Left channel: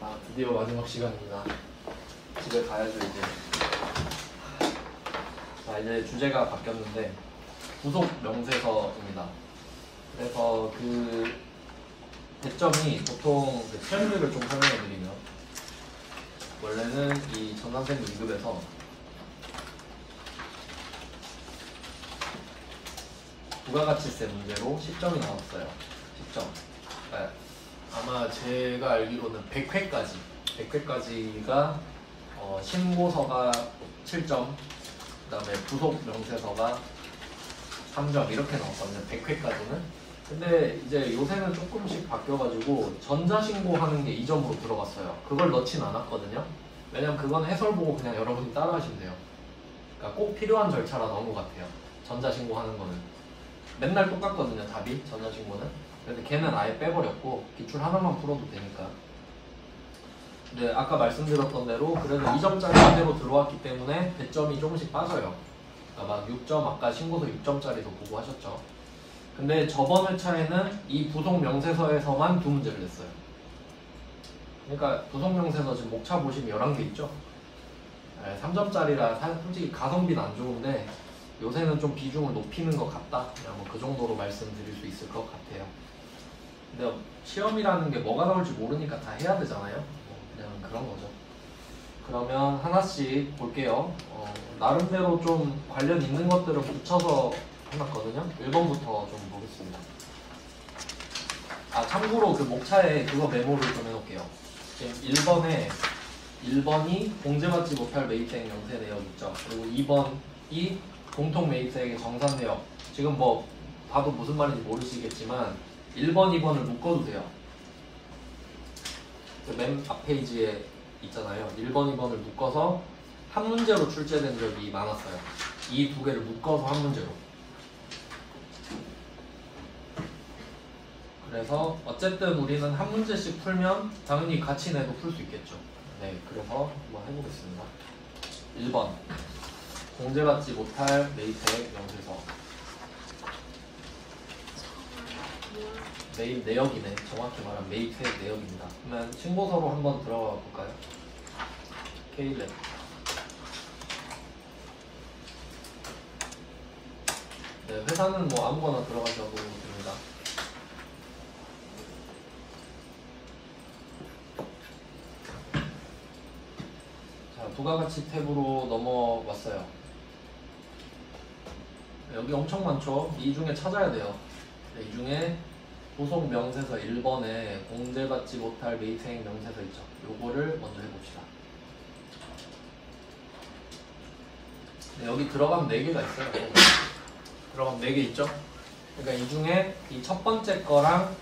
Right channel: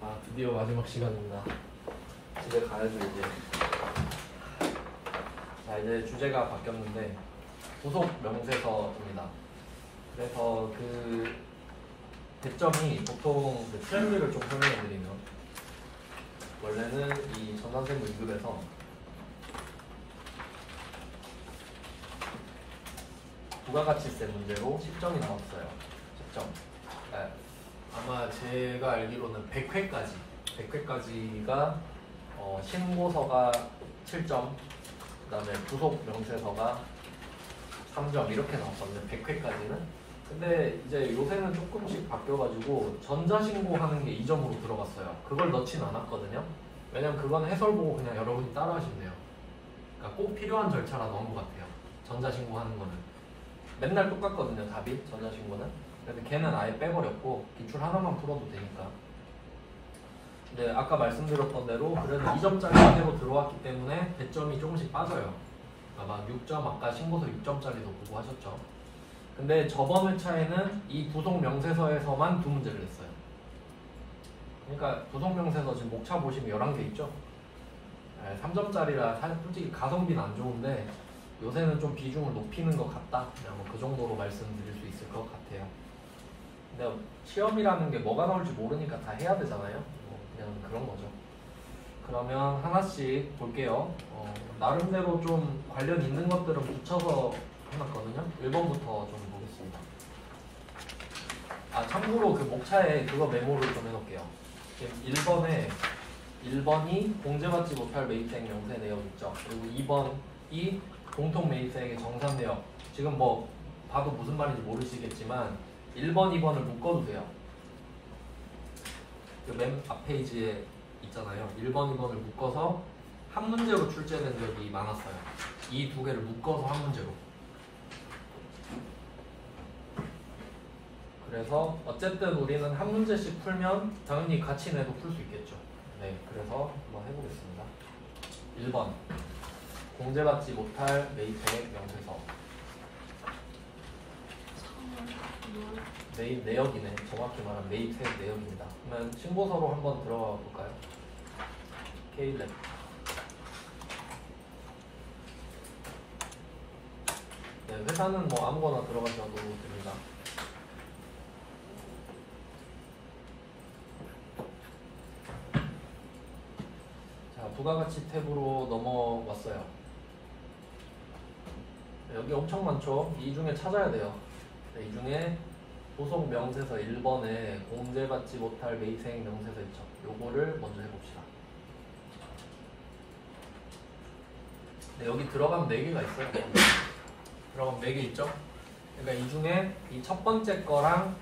드디어 마지막 시간입니다. 집에 가야죠 이제. 자, 이제 주제가 바뀌었는데 부속 명세서입니다. 그래서 그 대점이 보통 트렌드를 좀 설명해드리면, 원래는 이 전 선생님 2급에서 부가가치세 문제로 10점이 나왔어요. 10점. 네. 아마 제가 알기로는 100회까지가 신고서가 7점, 그 다음에 부속 명세서가 3점 이렇게 나왔거든요. 100회까지는. 근데 이제 요새는 조금씩 바뀌어가지고 전자신고하는 게 2점으로 들어갔어요. 그걸 넣진 않았거든요. 왜냐면 그건 해설 보고 그냥 여러분이 따라가시면 돼요. 그러니까 꼭 필요한 절차라 넣은 것 같아요. 전자신고하는 거는 맨날 똑같거든요. 답이 전자신고는. 그래서 걔는 아예 빼버렸고 기출 하나만 풀어도 되니까. 근데 아까 말씀드렸던 대로 그래도 2점짜리 그대로 들어왔기 때문에 배점이 조금씩 빠져요. 그러니까 막 6점, 아까 신고서 6점짜리도 보고 하셨죠. 근데 저번 회차에는 이 부속 명세서에서만 2문제를 냈어요. 그러니까 부속 명세서 지금 목차 보시면 11개 있죠. 3점짜리라 솔직히 가성비는 안 좋은데 요새는 좀 비중을 높이는 것 같다. 그냥 뭐 그 정도로 말씀드릴 수 있을 것 같아요. 근데 시험이라는 게 뭐가 나올지 모르니까 다 해야 되잖아요. 그냥 그런 거죠. 그러면 하나씩 볼게요. 나름대로 좀 관련 있는 것들은 붙여서 해놨거든요. 1번부터 좀 보겠습니다. 참고로 그 목차에 그거 메모를 좀 해놓을게요. 1번이 공제받지 못할 매입자액 명세 내역 있죠. 그리고 2번이 공통 매입자액의 정산 내역. 지금 뭐 봐도 무슨 말인지 모르시겠지만 1번, 2번을 묶어도 돼요. 그 맨 앞 페이지에 있잖아요. 1번, 2번을 묶어서 한 문제로 출제된 적이 많았어요. 이 두 개를 묶어서 한 문제로. 그래서 어쨌든 우리는 한 문제씩 풀면 당연히 같이 내도 풀 수 있겠죠. 네, 그래서 한번 해보겠습니다. 1번 공제받지 못할 매입액 명세서. 매입 내역이네. 정확히 말하면 매입액 내역입니다. 그러면 신고서로 한번 들어가 볼까요? K랩. 네, 회사는 뭐 아무거나 들어가셔도 됩니다. 자, 부가가치 탭으로 넘어왔어요. 여기 엄청 많죠? 이 중에 찾아야 돼요. 네, 이 중에 부속 명세서 1번에 공제받지 못할 매입액 명세서 있죠. 요거를 먼저 해봅시다. 네, 여기 들어가면 4개가 있어요. 들어가면 4개 있죠? 그러니까 이 중에 이 첫 번째 거랑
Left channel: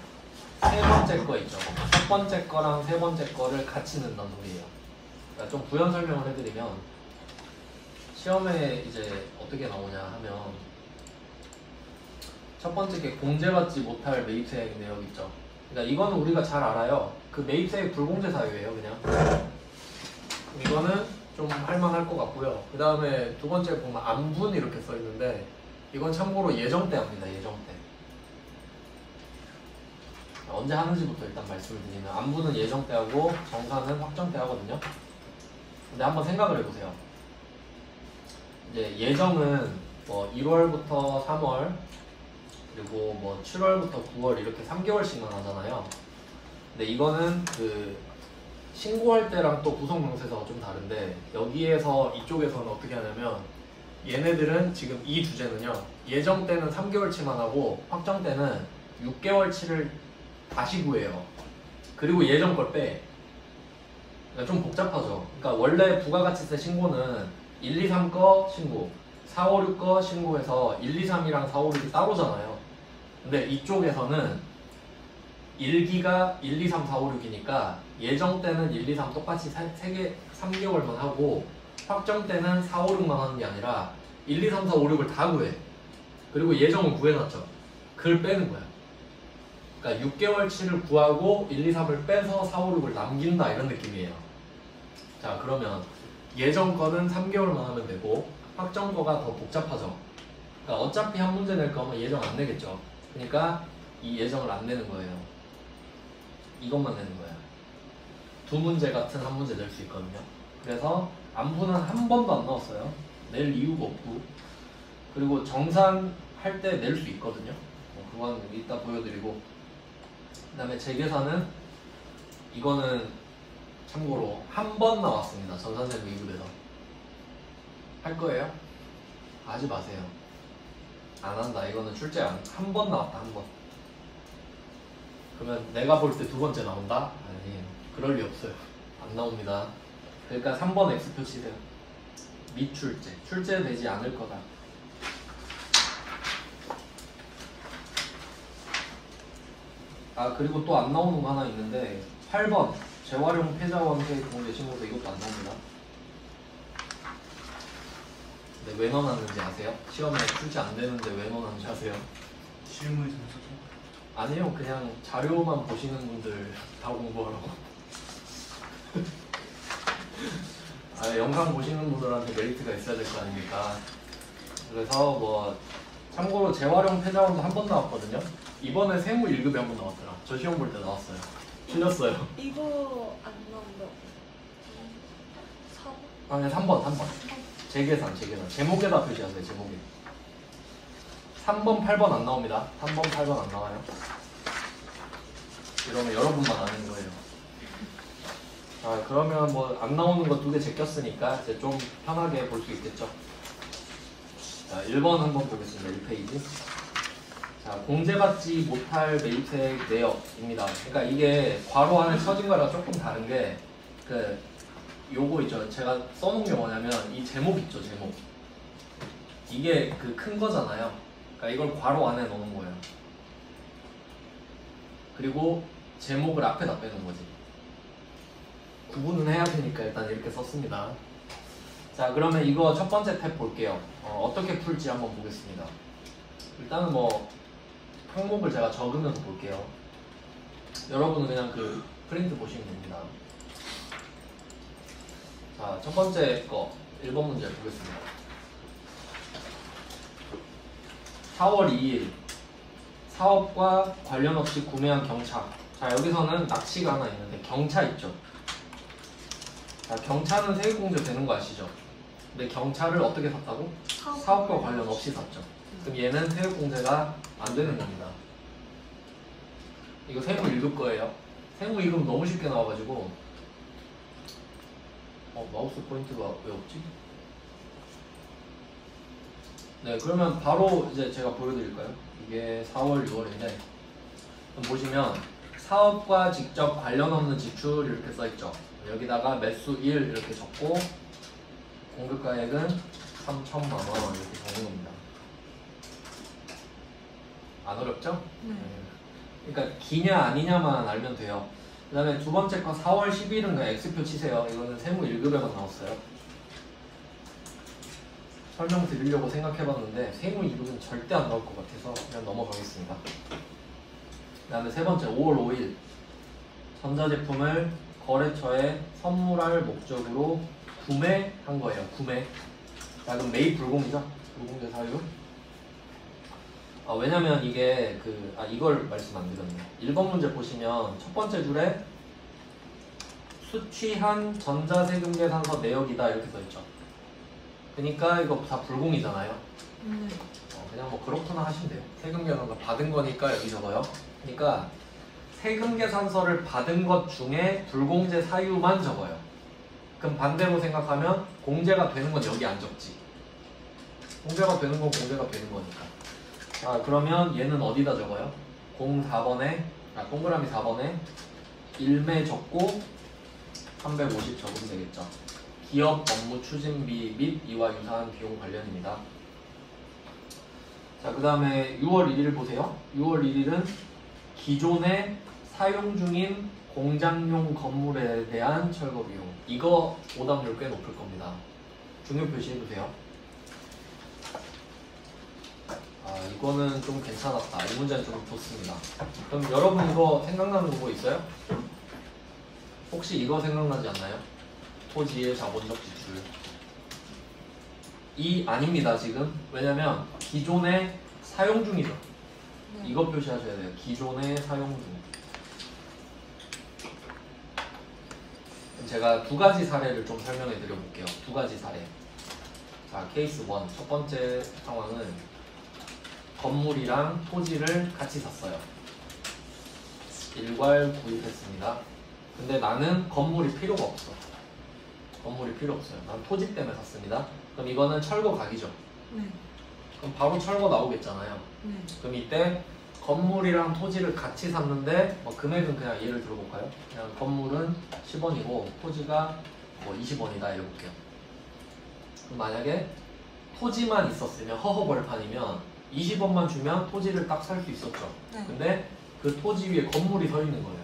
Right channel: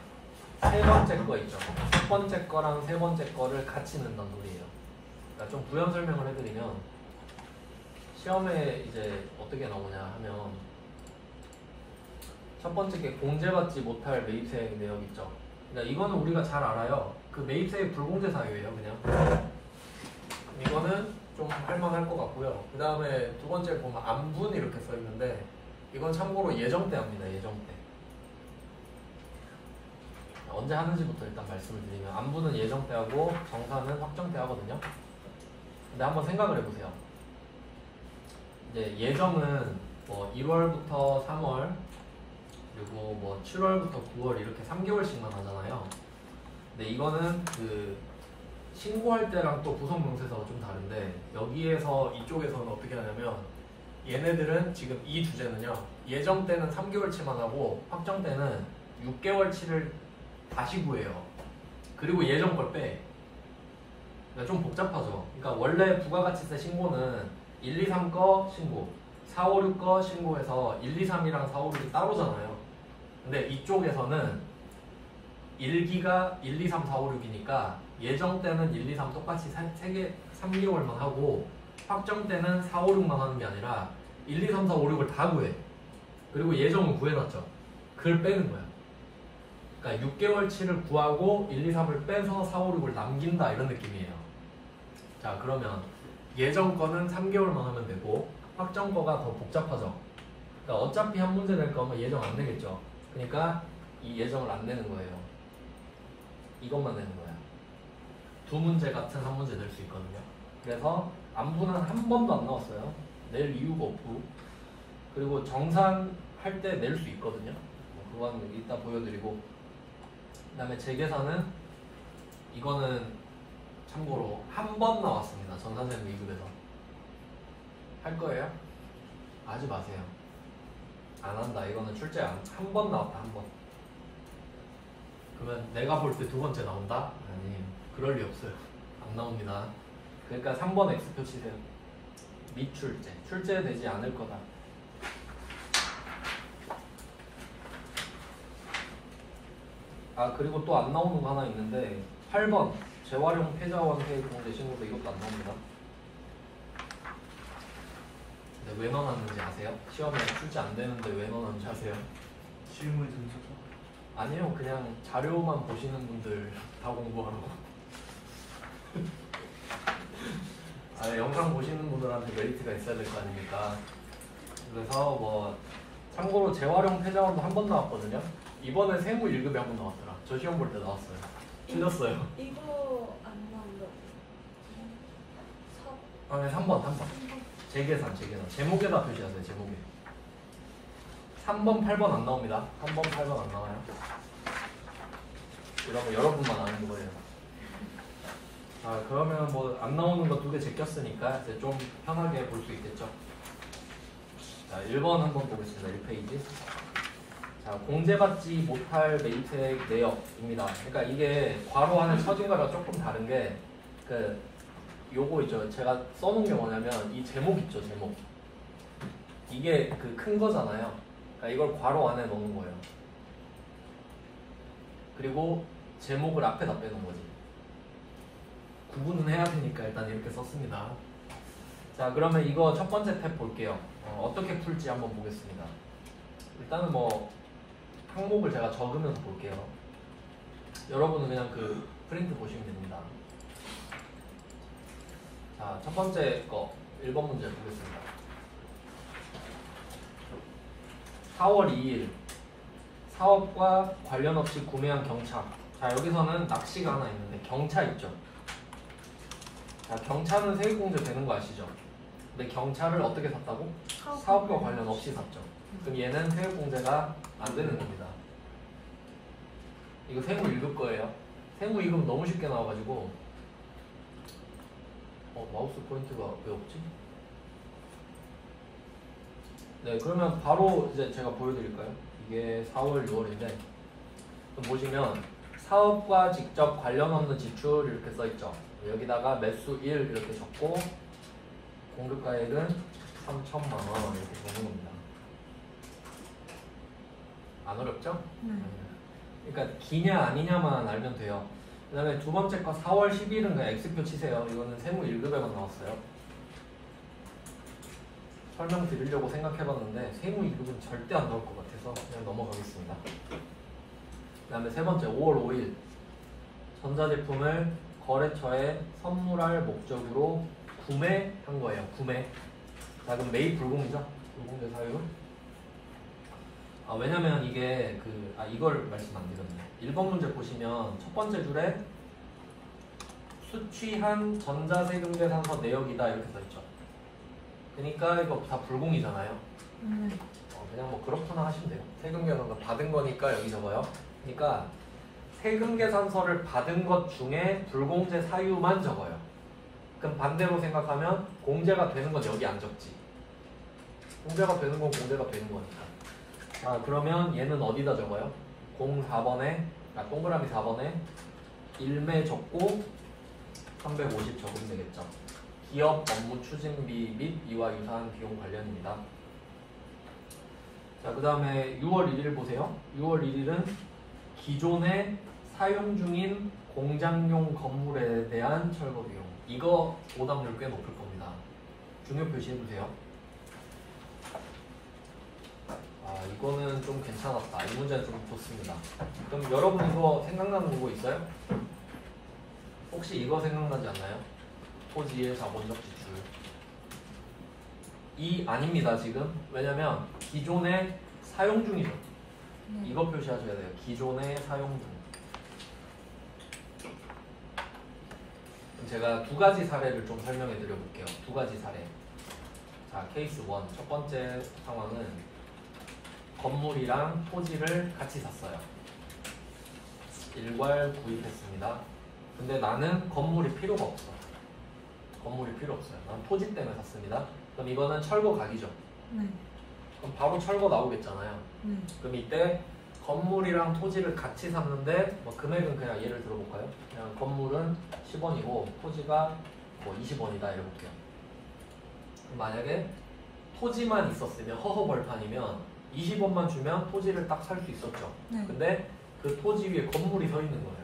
세 번째 거 있죠. 첫 번째 거랑 세 번째 거를 같이 넣는다는 소리예요. 그러니까 좀 부연 설명을 해드리면, 시험에 이제 어떻게 나오냐 하면, 첫 번째 게 공제받지 못할 매입세액 내역 있죠. 그러니까 이거는 우리가 잘 알아요. 그 매입세액 불공제 사유예요, 그냥. 이거는 좀 할만할 것 같고요. 그 다음에 두 번째 보면 안분 이렇게 써 있는데, 이건 참고로 예정 때 합니다. 예정 때. 언제 하는지부터 일단 말씀을 드리면, 안분은 예정 때 하고 정산은 확정 때 하거든요. 근데 한번 생각을 해보세요. 이제 예정은 뭐 1월부터 3월 그리고 뭐 7월부터 9월 이렇게 3개월씩만 하잖아요. 근데 이거는 그 신고할 때랑 또 구성 명세서가 좀 다른데, 여기에서 이쪽에서는 어떻게 하냐면, 얘네들은 지금 이 주제는요, 예정 때는 3개월치만 하고 확정 때는 6개월치를 다시 구해요. 그리고 예정 걸 빼. 그러니까 좀 복잡하죠. 그러니까 원래 부가가치세 신고는 1, 2, 3 거 신고, 4, 5, 6 거 신고해서 1, 2, 3이랑 4, 5, 6이 따로잖아요. 근데 이쪽에서는 1기가 1, 2, 3, 4, 5, 6이니까 예정 때는 1, 2, 3 똑같이 3개월만 하고, 확정 때는 4, 5, 6만 하는 게 아니라 1, 2, 3, 4, 5, 6을 다 구해. 그리고 예정을 구해놨죠. 그걸 빼는 거야. 그러니까 6개월치를 구하고 1, 2, 3을 빼서 4, 5, 6을 남긴다, 이런 느낌이에요. 자, 그러면 예정 거는 3개월만 하면 되고 확정 거가 더 복잡하죠. 그러니까 어차피 한 문제 낼 거면 예정 안 내겠죠. 그러니까 이 예정을 안 내는 거예요. 이것만 내는 거예요. 두 문제 같은 한 문제 낼 수 있거든요. 그래서 안분은 한 번도 안 나왔어요. 낼 이유가 없고, 그리고 정산할 때 낼 수 있거든요. 그건 이따 보여드리고, 그 다음에 재계산은 이거는 참고로 한 번 나왔습니다. 전산세무 2급에서 할 거예요? 하지 마세요. 안 한다. 이거는 출제 한 번 나왔다. 한 번. 그러면 내가 볼 때 두 번째 나온다? 아니, 그럴 리 없어요. 안 나옵니다. 그러니까 3번 X표 치세요. 미출제. 출제되지 않을 거다. 아, 그리고 또 안 나오는 거 하나 있는데 8번 재활용 폐자와 함께 공개 신고서 이것도 안 나옵니다. 근데 왜 넣어놨는지 아세요? 시험에 출제 안 되는데 왜 넣어놨는지 아세요? 실무에 점수죠? 아니요, 그냥 자료만 보시는 분들 다 공부하라고. 아, 영상 보시는 분들한테 메리트가 있어야 될 거 아닙니까? 그래서 뭐 참고로 재활용 폐자원도 한 번 나왔거든요. 이번에 세무 1급에 한 번 나왔더라. 저 시험 볼 때 나왔어요. 틀렸어요. 이거 안 나온다. 아니 3번. 재계산. 제목에다 표시하세요. 제목에. 3번, 8번 안 나옵니다. 3번, 8번 안 나와요. 이러면 여러분만 아는 거예요. 자, 그러면 뭐 안 나오는 거 두 개 제꼈으니까 이제 좀 편하게 볼 수 있겠죠. 자, 1번 한번 보겠습니다. 1페이지. 자, 공제받지 못할 매입세액 내역입니다. 그러니까 이게 괄호 안에 쳐진 거랑 조금 다른 게 요거 있죠. 제가 써놓은 게 뭐냐면 이 제목 있죠. 제목. 이게 그 큰 거잖아요. 그러니까 이걸 괄호 안에 넣는 거예요. 그리고 제목을 앞에다 빼는 거지. 구분은 해야 되니까 일단 이렇게 썼습니다. 자, 그러면 이거 첫 번째 탭 볼게요. 어떻게 풀지 한번 보겠습니다. 일단은 뭐 항목을 제가 적으면서 볼게요. 여러분은 그냥 그 프린트 보시면 됩니다. 자, 첫 번째 거 1번 문제 보겠습니다. 4월 2일 사업과 관련 없이 구매한 경차. 자, 여기서는 낚시가 하나 있는데 경차 있죠. 자, 경차는 세액공제 되는 거 아시죠? 근데 경차를 어떻게 샀다고? 사업과 관련 없이 샀죠. 그럼 얘는 세액공제가 안 되는 겁니다. 이거 세무 1급 거예요. 세무 2급 너무 쉽게 나와가지고 마우스 포인트가 왜 없지? 네, 그러면 바로 이제 제가 보여드릴까요? 이게 4월, 6월인데 그럼 보시면 사업과 직접 관련 없는 지출 이렇게 써있죠. 여기다가 매수 1 이렇게 적고 공급가액은 3천만 원 이렇게 적는 겁니다. 안 어렵죠? 그러니까 기냐 아니냐만 알면 돼요. 그 다음에 두 번째 거 4월 10일은 그냥 X표 치세요. 이거는 세무 1급에만 나왔어요. 설명드리려고 생각해봤는데 세무 2급은 절대 안 나올 것 같아서 그냥 넘어가겠습니다. 그 다음에 세 번째 5월 5일 전자제품을 거래처에 선물할 목적으로 구매한 거예요. 구매. 자, 그럼 매입 불공이죠? 불공제 사유. 왜냐면 이게 이걸 말씀 안 드렸네. 1번 문제 보시면 첫 번째 줄에 수취한 전자세금계산서 내역이다 이렇게 써있죠. 그러니까 이거 다 불공이잖아요. 그냥 뭐 그렇구나 하시면 돼요. 세금계산서 받은 거니까 여기 적어요. 그러니까 세금계산서를 받은 것 중에 불공제 사유만 적어요. 그럼 반대로 생각하면 공제가 되는 건 여기 안 적지. 공제가 되는 건 공제가 되는 거니까. 그러면 얘는 어디다 적어요? 04번에 동그라미 4번에 일매 적고 350 적으면 되겠죠. 기업 업무 추진비 및 이와 유사한 비용 관련입니다. 자, 그 다음에 6월 1일 보세요. 6월 1일은 기존에 사용 중인 공장용 건물에 대한 철거 비용. 이거 오답률 꽤 높을 겁니다. 중요 표시해주세요. 이거는 좀 괜찮았다. 이 문제는 좀 좋습니다. 그럼 여러분 이거 생각나는 거 있어요? 혹시 이거 생각나지 않나요? 토지의 자본적 지출. 아닙니다 지금. 왜냐면 기존에 사용 중이죠. 이거 표시하셔야 돼요. 기존에 사용 중. 제가 두 가지 사례를 좀 설명해 드려 볼게요. 두 가지 사례. 자, 케이스 1. 첫 번째 상황은 건물이랑 토지를 같이 샀어요. 일괄 구입했습니다. 근데 나는 건물이 필요가 없어. 건물이 필요 없어요. 난 토지 때문에 샀습니다. 그럼 이거는 철거 각이죠. 네. 그럼 바로 철거 나오겠잖아요. 네. 그럼 이때 건물이랑 토지를 같이 샀는데 뭐 금액은 그냥 예를 들어볼까요? 그냥 건물은 10원이고 토지가 뭐 20원이다 이렇게요. 그럼 만약에 토지만 있었으면 허허벌판이면 20원만 주면 토지를 딱 살 수 있었죠. 네. 근데 그 토지 위에 건물이 서 있는 거예요.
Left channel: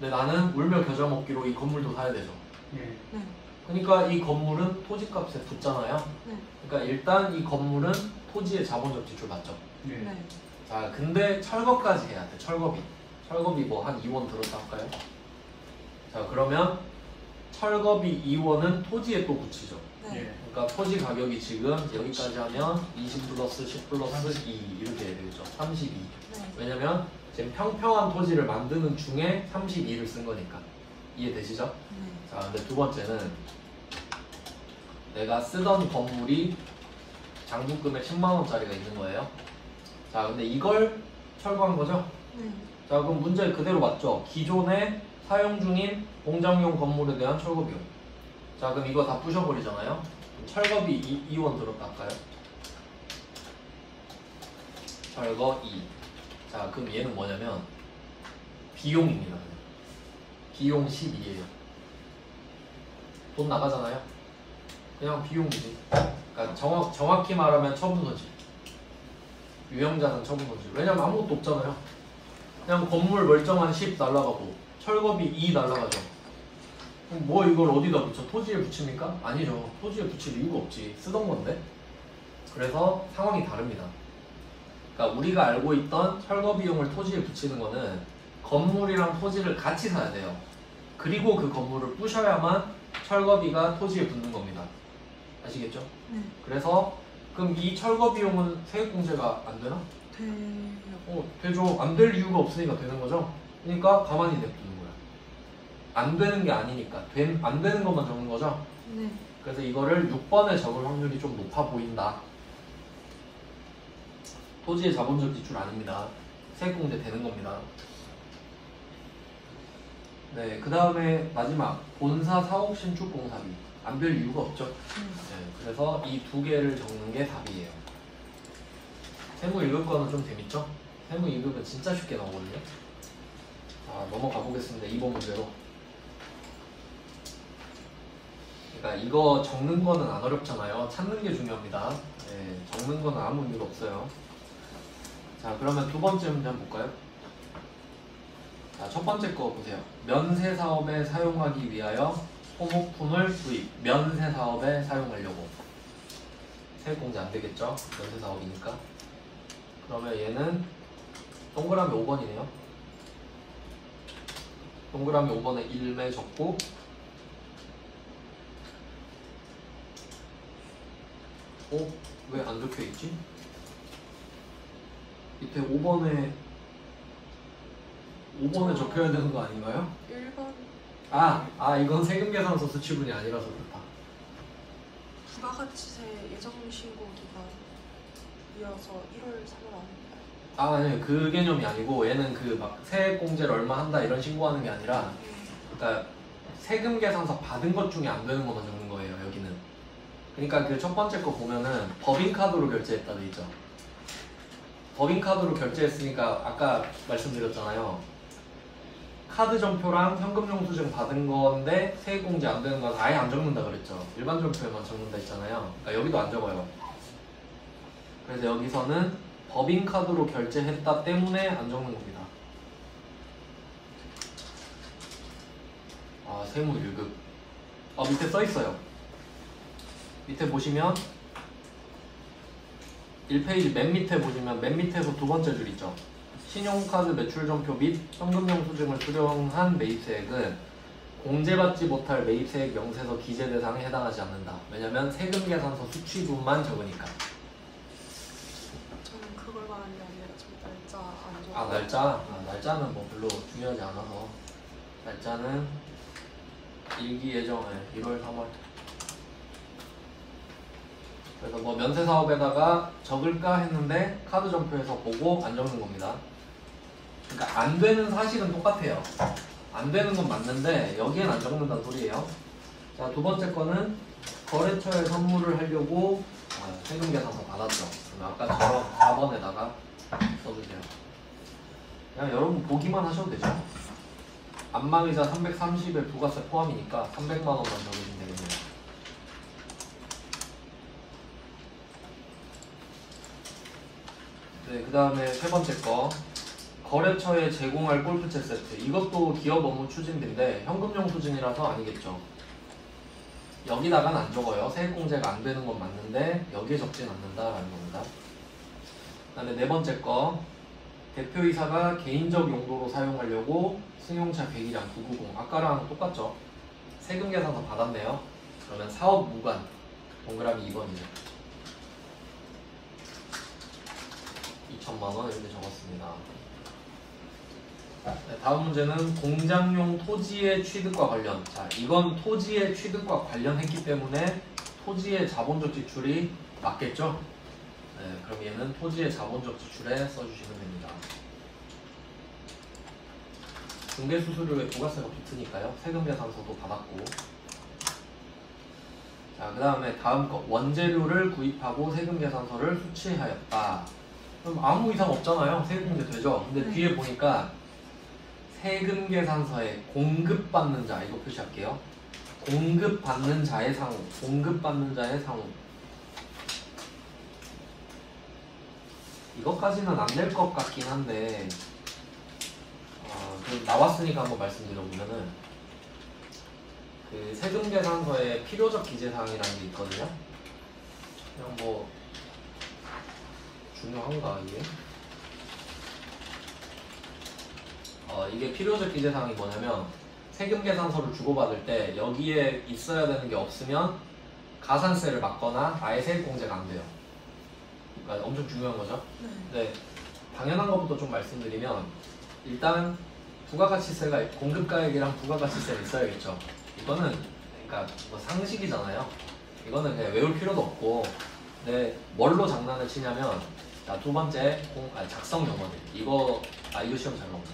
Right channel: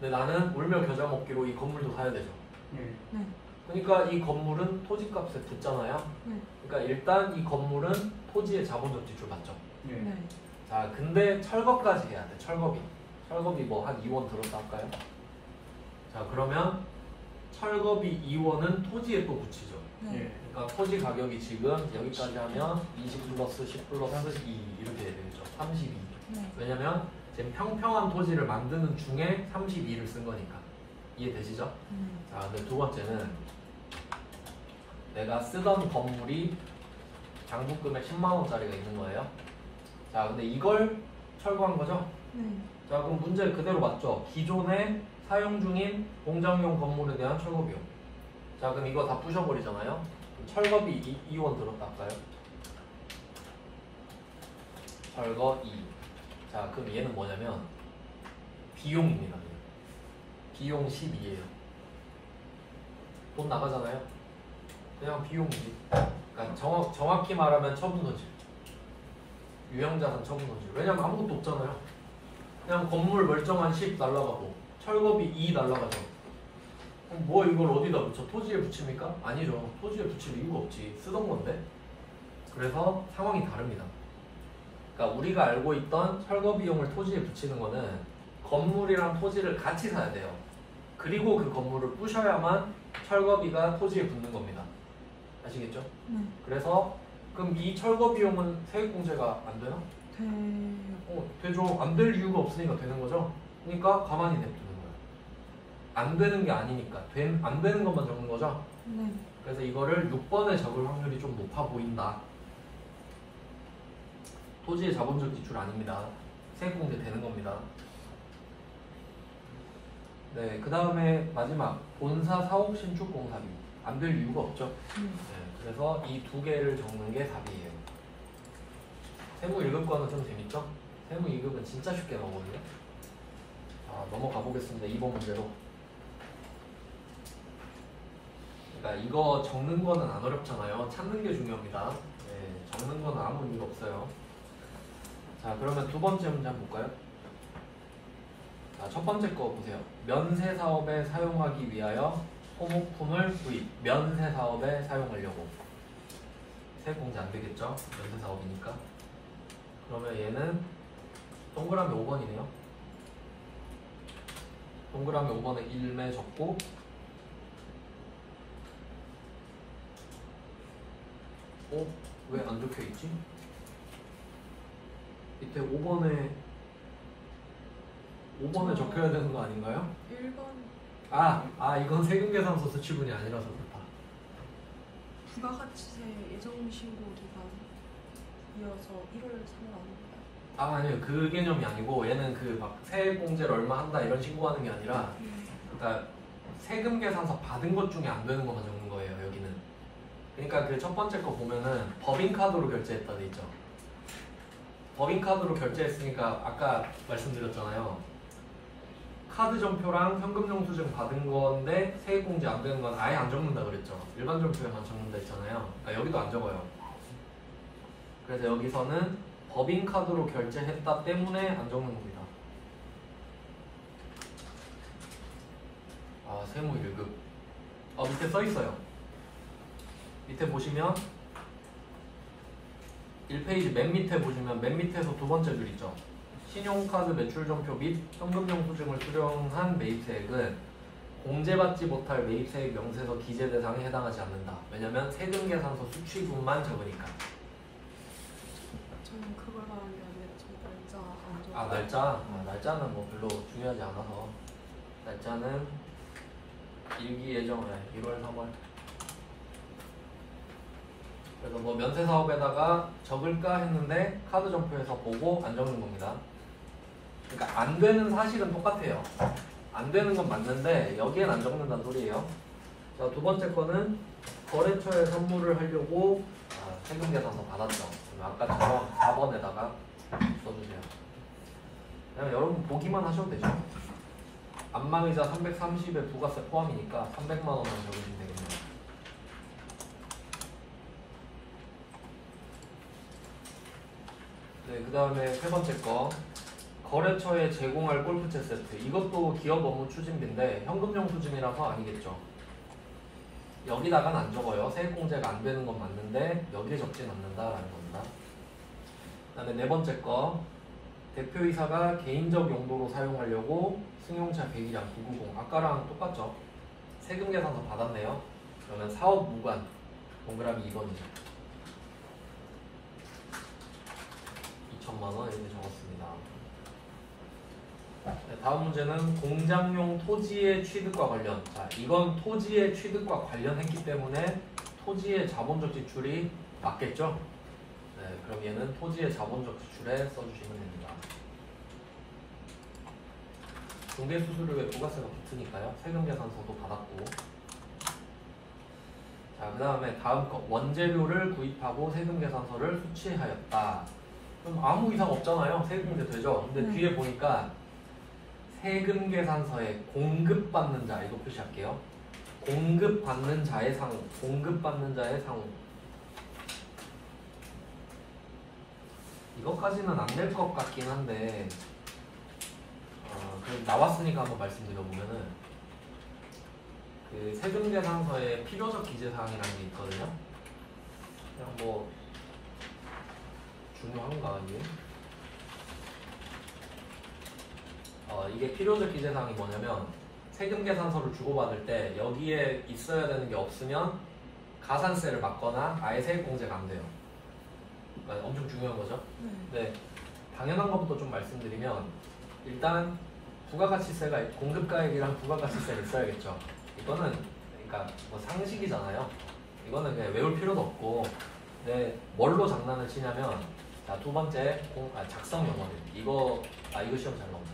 근데 나는 울며 겨자 먹기로 이 건물도 사야 되죠. 네. 네. 그러니까 이 건물은 토지값에 붙잖아요. 네. 그러니까 일단 이 건물은 토지의 자본적 지출 맞죠. 네. 네. 자, 근데 철거까지 해야 돼. 철거비. 철거비 뭐 한 2원 들었다 할까요? 자, 그러면 철거비 2원은 토지에 또 붙이죠. 네. 네. 그러니까 토지 가격이 지금 여기까지 하면 20 플러스 10 플러스 2 이렇게 해야 되겠죠. 32. 네. 왜냐면 지금 평평한 토지를 만드는 중에 32를 쓴 거니까. 이해되시죠? 네. 자, 근데 두 번째는 내가 쓰던 건물이 장부금액 10만원짜리가 있는 거예요. 자, 근데 이걸 철거한 거죠? 네. 자, 그럼 문제 그대로 맞죠? 기존에 사용 중인 공장용 건물에 대한 철거 비용. 자, 그럼 이거 다 부셔버리잖아요? 철거비 2원 들었다 할까요? 철거 2. 자, 그럼 얘는 뭐냐면 비용입니다. 비용 12예요. 돈 나가잖아요? 그냥 비용이지. 그러니까 정확히 말하면 처분소지. 유형자산 처분소지. 왜냐면 아무것도 없잖아요. 그냥 건물 멀쩡한 10 날라가고 철거비 2 날라가죠. 그럼 뭐 이걸 어디다 붙여? 토지에 붙입니까? 아니죠. 토지에 붙일 이유가 없지. 쓰던 건데. 그래서 상황이 다릅니다. 그러니까 우리가 알고 있던 철거 비용을 토지에 붙이는 거는 건물이랑 토지를 같이 사야 돼요. 그리고 그 건물을 부셔야만 철거비가 토지에 붙는 겁니다. 아시겠죠? 네. 그래서 그럼 이 철거 비용은 세액공제가 안 되나? 돼요. 되죠. 안 될 이유가 없으니까 되는 거죠. 그러니까 가만히 냅두는 거예요. 안 되는 게 아니니까 안 되는 것만 적는 거죠. 네. 그래서 이거를 6번에 적을 확률이 좀 높아 보인다. 토지의 자본적 지출 아닙니다. 세액공제 되는 겁니다. 네, 그 다음에 마지막 본사 사업 신축 공사비 안 될 이유가 없죠. 네, 그래서 이 두 개를 적는 게 답이에요. 세무 1급과는 좀 재밌죠? 세무 2급은 진짜 쉽게 나오거든요. 자, 넘어가 보겠습니다. 2번 문제로. 그러니까 이거 적는 거는 안 어렵잖아요. 찾는 게 중요합니다. 네, 적는 거는 아무 의미가 없어요. 자, 그러면 두 번째 문제 한번 볼까요? 자, 첫 번째 거 보세요. 면세 사업에 사용하기 위하여 소모품을 구입. 면세 사업에 사용하려고. 세액공제 안 되겠죠? 면세 사업이니까. 그러면 얘는 동그라미 5번이네요. 동그라미 5번에 1매 적고 왜 안 적혀 있지? 밑에 5번에 적혀야 되는 거 아닌가요? 1번 이건 세금 계산서 수취분이 아니라서 그렇다. 부가가치세 예정 신고기가 이어서 1월 3일 아닙니다. 아니 그 개념이 아니고 얘는 그 막 세액 공제를 얼마 한다 이런 신고하는 게 아니라 그러니까 세금 계산서 받은 것 중에 안 되는 것만 적는 거예요 여기는. 그러니까 그 첫 번째 거 보면은 법인카드로 결제했다 돼 있죠. 법인카드로 결제했으니까 아까 말씀드렸잖아요. 카드 전표랑 현금 영수증 받은 건데 세액 공제 안 되는 건 아예 안 적는다 그랬죠. 일반 전표에만 적는다 했잖아요. 그러니까 여기도 안 적어요. 그래서 여기서는 법인카드로 결제했다 때문에 안 적는 겁니다. 세무 1급. 밑에 써 있어요. 밑에 보시면 1페이지 맨 밑에 보시면 맨 밑에서 두 번째 줄 있죠. 신용카드 매출전표 및 현금영수증을 수령한 매입세액은 공제받지 못할 매입세액 명세서 기재 대상에 해당하지 않는다. 왜냐면 세금 계산서 수취분만 적으니까. 저는 그걸 말한 게 아니라 저 날짜 안 적어. 날짜는 뭐 별로 중요하지 않아서 날짜는 일기 예정에 1월 3월. 그래서 뭐 면세 사업에다가 적을까 했는데 카드 점표에서 보고 안 적는 겁니다. 그러니까 안 되는 사실은 똑같아요. 안 되는 건 맞는데 여기엔 안 적는다는 소리예요. 자, 두 번째 거는 거래처에 선물을 하려고 세금 계산서 받았죠. 아까처럼 4번에다가 써주세요. 그냥 여러분 보기만 하셔도 되죠. 안망이자 330에 부가세 포함이니까 300만 원만 적으시면 되겠네요. 네, 그 다음에 세 번째 거 거래처에 제공할 골프채 세트. 이것도 기업 업무 추진비인데 현금용 추진이라서 아니겠죠. 여기다가는 안 적어요. 세액공제가 안 되는 건 맞는데 여기에 적진 않는다라는 겁니다. 그 다음에 네 번째 거 대표이사가 개인적 용도로 사용하려고 승용차 100이랑 990 아까랑 똑같죠. 세금 계산서 받았네요. 그러면 사업 무관 동그라미 2번이죠. 2천만 원 이렇게 적었습니다. 네, 다음 문제는 공장용 토지의 취득과 관련. 자, 이건 토지의 취득과 관련했기 때문에 토지의 자본적 지출이 맞겠죠? 네, 그럼 얘는 토지의 자본적 지출에 써주시면 됩니다. 중개수수료에 부가세가 붙으니까요. 세금 계산서도 받았고. 자, 그 다음에 다음 거 원재료를 구입하고 세금 계산서를 수취하였다. 그럼 아무 이상 없잖아요. 세금공제 되죠? 근데 뒤에 보니까 세금 계산서에 공급받는 자 이거 표시할게요. 공급받는 자의 상호, 공급받는 자의 상호. 이것까지는 안 될 것 같긴 한데 그럼 나왔으니까 한번 말씀드려보면은 그 세금 계산서에 필요적 기재사항이라는 게 있거든요. 그냥 뭐 중요한가 이게? 이게 필요적 기재사항이 뭐냐면 세금 계산서를 주고받을 때 여기에 있어야 되는 게 없으면 가산세를 맞거나 아예 세액 공제가 안 돼요. 그러니까 엄청 중요한 거죠. 근데 당연한 것부터 좀 말씀드리면 일단 부가가치세가 공급가액이랑 부가가치세가 있어야겠죠. 이거는 그러니까 뭐 상식이잖아요. 이거는 그냥 외울 필요도 없고. 근데 뭘로 장난을 치냐면 자, 두 번째 작성 영어들 이거 시험 잘 나온다.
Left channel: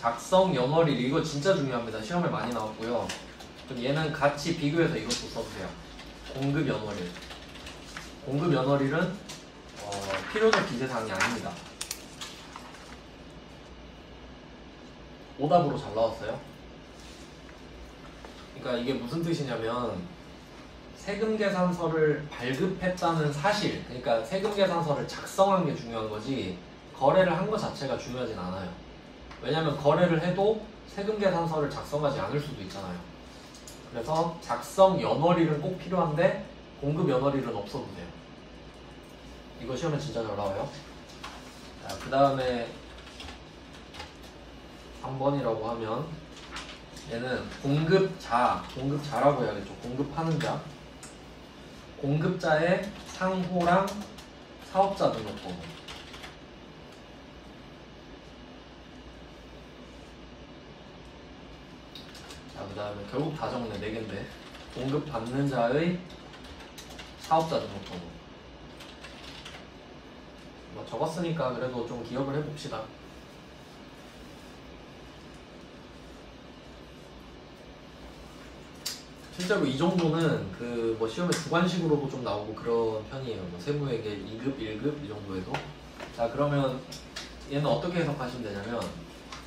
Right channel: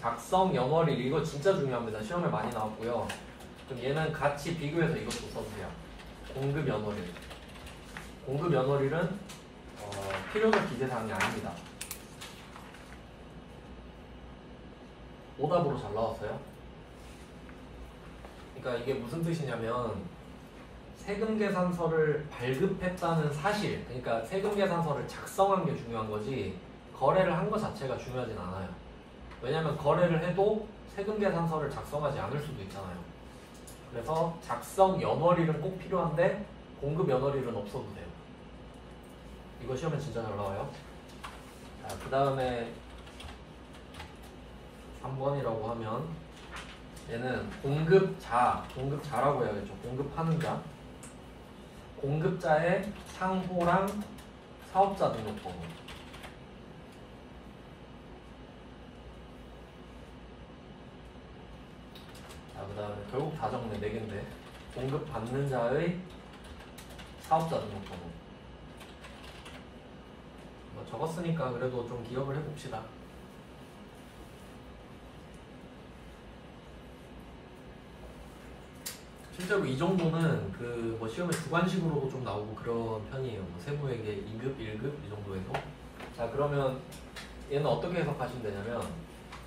작성 연월일 이거 진짜 중요합니다. 시험에 많이 나왔고요. 그럼 얘는 같이 비교해서 이것도 써주세요. 공급 연월일. 공급 연월일은 필요적 기재사항이 아닙니다. 오답으로 잘 나왔어요. 그러니까 이게 무슨 뜻이냐면 세금 계산서를 발급했다는 사실, 그러니까 세금 계산서를 작성한 게 중요한 거지 거래를 한 것 자체가 중요하진 않아요. 왜냐하면 거래를 해도 세금 계산서를 작성하지 않을 수도 있잖아요. 그래서 작성 연월일은 꼭 필요한데 공급 연월일은 없어도 돼요. 이거 시험에 진짜 잘 나와요. 자, 그 다음에 3번이라고 하면 얘는 공급자라고 해야겠죠. 공급하는 자. 공급자의 상호랑 사업자 등록번호. 자, 그 다음에 결국 다 적네. 4개인데 공급받는 자의 사업자 등록번호. 적었으니까 그래도 좀 기억을 해봅시다. 실제로 이 정도는 그 뭐 시험에 주관식으로도 좀 나오고 그런 편이에요. 뭐 세무회계 2급, 1급 이 정도에도. 자, 그러면 얘는 어떻게 해석하시면 되냐면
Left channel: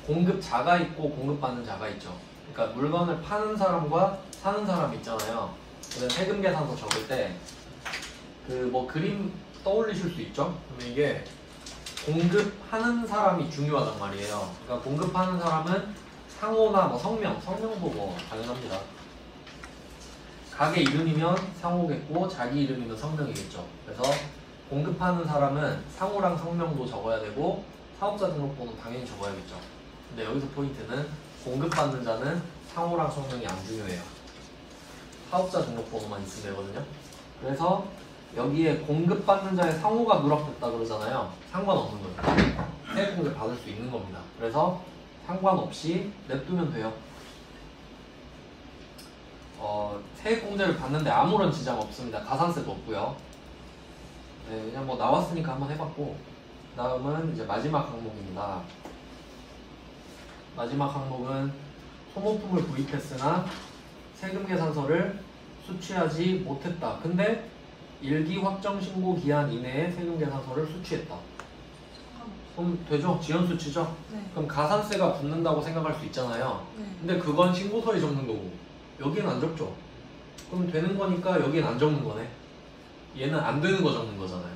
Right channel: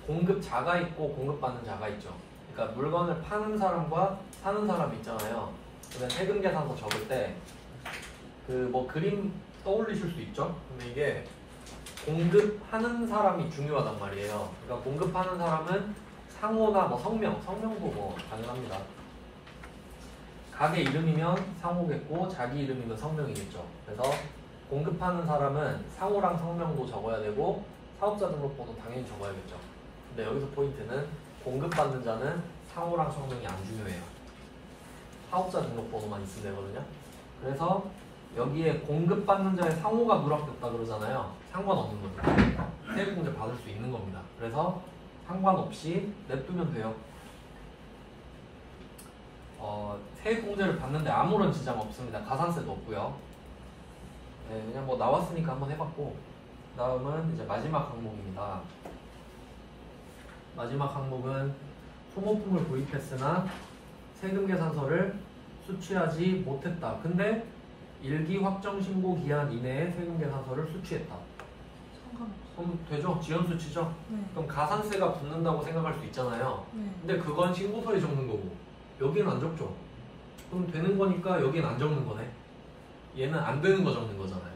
공급자가 있고 공급받는 자가 있죠. 그러니까 물건을 파는 사람과 사는 사람이 있잖아요. 그러면 세금 계산서 적을 때 그 뭐 그림 떠올리실 수 있죠. 그러면 이게 공급하는 사람이 중요하단 말이에요. 그러니까 공급하는 사람은 상호나 뭐 성명도 뭐 당연합니다. 가게 이름이면 상호겠고 자기 이름이면 성명이겠죠. 그래서 공급하는 사람은 상호랑 성명도 적어야 되고 사업자 등록번호 당연히 적어야겠죠. 근데 여기서 포인트는 공급받는 자는 상호랑 성명이 안 중요해요. 사업자 등록번호만 있으면 되거든요. 그래서 여기에 공급받는 자의 상호가 누락됐다 그러잖아요. 상관없는 거예요. 세액공제 받을 수 있는 겁니다. 그래서 상관없이 냅두면 돼요. 세액공제를 받는데 아무런 지장 없습니다. 가산세도 없고요. 네, 그냥 뭐 나왔으니까 한번 해봤고, 다음은 이제 마지막 항목입니다. 마지막 항목은 소모품을 구입했으나 세금 계산서를 수취하지 못했다. 근데 일기 확정 신고 기한 이내에 세금 계산서를 수취했다. 상관없어. 그럼 되죠? 지연 수치죠? 네. 그럼 가산세가 붙는다고 생각할 수 있잖아요. 네. 근데 그건 신고서에 적는 거고 여기는 안 적죠. 그럼 되는 거니까 여기는 안 적는 거네. 얘는 안 되는 거 적는 거잖아요.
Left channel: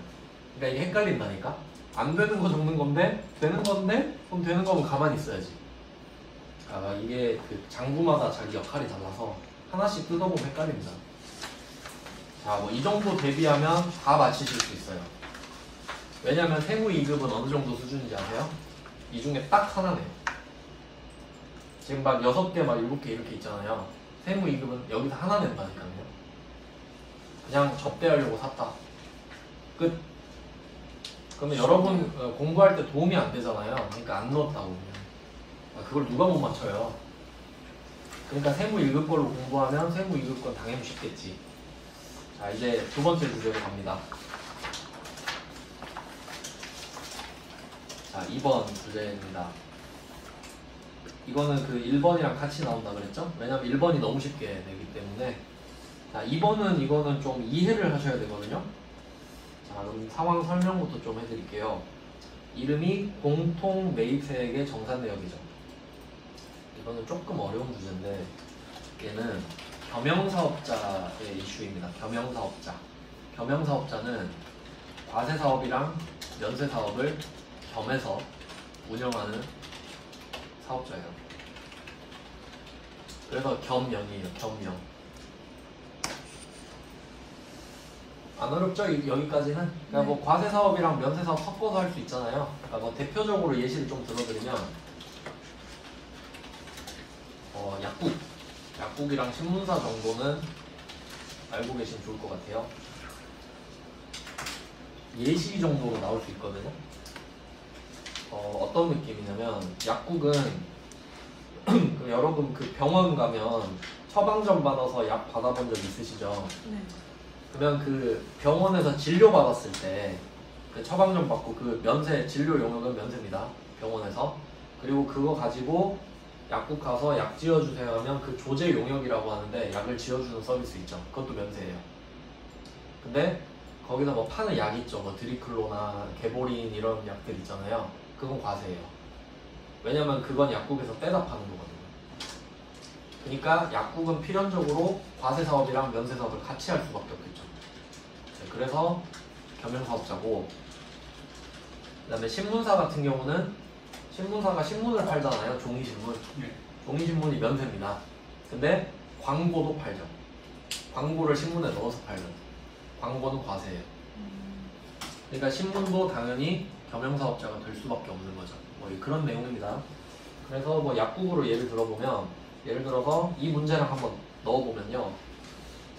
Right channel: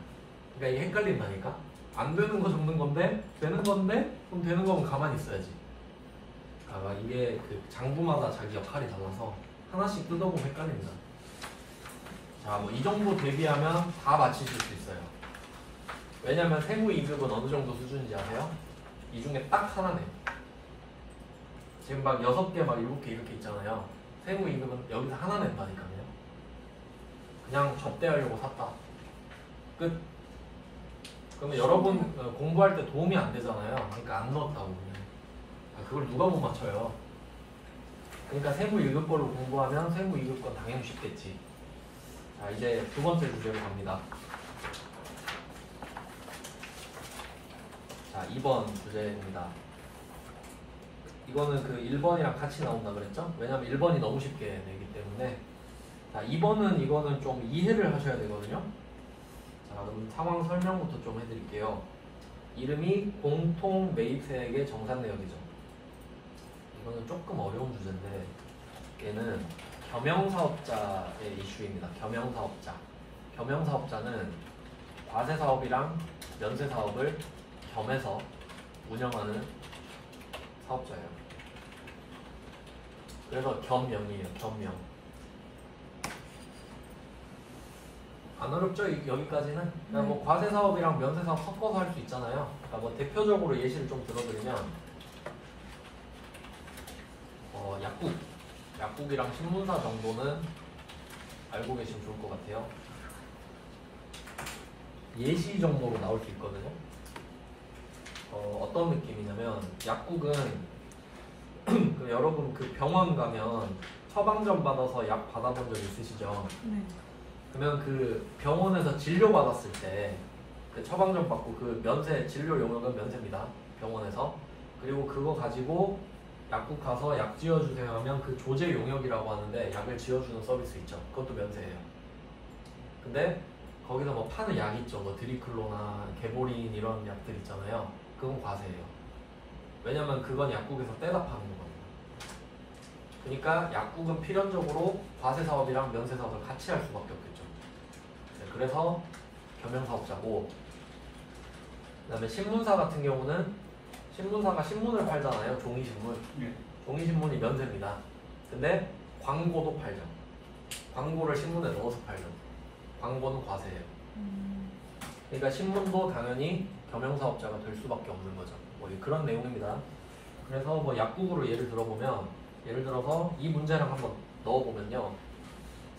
그러니까 이게 헷갈린다니까. 안 되는 거 적는 건데 되는 건데 그럼 되는 거면 가만히 있어야지. 이게 그 장부마다 자기 역할이 달라서 하나씩 뜯어보면 헷갈립니다. 자, 뭐 이 정도 대비하면 다 맞히실 수 있어요. 왜냐면 세무 2급은 어느 정도 수준인지 아세요? 이 중에 딱 하나네. 지금 막 6개, 막 7개 이렇게 있잖아요. 세무 2급은 여기서 하나 낸다니까요. 그냥 접대하려고 샀다. 끝. 그러면 여러분 공부할 때 도움이 안 되잖아요. 그러니까 안 넣었다고. 그걸 누가 못 맞춰요. 그러니까 세무 1급 걸로 공부하면 세무 2급 건 당연히 쉽겠지. 자, 이제 두 번째 주제로 갑니다. 자, 2번 주제입니다. 이거는 그 1번이랑 같이 나온다 그랬죠? 왜냐면 1번이 너무 쉽게 되기 때문에. 자, 2번은 이거는 좀 이해를 하셔야 되거든요. 자, 그럼 상황 설명부터 좀 해드릴게요. 이름이 공통 매입세액의 정산 내역이죠. 이거는 조금 어려운 주제인데 얘는 겸용사업자의 이슈입니다. 겸용사업자. 겸용사업자는 과세사업이랑 면세사업을 겸해서 운영하는 사업자예요. 그래서 겸명이에요. 겸명. 안 어렵죠? 여기까지는? 그냥 뭐 과세사업이랑 면세사업 섞어서 할 수 있잖아요. 그러니까 뭐 대표적으로 예시를 좀 들어드리면 약국이랑 신문사 정도는 알고 계시면 좋을 것 같아요. 예시 정도로 나올 수 있거든요. 어떤 느낌이냐면 약국은 그 여러분 그 병원 가면 처방전 받아서 약 받아본 적 있으시죠? 네. 그러면 그 병원에서 진료 받았을 때 그 처방전 받고 그 면세 진료 용역은 면세입니다. 병원에서. 그리고 그거 가지고 약국 가서 약 지어주세요 하면 그 조제 용역이라고 하는데 약을 지어주는 서비스 있죠. 그것도 면세예요. 근데 거기서 뭐 파는 약 있죠. 뭐 드리클로나 개보린 이런 약들 있잖아요. 그건 과세예요. 왜냐면 그건 약국에서 떼다 파는 거거든요. 그러니까 약국은 필연적으로 과세 사업이랑 면세 사업을 같이 할 수밖에 없겠죠. 그래서 겸용사업자고, 그다음에 신문사 같은 경우는 신문사가 신문을 팔잖아요. 종이신문. 네. 종이신문이 면세입니다. 근데 광고도 팔죠. 광고를 신문에 넣어서 팔죠. 광고는 과세예요. 그러니까 신문도 당연히 겸용사업자가 될 수밖에 없는 거죠. 뭐 그런 내용입니다. 그래서 뭐 약국으로 예를 들어보면, 예를 들어서 이 문제랑 한번 넣어보면요.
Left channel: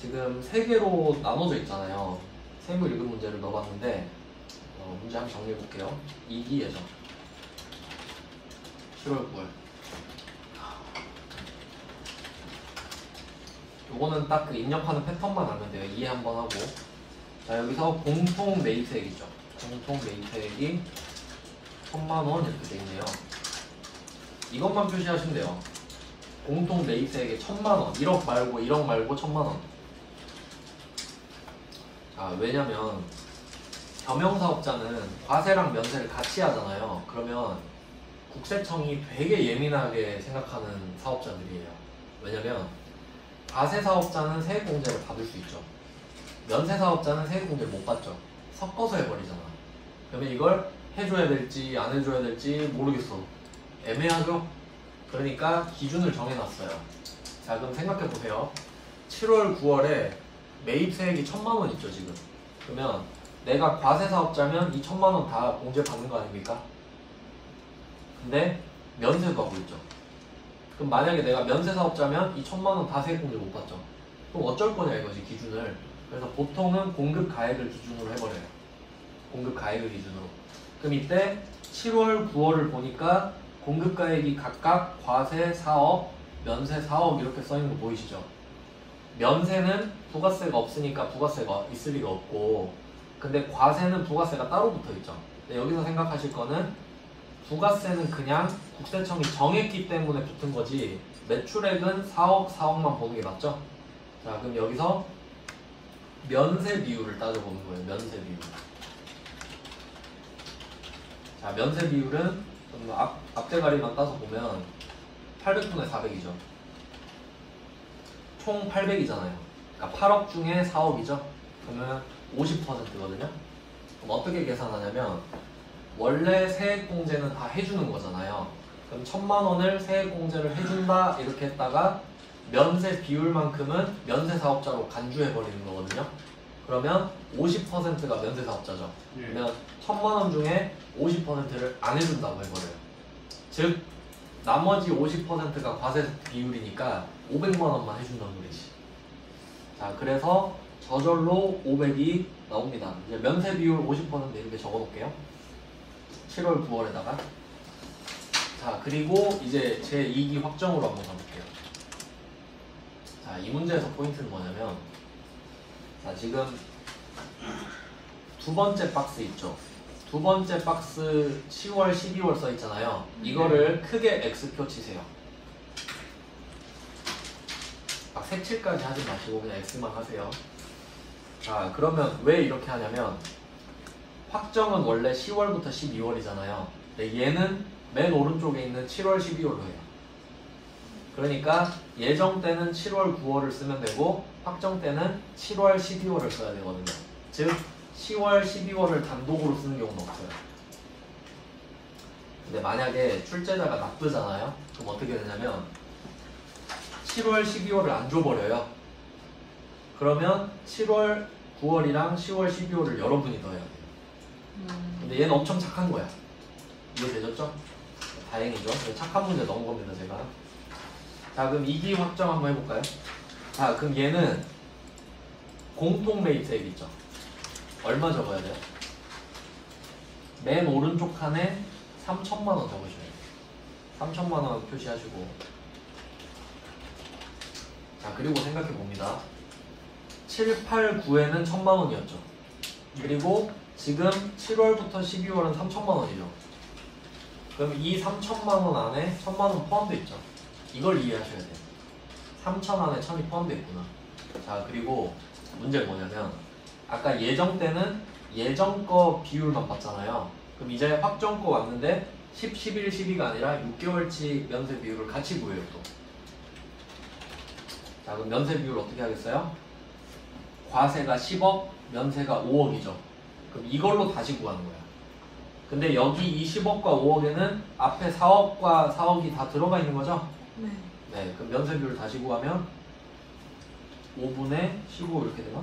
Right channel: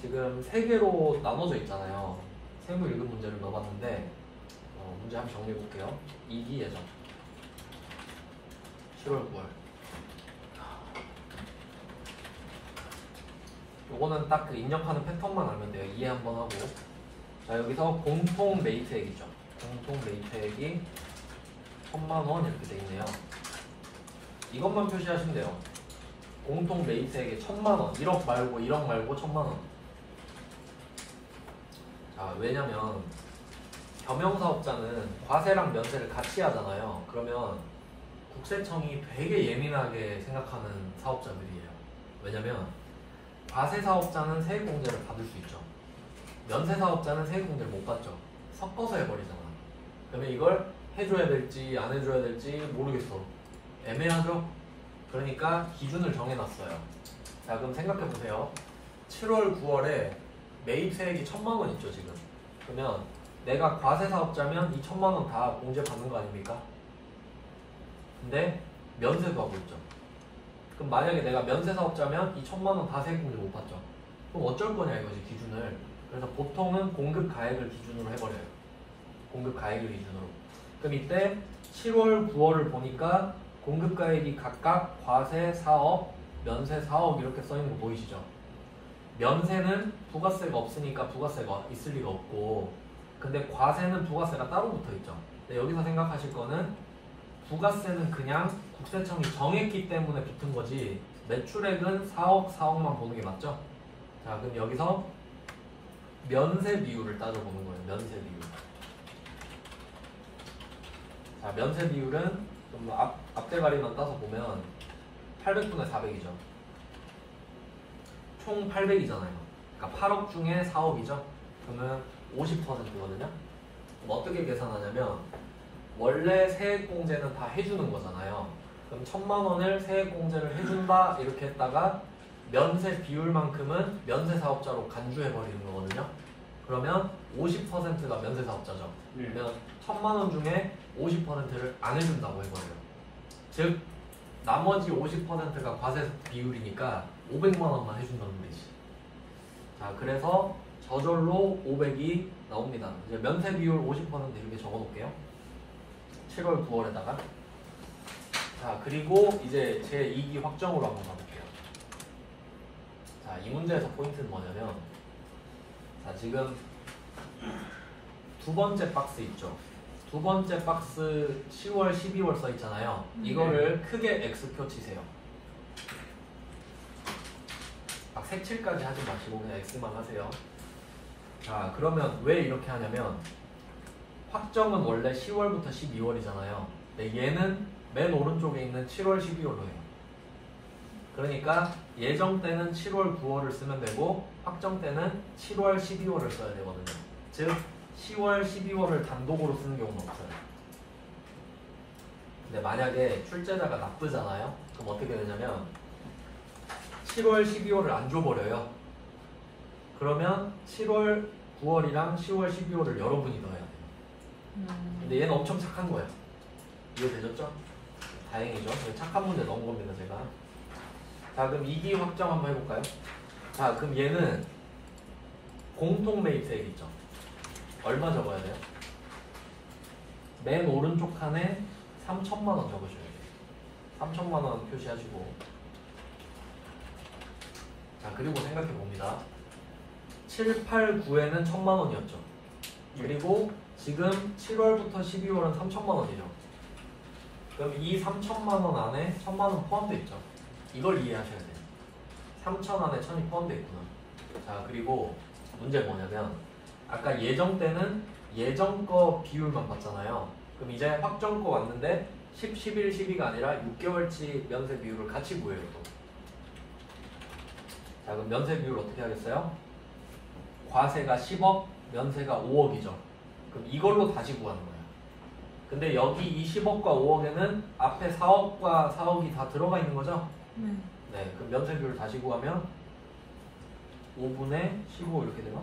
지금 3개로 나눠져 있잖아요. 세무 1급 문제를 넣어봤는데 문제 한번 정리해볼게요. 2기예죠. 7월 9월. 요거는 딱 그 입력하는 패턴만 알면 돼요. 이해 한번 하고. 자, 여기서 공통 매입세액이죠. 공통 매입세액이 1000만원 이렇게 돼 있네요. 이것만 표시하시면 돼요. 공통 매입세액이 1000만원. 1억 말고 1억 말고 1000만원. 자, 왜냐면 겸용사업자는 과세랑 면세를 같이 하잖아요. 그러면 국세청이 되게 예민하게 생각하는 사업자들이에요. 왜냐면 과세사업자는 세액공제를 받을 수 있죠. 면세사업자는 세액공제를 못 받죠. 섞어서 해버리잖아. 그러면 이걸 해줘야 될지 안 해줘야 될지 모르겠어. 애매하죠? 그러니까 기준을 정해놨어요. 자, 그럼 생각해보세요. 7월 9월에 매입세액이 1000만원 있죠 지금. 그러면 내가 과세사업자면 이 1000만원 다 공제 받는 거 아닙니까? 근데 면세도 하고 있죠. 그럼 만약에 내가 면세사업자면 이 1000만원 다 세액공제 못 받죠. 그럼 어쩔 거냐 이거지, 기준을. 그래서 보통은 공급가액을 기준으로 해버려요. 공급가액을 기준으로. 그럼 이때 7월 9월을 보니까 공급가액이 각각 과세 4억, 면세 4억 이렇게 써있는 거 보이시죠? 면세는 부가세가 없으니까 부가세가 있을 리가 없고, 근데 과세는 부가세가 따로 붙어있죠. 여기서 생각하실 거는 부가세는 그냥 국세청이 정했기 때문에 붙은 거지 매출액은 4억, 4억만 보는 게 맞죠? 자, 그럼 여기서 면세 비율을 따져보는 거예요. 면세 비율. 자, 면세 비율은 앞대가리만 따서 보면 800분의 400이죠. 총 800이잖아요. 그러니까 8억 중에 4억이죠. 그러면 50%거든요. 그럼 어떻게 계산하냐면 원래 세액공제는 다 해주는 거잖아요. 그럼 1000만 원을 세액공제를 해준다 이렇게 했다가 면세 비율만큼은 면세 사업자로 간주해 버리는 거거든요. 그러면 50%가 면세 사업자죠. 그러면 1000만 원 중에 50%를 안 해준다고 해버려요. 즉 나머지 50%가 과세 비율이니까 500만 원만 해준다는 거지. 자, 그래서 저절로 500이 나옵니다. 이제 면세 비율 50% 이렇게 적어놓을게요. 7월, 9월에다가. 자, 그리고 이제 제 2기 확정으로 한번 가볼게요. 자, 이 문제에서 포인트는 뭐냐면, 자, 지금 두 번째 박스 있죠. 두 번째 박스 10월, 12월 써 있잖아요. 이거를 크게 X표 치세요. 막 색칠까지 하지 마시고 그냥 X만 하세요. 자, 그러면 왜 이렇게 하냐면 확정은 원래 10월부터 12월이잖아요. 근데 얘는 맨 오른쪽에 있는 7월, 12월로 해요. 그러니까 예정 때는 7월, 9월을 쓰면 되고 확정 때는 7월, 12월을 써야 되거든요. 즉 10월, 12월을 단독으로 쓰는 경우는 없어요. 근데 만약에 출제자가 나쁘잖아요. 그럼 어떻게 되냐면 7월, 12월을 안 줘버려요. 그러면 7월, 9월이랑 10월, 12월을 여러분이 더해야 돼요. 근데 얘는 엄청 착한 거야. 이해되셨죠? 다행이죠. 착한 문제 넣은 겁니다, 제가. 자, 그럼 2기 확정 한번 해볼까요? 자, 그럼 얘는 공통 매입세액 있죠? 얼마 적어야 돼요? 맨 오른쪽 칸에 3천만 원 적으셔야 돼요. 3천만 원 표시하시고. 자, 그리고 생각해 봅니다. 7, 8, 9에는 1천만 원이었죠. 그리고 지금 7월부터 12월은 3천만 원이죠. 그럼 이 3천만 원 안에 1천만 원 포함되어 있죠. 이걸 이해하셔야 돼요. 3천 안에 1000이 포함되어 있구나. 자, 그리고 문제가 뭐냐면 아까 예정 때는 예정 거 비율만 봤잖아요. 그럼 이제 확정 거 왔는데 10, 11, 12가 아니라 6개월치 면세 비율을 같이 구해요 또. 자, 그럼 면세 비율 어떻게 하겠어요? 과세가 10억, 면세가 5억이죠. 그럼 이걸로 다시 구하는 거예요. 근데 여기 이 10억과 5억에는 앞에 4억과 4억이 다 들어가 있는 거죠? 네. 네, 그럼 면세 비율 다시 구하면 5분의 15 이렇게 되나?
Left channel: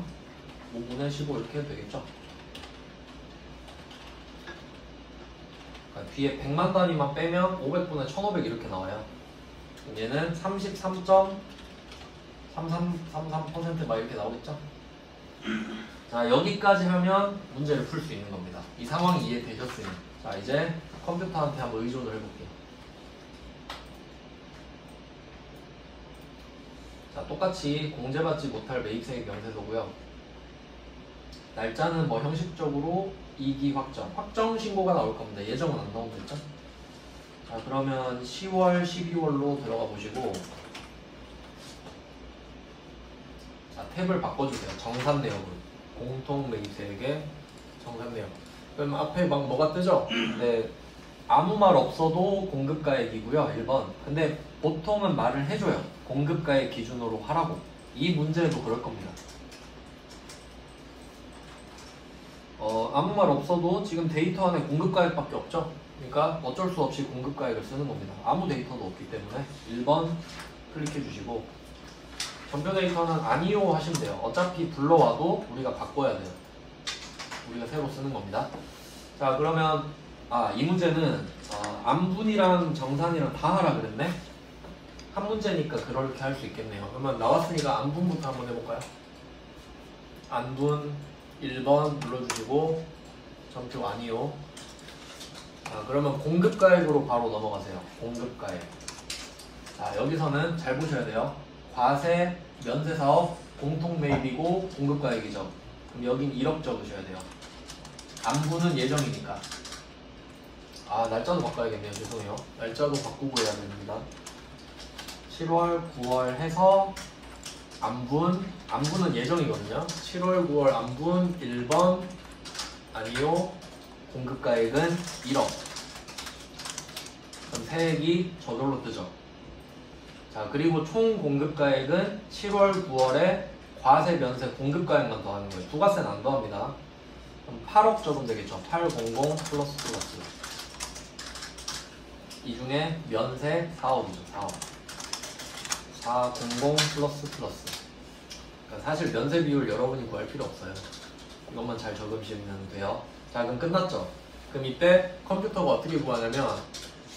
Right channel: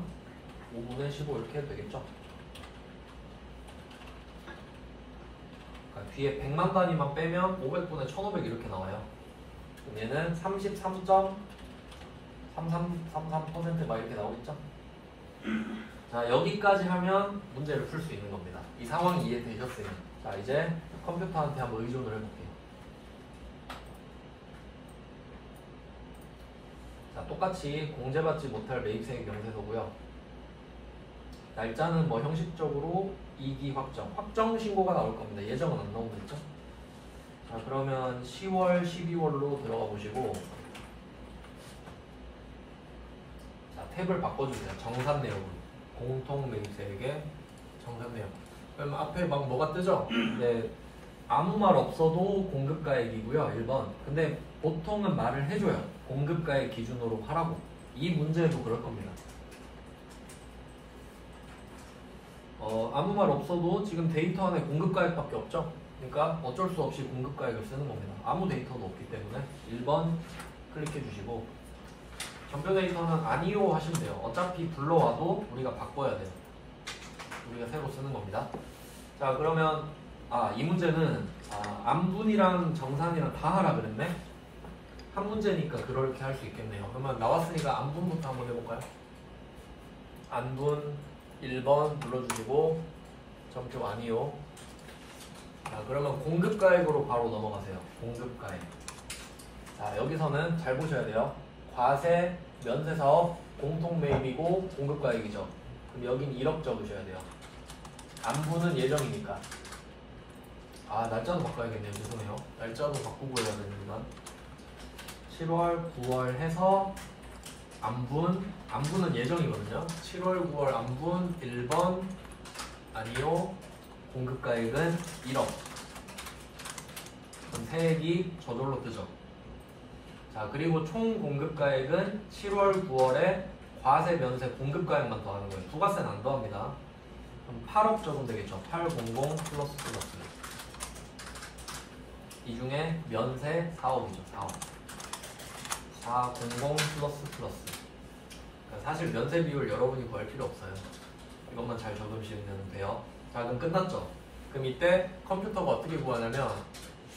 5분의 15 이렇게 해도 되겠죠? 그러니까 뒤에 100만 단위만 빼면 500분의 1500 이렇게 나와요. 그럼 얘는 33.33% 이렇게 나오겠죠? 자, 여기까지 하면 문제를 풀 수 있는 겁니다. 이 상황이 이해되셨으면. 자, 이제 컴퓨터한테 한번 의존을 해볼게요. 자, 똑같이 공제받지 못할 매입세액 면세서고요. 날짜는 뭐 형식적으로 2기 확정, 확정 신고가 나올 겁니다. 예정은 안 나오겠죠? 자, 그러면 10월, 12월로 들어가 보시고, 자, 탭을 바꿔주세요. 정산 내역으로. 공통 매입세액의 정산 내역. 그럼 앞에 막 뭐가 뜨죠? 근데 아무 말 없어도 공급가액이고요. 1번. 근데 보통은 말을 해줘요. 공급가액 기준으로 하라고. 이 문제도 그럴 겁니다. 아무 말 없어도 지금 데이터 안에 공급가액밖에 없죠. 그러니까 어쩔 수 없이 공급가액을 쓰는 겁니다. 아무 데이터도 없기 때문에 1번 클릭해 주시고, 전표 데이터는 아니요 하시면 돼요. 어차피 불러와도 우리가 바꿔야 돼요. 우리가 새로 쓰는 겁니다. 자, 그러면 이 문제는 안분이랑 정산이랑 다 하라 그랬네. 한 문제니까 그렇게 할 수 있겠네요. 그러면 나왔으니까 안분부터 한번 해볼까요? 안분 1번 눌러주시고 전표 아니요. 자, 자, 그러면 공급가액으로 바로 넘어가세요. 공급가액. 자, 여기서는 잘 보셔야 돼요. 과세, 면세사업, 공통매입이고 공급가액이죠. 그럼 여긴 1억 적으셔야 돼요. 안부는 예정이니까. 아, 날짜도 바꿔야겠네요. 죄송해요. 날짜도 바꾸고 해야 됩니다. 7월, 9월 해서 안분은 예정이거든요. 7월, 9월 안분 1번 아니요. 공급가액은 1억. 그럼 세액이 저절로 뜨죠. 자, 그리고 총 공급가액은 7월, 9월에 과세, 면세, 공급가액만 더하는 거예요. 부가세는 안 더합니다. 그럼 8억 적으면 되겠죠. 800 플러스. 이 중에 면세 4억이죠. 4억. 400 플러스. 그러니까 사실 면세 비율 여러분이 구할 필요 없어요. 이것만 잘 적으시면 돼요. 자, 그럼 끝났죠? 그럼 이때 컴퓨터가 어떻게 구하냐면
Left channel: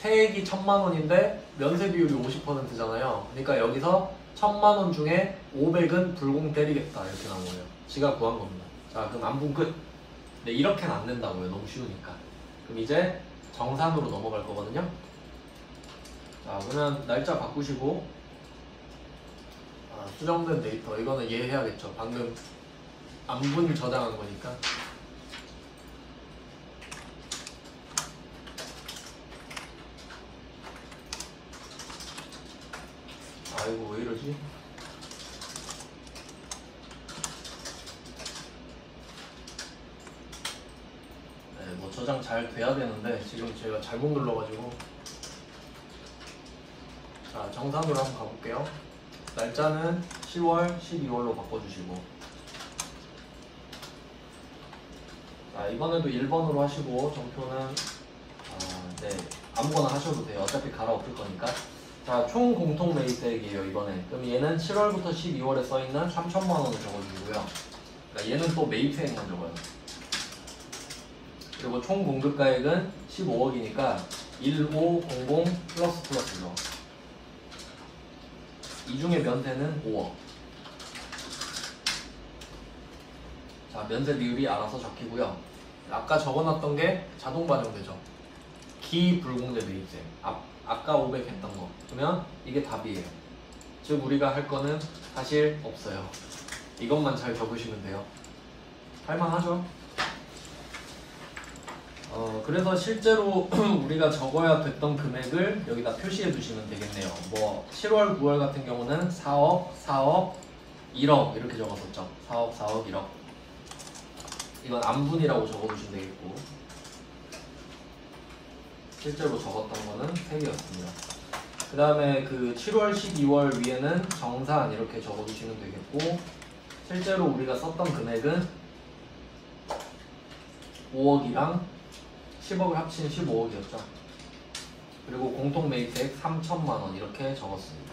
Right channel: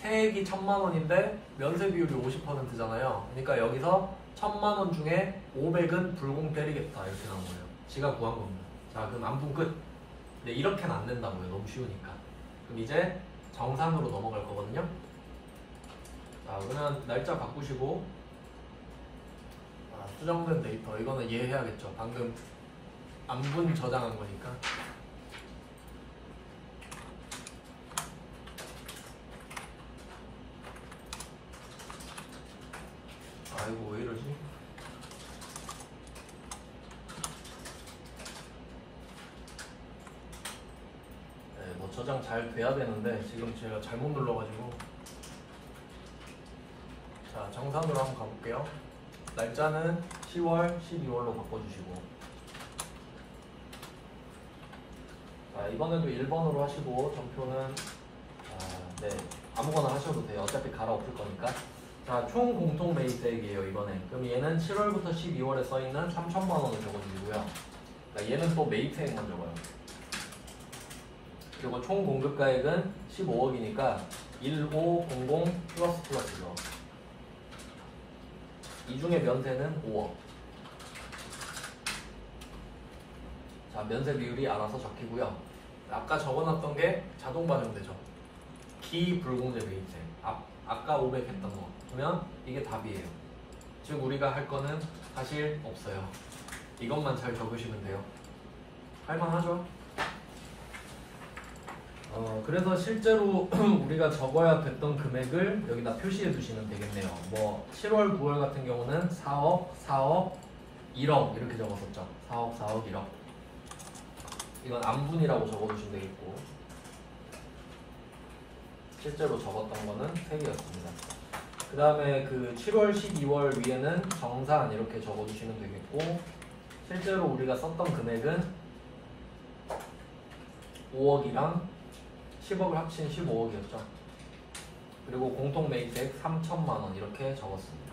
세액이 1000만 원인데 면세 비율이 50%잖아요. 그러니까 여기서 1000만 원 중에 500은 불공 때리겠다 이렇게 나온 거예요. 지가 구한 겁니다. 자, 그럼 안분 끝. 근데 이렇게는 안 된다고요. 너무 쉬우니까. 그럼 이제 정산으로 넘어갈 거거든요. 자, 그러면 날짜 바꾸시고 수정된 데이터 이거는 이해해야겠죠. 방금 안분 저장한 거니까. 아이고 왜 이러지? 네, 뭐 저장 잘 돼야 되는데 지금 제가 잘못 눌러가지고. 자, 정산으로 한번 가볼게요. 날짜는 10월, 12월로 바꿔주시고. 자, 이번에도 1번으로 하시고 정표는 네, 아무거나 하셔도 돼요. 어차피 갈아엎을 거니까. 자, 총 공통 매입세액이에요 이번에. 그럼 얘는 7월부터 12월에 써있는 3천만 원을 적어주고요. 그러니까 얘는 또 매입세액만 적어요. 그리고 총 공급가액은 15억이니까 1500 플러스죠. 이 중에 면세는 5억. 자, 면세 비율이 알아서 적히고요. 아까 적어놨던 게 자동 반영되죠. 기불공제 매입세. 아까 500 했던 거. 그러면 이게 답이에요. 즉 우리가 할 거는 사실 없어요. 이것만 잘 적으시면 돼요. 할만하죠? 그래서 실제로 우리가 적어야 됐던 금액을 여기다 표시해 두시면 되겠네요. 뭐 7월, 9월 같은 경우는 4억, 4억, 1억 이렇게 적었었죠. 4억, 4억, 1억. 이건 안분이라고 적어두시면 되겠고, 실제로 적었던 거는 3개였습니다. 그 다음에 그 7월, 12월 위에는 정산 이렇게 적어두시면 되겠고, 실제로 우리가 썼던 금액은 5억이랑 10억을 합친 15억이었죠. 그리고 공통 매입세액 3천만 원 이렇게 적었습니다.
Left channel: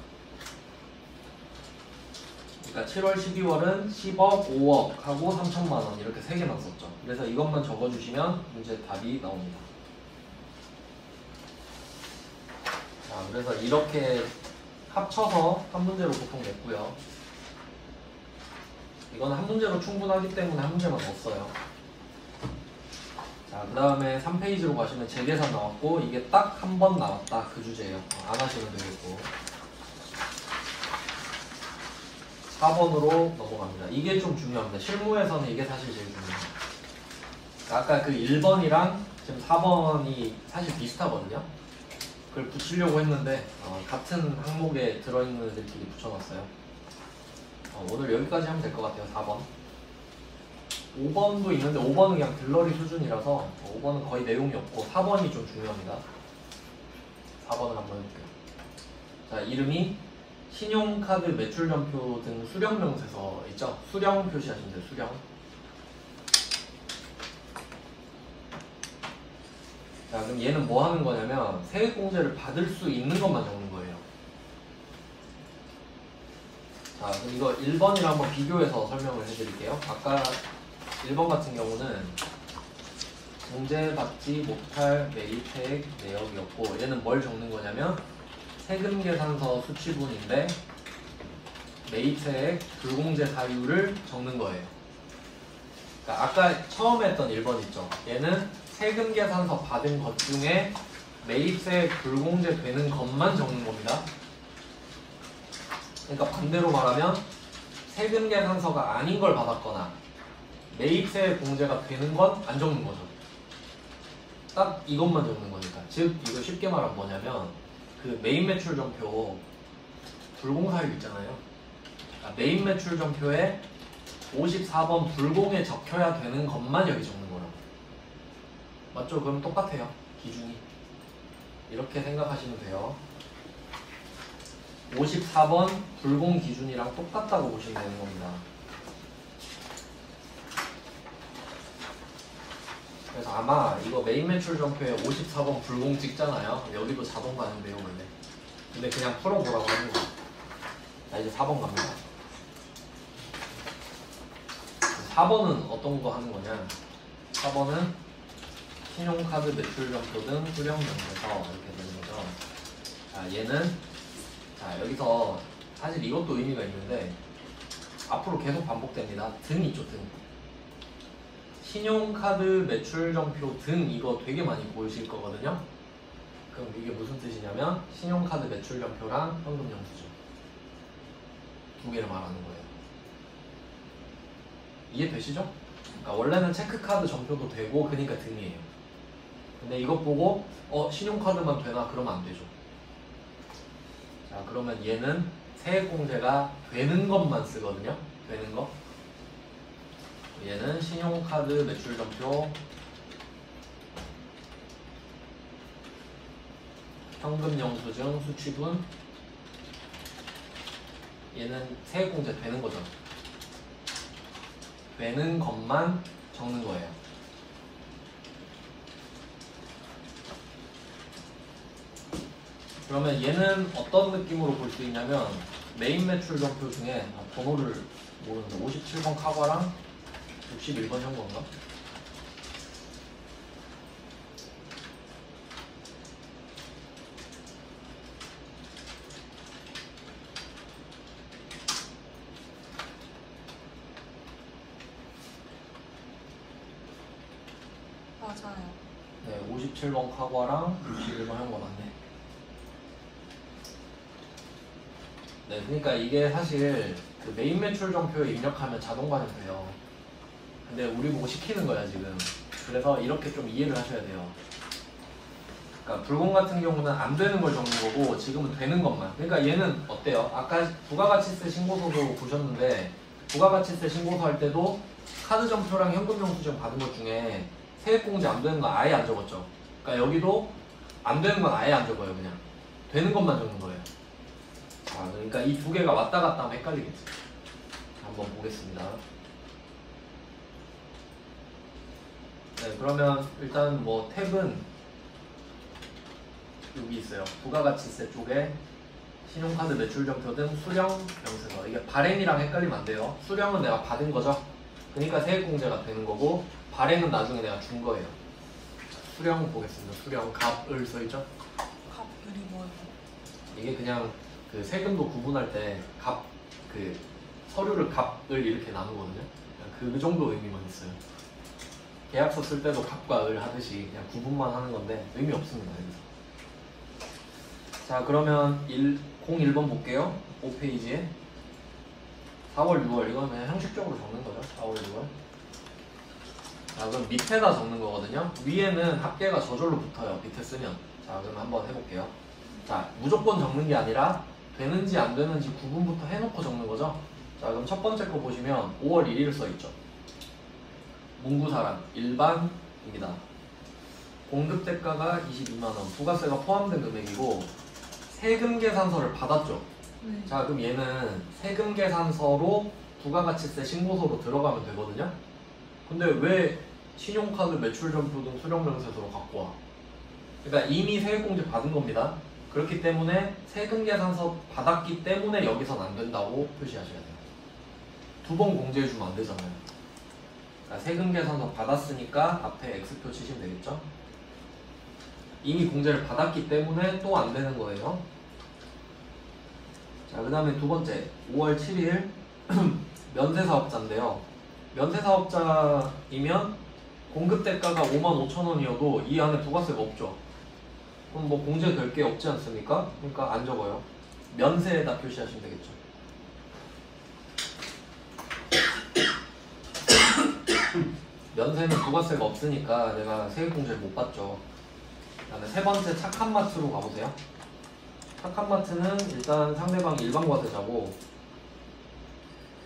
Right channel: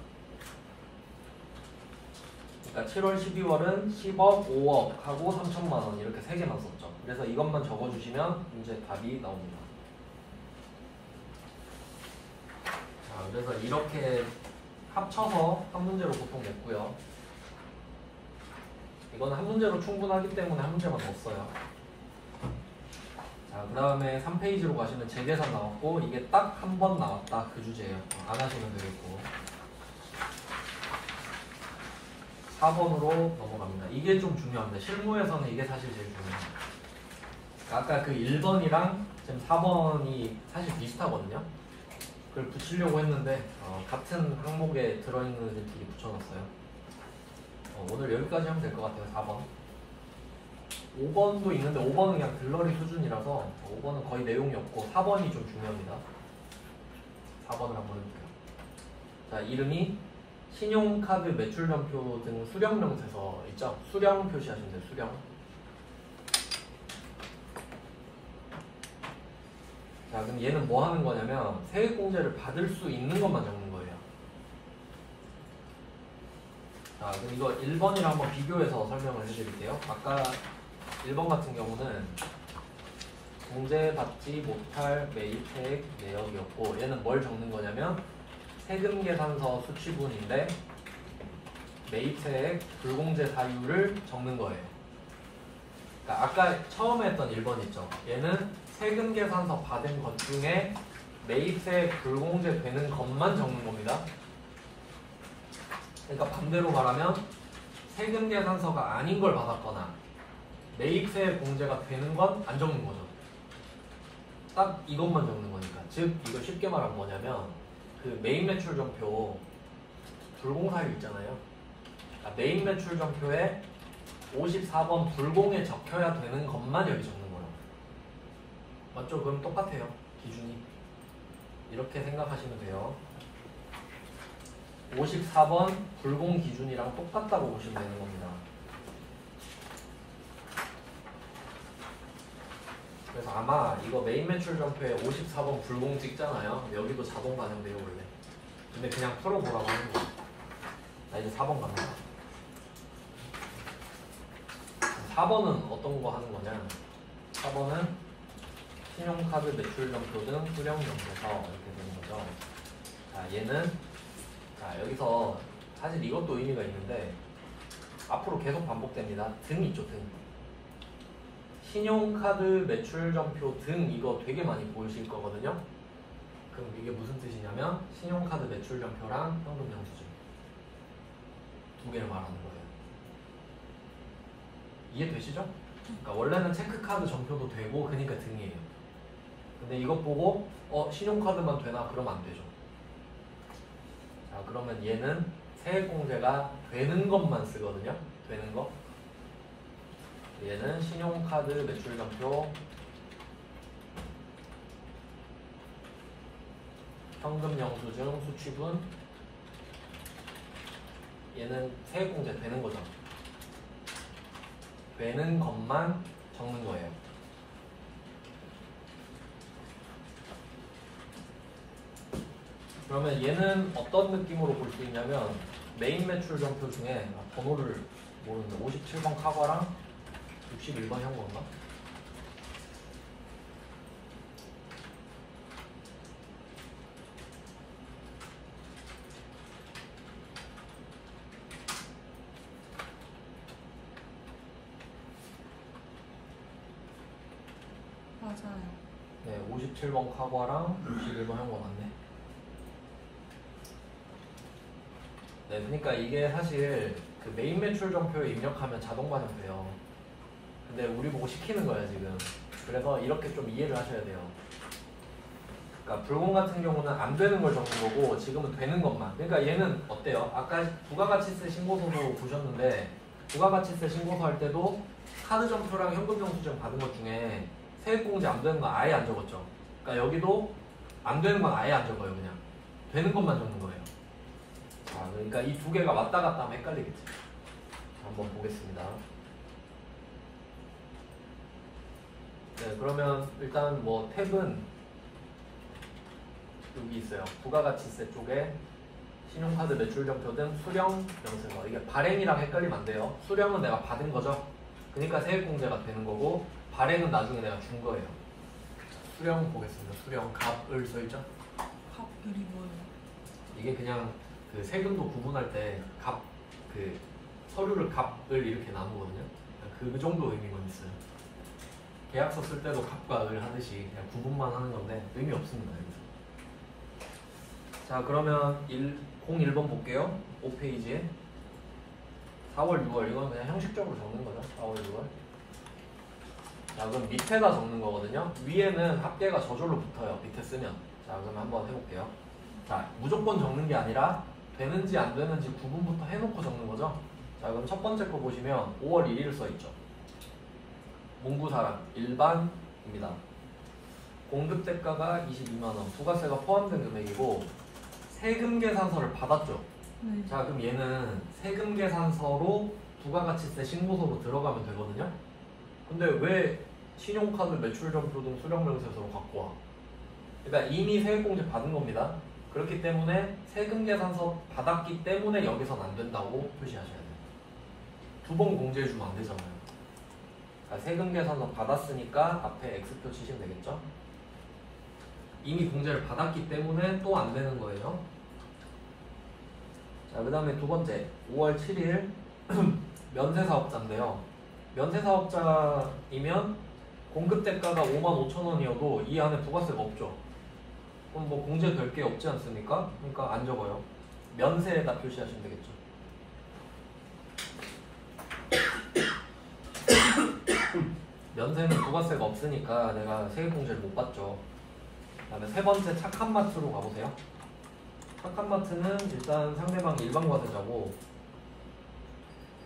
그러니까 7월, 12월은 10억, 5억 하고 3천만 원 이렇게 3개 넣었었죠. 그래서 이것만 적어주시면 문제 답이 나옵니다. 자, 그래서 이렇게 합쳐서 한 문제로 보통 냈고요. 이건 한 문제로 충분하기 때문에 한 문제만 넣었어요. 자, 그 다음에 3페이지로 가시면 재계산 나왔고, 이게 딱 한 번 나왔다 그 주제예요. 안 하시면 되겠고. 4번으로 넘어갑니다. 이게 좀 중요합니다. 실무에서는 이게 사실 제일 중요해요. 아까 그 1번이랑 지금 4번이 사실 비슷하거든요. 그걸 붙이려고 했는데 같은 항목에 들어있는 애들끼리 붙여놨어요. 오늘 여기까지 하면 될 것 같아요. 4번. 5번도 있는데 5번은 그냥 들러리 수준이라서 5번은 거의 내용이 없고 4번이 좀 중요합니다. 4번을 한번 해볼게요. 자, 이름이 신용카드 매출연표 등 수령명세서 있죠? 수령 표시하시면 돼요. 수령. 자, 그럼 얘는 뭐 하는 거냐면 세액공제를 받을 수 있는 것만 적는 거예요. 자, 그럼 이거 1번이랑 한번 비교해서 설명을 해드릴게요. 아까 1번 같은 경우는 공제받지 못할 매입세액 내역이었고, 얘는 뭘 적는 거냐면 세금계산서 수취분인데 매입세액 불공제 사유를 적는 거예요. 그러니까 아까 처음에 했던 1번 있죠. 얘는 세금 계산서 받은 것 중에 매입세 불공제 되는 것만 적는 겁니다. 그러니까 반대로 말하면 세금 계산서가 아닌 걸 받았거나 매입세 공제가 되는 건 안 적는 거죠. 딱 이것만 적는 거니까. 즉 이거 쉽게 말하면 뭐냐면 그 메인 매출 전표 불공사유 있잖아요. 그러니까 메인 매출 전표에 54번 불공에 적혀야 되는 것만 여기 적는 거라고. 맞죠? 그럼 똑같아요. 기준이. 이렇게 생각하시면 돼요. 54번 불공 기준이랑 똑같다고 보시면 되는 겁니다. 그래서 아마 이거 메인 매출 전표에 54번 불공 찍잖아요. 근데 여기도 자동 가는데요 원래. 근데 그냥 풀어보라고 하는 거예요. 자 이제 4번 갑니다. 4번은 어떤 거 하는 거냐? 4번은 신용카드 매출 전표 등 수령 명세서 이렇게 되는 거죠. 자 얘는 자 여기서 사실 이것도 의미가 있는데 앞으로 계속 반복됩니다. 등 있죠 등. 신용카드 매출전표 등 이거 되게 많이 보이실 거거든요. 그럼 이게 무슨 뜻이냐면 신용카드 매출전표랑 현금영수증 두 개를 말하는 거예요. 이해되시죠? 그러니까 원래는 체크카드 전표도 되고 그러니까 등이에요. 근데 이것 보고 신용카드만 되나? 그러면 안 되죠. 자 그러면 얘는 세액공제가 되는 것만 쓰거든요. 되는 거. 얘는 신용카드 매출전표 현금영수증 수취분 얘는 세액공제 되는 거죠. 되는 것만 적는 거예요. 그러면 얘는 어떤 느낌으로 볼 수 있냐면 메인 매출전표 중에 번호를 모르는데 57번 카과랑 61번 현금인가? 맞아요. 네, 57번 카과랑 61번 현금 맞네. 네, 그러니까 이게 사실 그 메인 매출 전표에 입력하면 자동 반영돼요. 근데 우리 보고 시키는 거야 지금. 그래서 이렇게 좀 이해를 하셔야 돼요. 그러니까 불공 같은 경우는 안 되는 걸 적는 거고 지금은 되는 것만. 그러니까 얘는 어때요? 아까 부가가치세 신고서도 보셨는데 부가가치세 신고서 할 때도 카드 전표랑 현금 영수증 받은 것 중에 세액공제 안 되는 건 아예 안 적었죠. 그러니까 여기도 안 되는 건 아예 안 적어요. 그냥 되는 것만 적는 거예요. 자, 그러니까 이 두 개가 왔다 갔다 하면 헷갈리겠지. 한번 보겠습니다. 네, 그러면 일단 뭐 탭은 여기 있어요. 부가가치세 쪽에 신용카드 매출전표 등 수령 명세서. 이게 발행이랑 헷갈리면 안 돼요. 수령은 내가 받은 거죠. 그러니까 세액공제가 되는 거고 발행은 나중에 내가 준 거예요. 수령 보겠습니다. 수령 갑을 써있죠? 갑을이 뭐예요? 이게 그냥 그 세금도 구분할 때 갑 그 서류를 갑을 이렇게 나누거든요. 그 정도 의미만 있어요. 계약서 쓸 때도 갑과 을 하듯이 그냥 구분만 하는 건데 의미 없습니다. 여기서. 자 그러면 01번 볼게요. 5페이지에 4월 6월 이거는 그냥 형식적으로 적는 거죠. 4월 6월. 자 그럼 밑에다 적는 거거든요. 위에는 합계가 저절로 붙어요. 밑에 쓰면. 자 그럼 한번 해볼게요. 자 무조건 적는 게 아니라 되는지 안 되는지 구분부터 해놓고 적는 거죠. 자 그럼 첫 번째 거 보시면 5월 1일 써있죠. 문구사랑 일반입니다. 공급대가가 22만원, 부가세가 포함된 금액이고 세금 계산서를 받았죠. 네. 자 그럼 얘는 세금 계산서로 부가가치세 신고서로 들어가면 되거든요. 근데 왜 신용카드 매출전표 등 수령명세서로 갖고 와? 그러니까 이미 세액공제 받은 겁니다. 그렇기 때문에 세금 계산서 받았기 때문에 여기선 안 된다고 표시하셔야 돼요. 두 번 공제해주면 안 되잖아요. 그러니까 세금 계산서 받았으니까 앞에 X표 치시면 되겠죠? 이미 공제를 받았기 때문에 또 안 되는 거예요. 자, 그 다음에 두 번째 5월 7일 면세사업자인데요. 면세사업자이면 공급 대가가 55,000원이어도 이 안에 부가세가 없죠. 그럼 뭐 공제될 게 없지 않습니까? 그러니까 안 적어요. 면세에다 표시하시면 되겠죠. 면세는 부가세가 없으니까 내가 세액공제를 못 받죠. 그다음에 세 번째 착한마트로 가보세요. 착한마트는 일단 상대방이 일반과세자고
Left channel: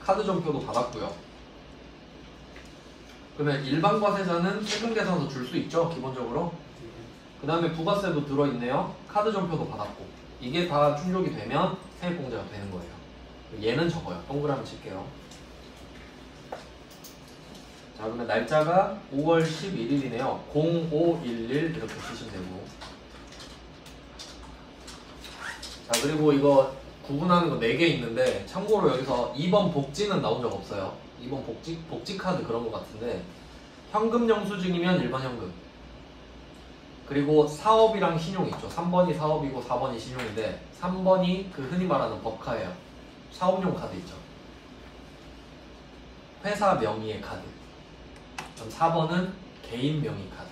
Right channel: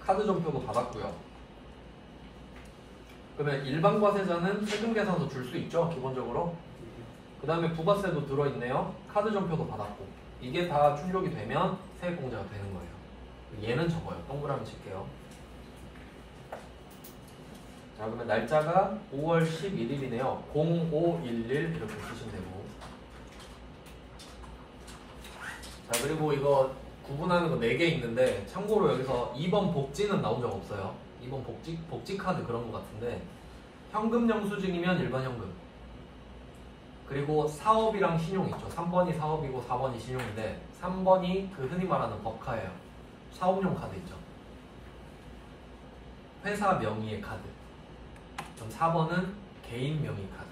카드 전표도 받았고요. 그러면 일반과세자는 세금 계산서 줄 수 있죠, 기본적으로. 그 다음에 부가세도 들어있네요. 카드 전표도 받았고. 이게 다 충족이 되면 세액공제가 되는 거예요. 얘는 적어요. 동그라미 칠게요. 자, 그러면 날짜가 5월 11일이네요. 0511 이렇게 쓰시면 되고. 자, 그리고 이거 구분하는 거 4개 있는데 참고로 여기서 2번 복지는 나온 적 없어요. 2번 복지 카드 그런 거 같은데 현금 영수증이면 일반 현금. 그리고 사업이랑 신용 있죠. 3번이 사업이고 4번이 신용인데 3번이 그 흔히 말하는 법카예요. 사업용 카드 있죠. 회사 명의의 카드. 그럼 4번은 개인 명의 카드.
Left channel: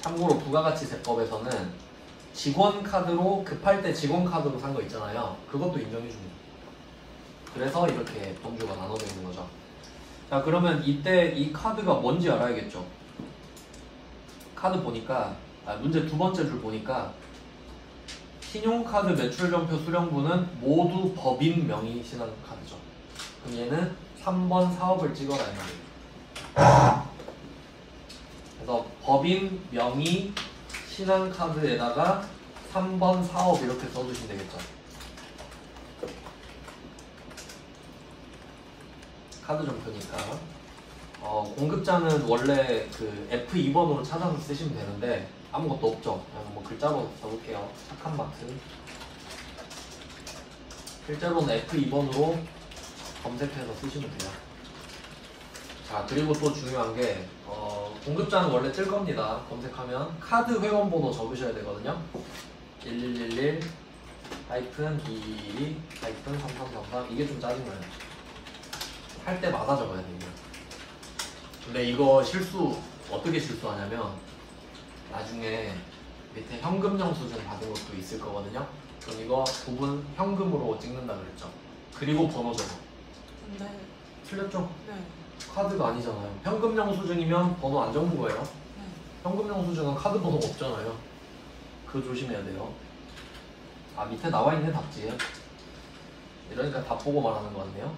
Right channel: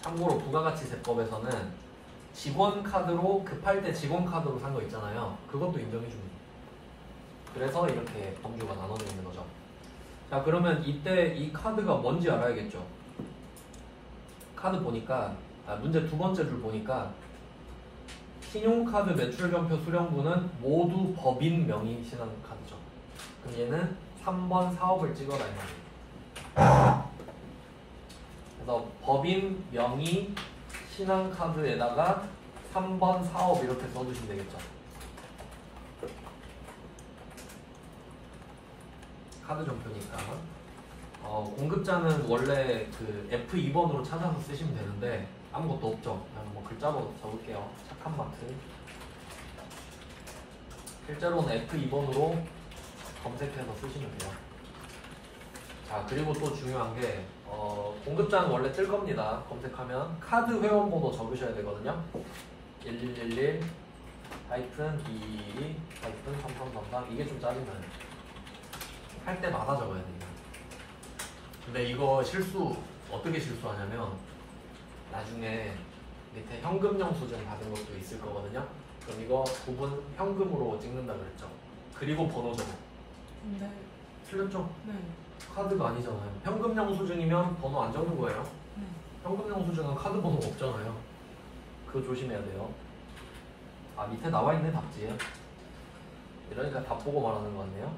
참고로 부가가치세법에서는 직원 카드로 급할 때 직원 카드로 산 거 있잖아요. 그것도 인정해 줍니다. 그래서 이렇게 범주가 나눠져 있는 거죠. 자, 그러면 이때 이 카드가 뭔지 알아야겠죠. 카드 보니까 문제 두 번째 줄 보니까 신용카드 매출전표 수령부는 모두 법인 명의 신한 카드죠. 그럼 얘는 3번 사업을 찍어놔야 돼요. 그래서 법인 명의 신한카드에다가 3번 사업 이렇게 써주시면 되겠죠. 카드 전표니까 공급자는 원래 그 F2번으로 찾아서 쓰시면 되는데 아무것도 없죠. 그냥 뭐 글자로 써볼게요. 착한마트. 실제로는 F2번으로 검색해서 쓰시면 돼요. 자, 그리고 또 중요한 게 공급자는 원래 뜰 겁니다. 검색하면 카드 회원번호 적으셔야 되거든요. 1111 2222 3333 이게 좀 짜증나요. 할 때마다 적어야 됩니다. 근데 이거 실수 어떻게 실수하냐면 나중에 밑에 현금 영수증 받은 것도 있을 거거든요. 그럼 이거 부분 현금으로 찍는다 그랬죠. 그리고 번호 적어. 근데 틀렸죠? 네. 카드가 아니잖아요. 현금 영수증이면 번호 안 적는 거예요. 네. 현금 영수증은 카드 번호가 없잖아요. 그거 조심해야 돼요. 아, 밑에 나와 있네 답지. 이러니까 답 보고 말하는 거 같네요.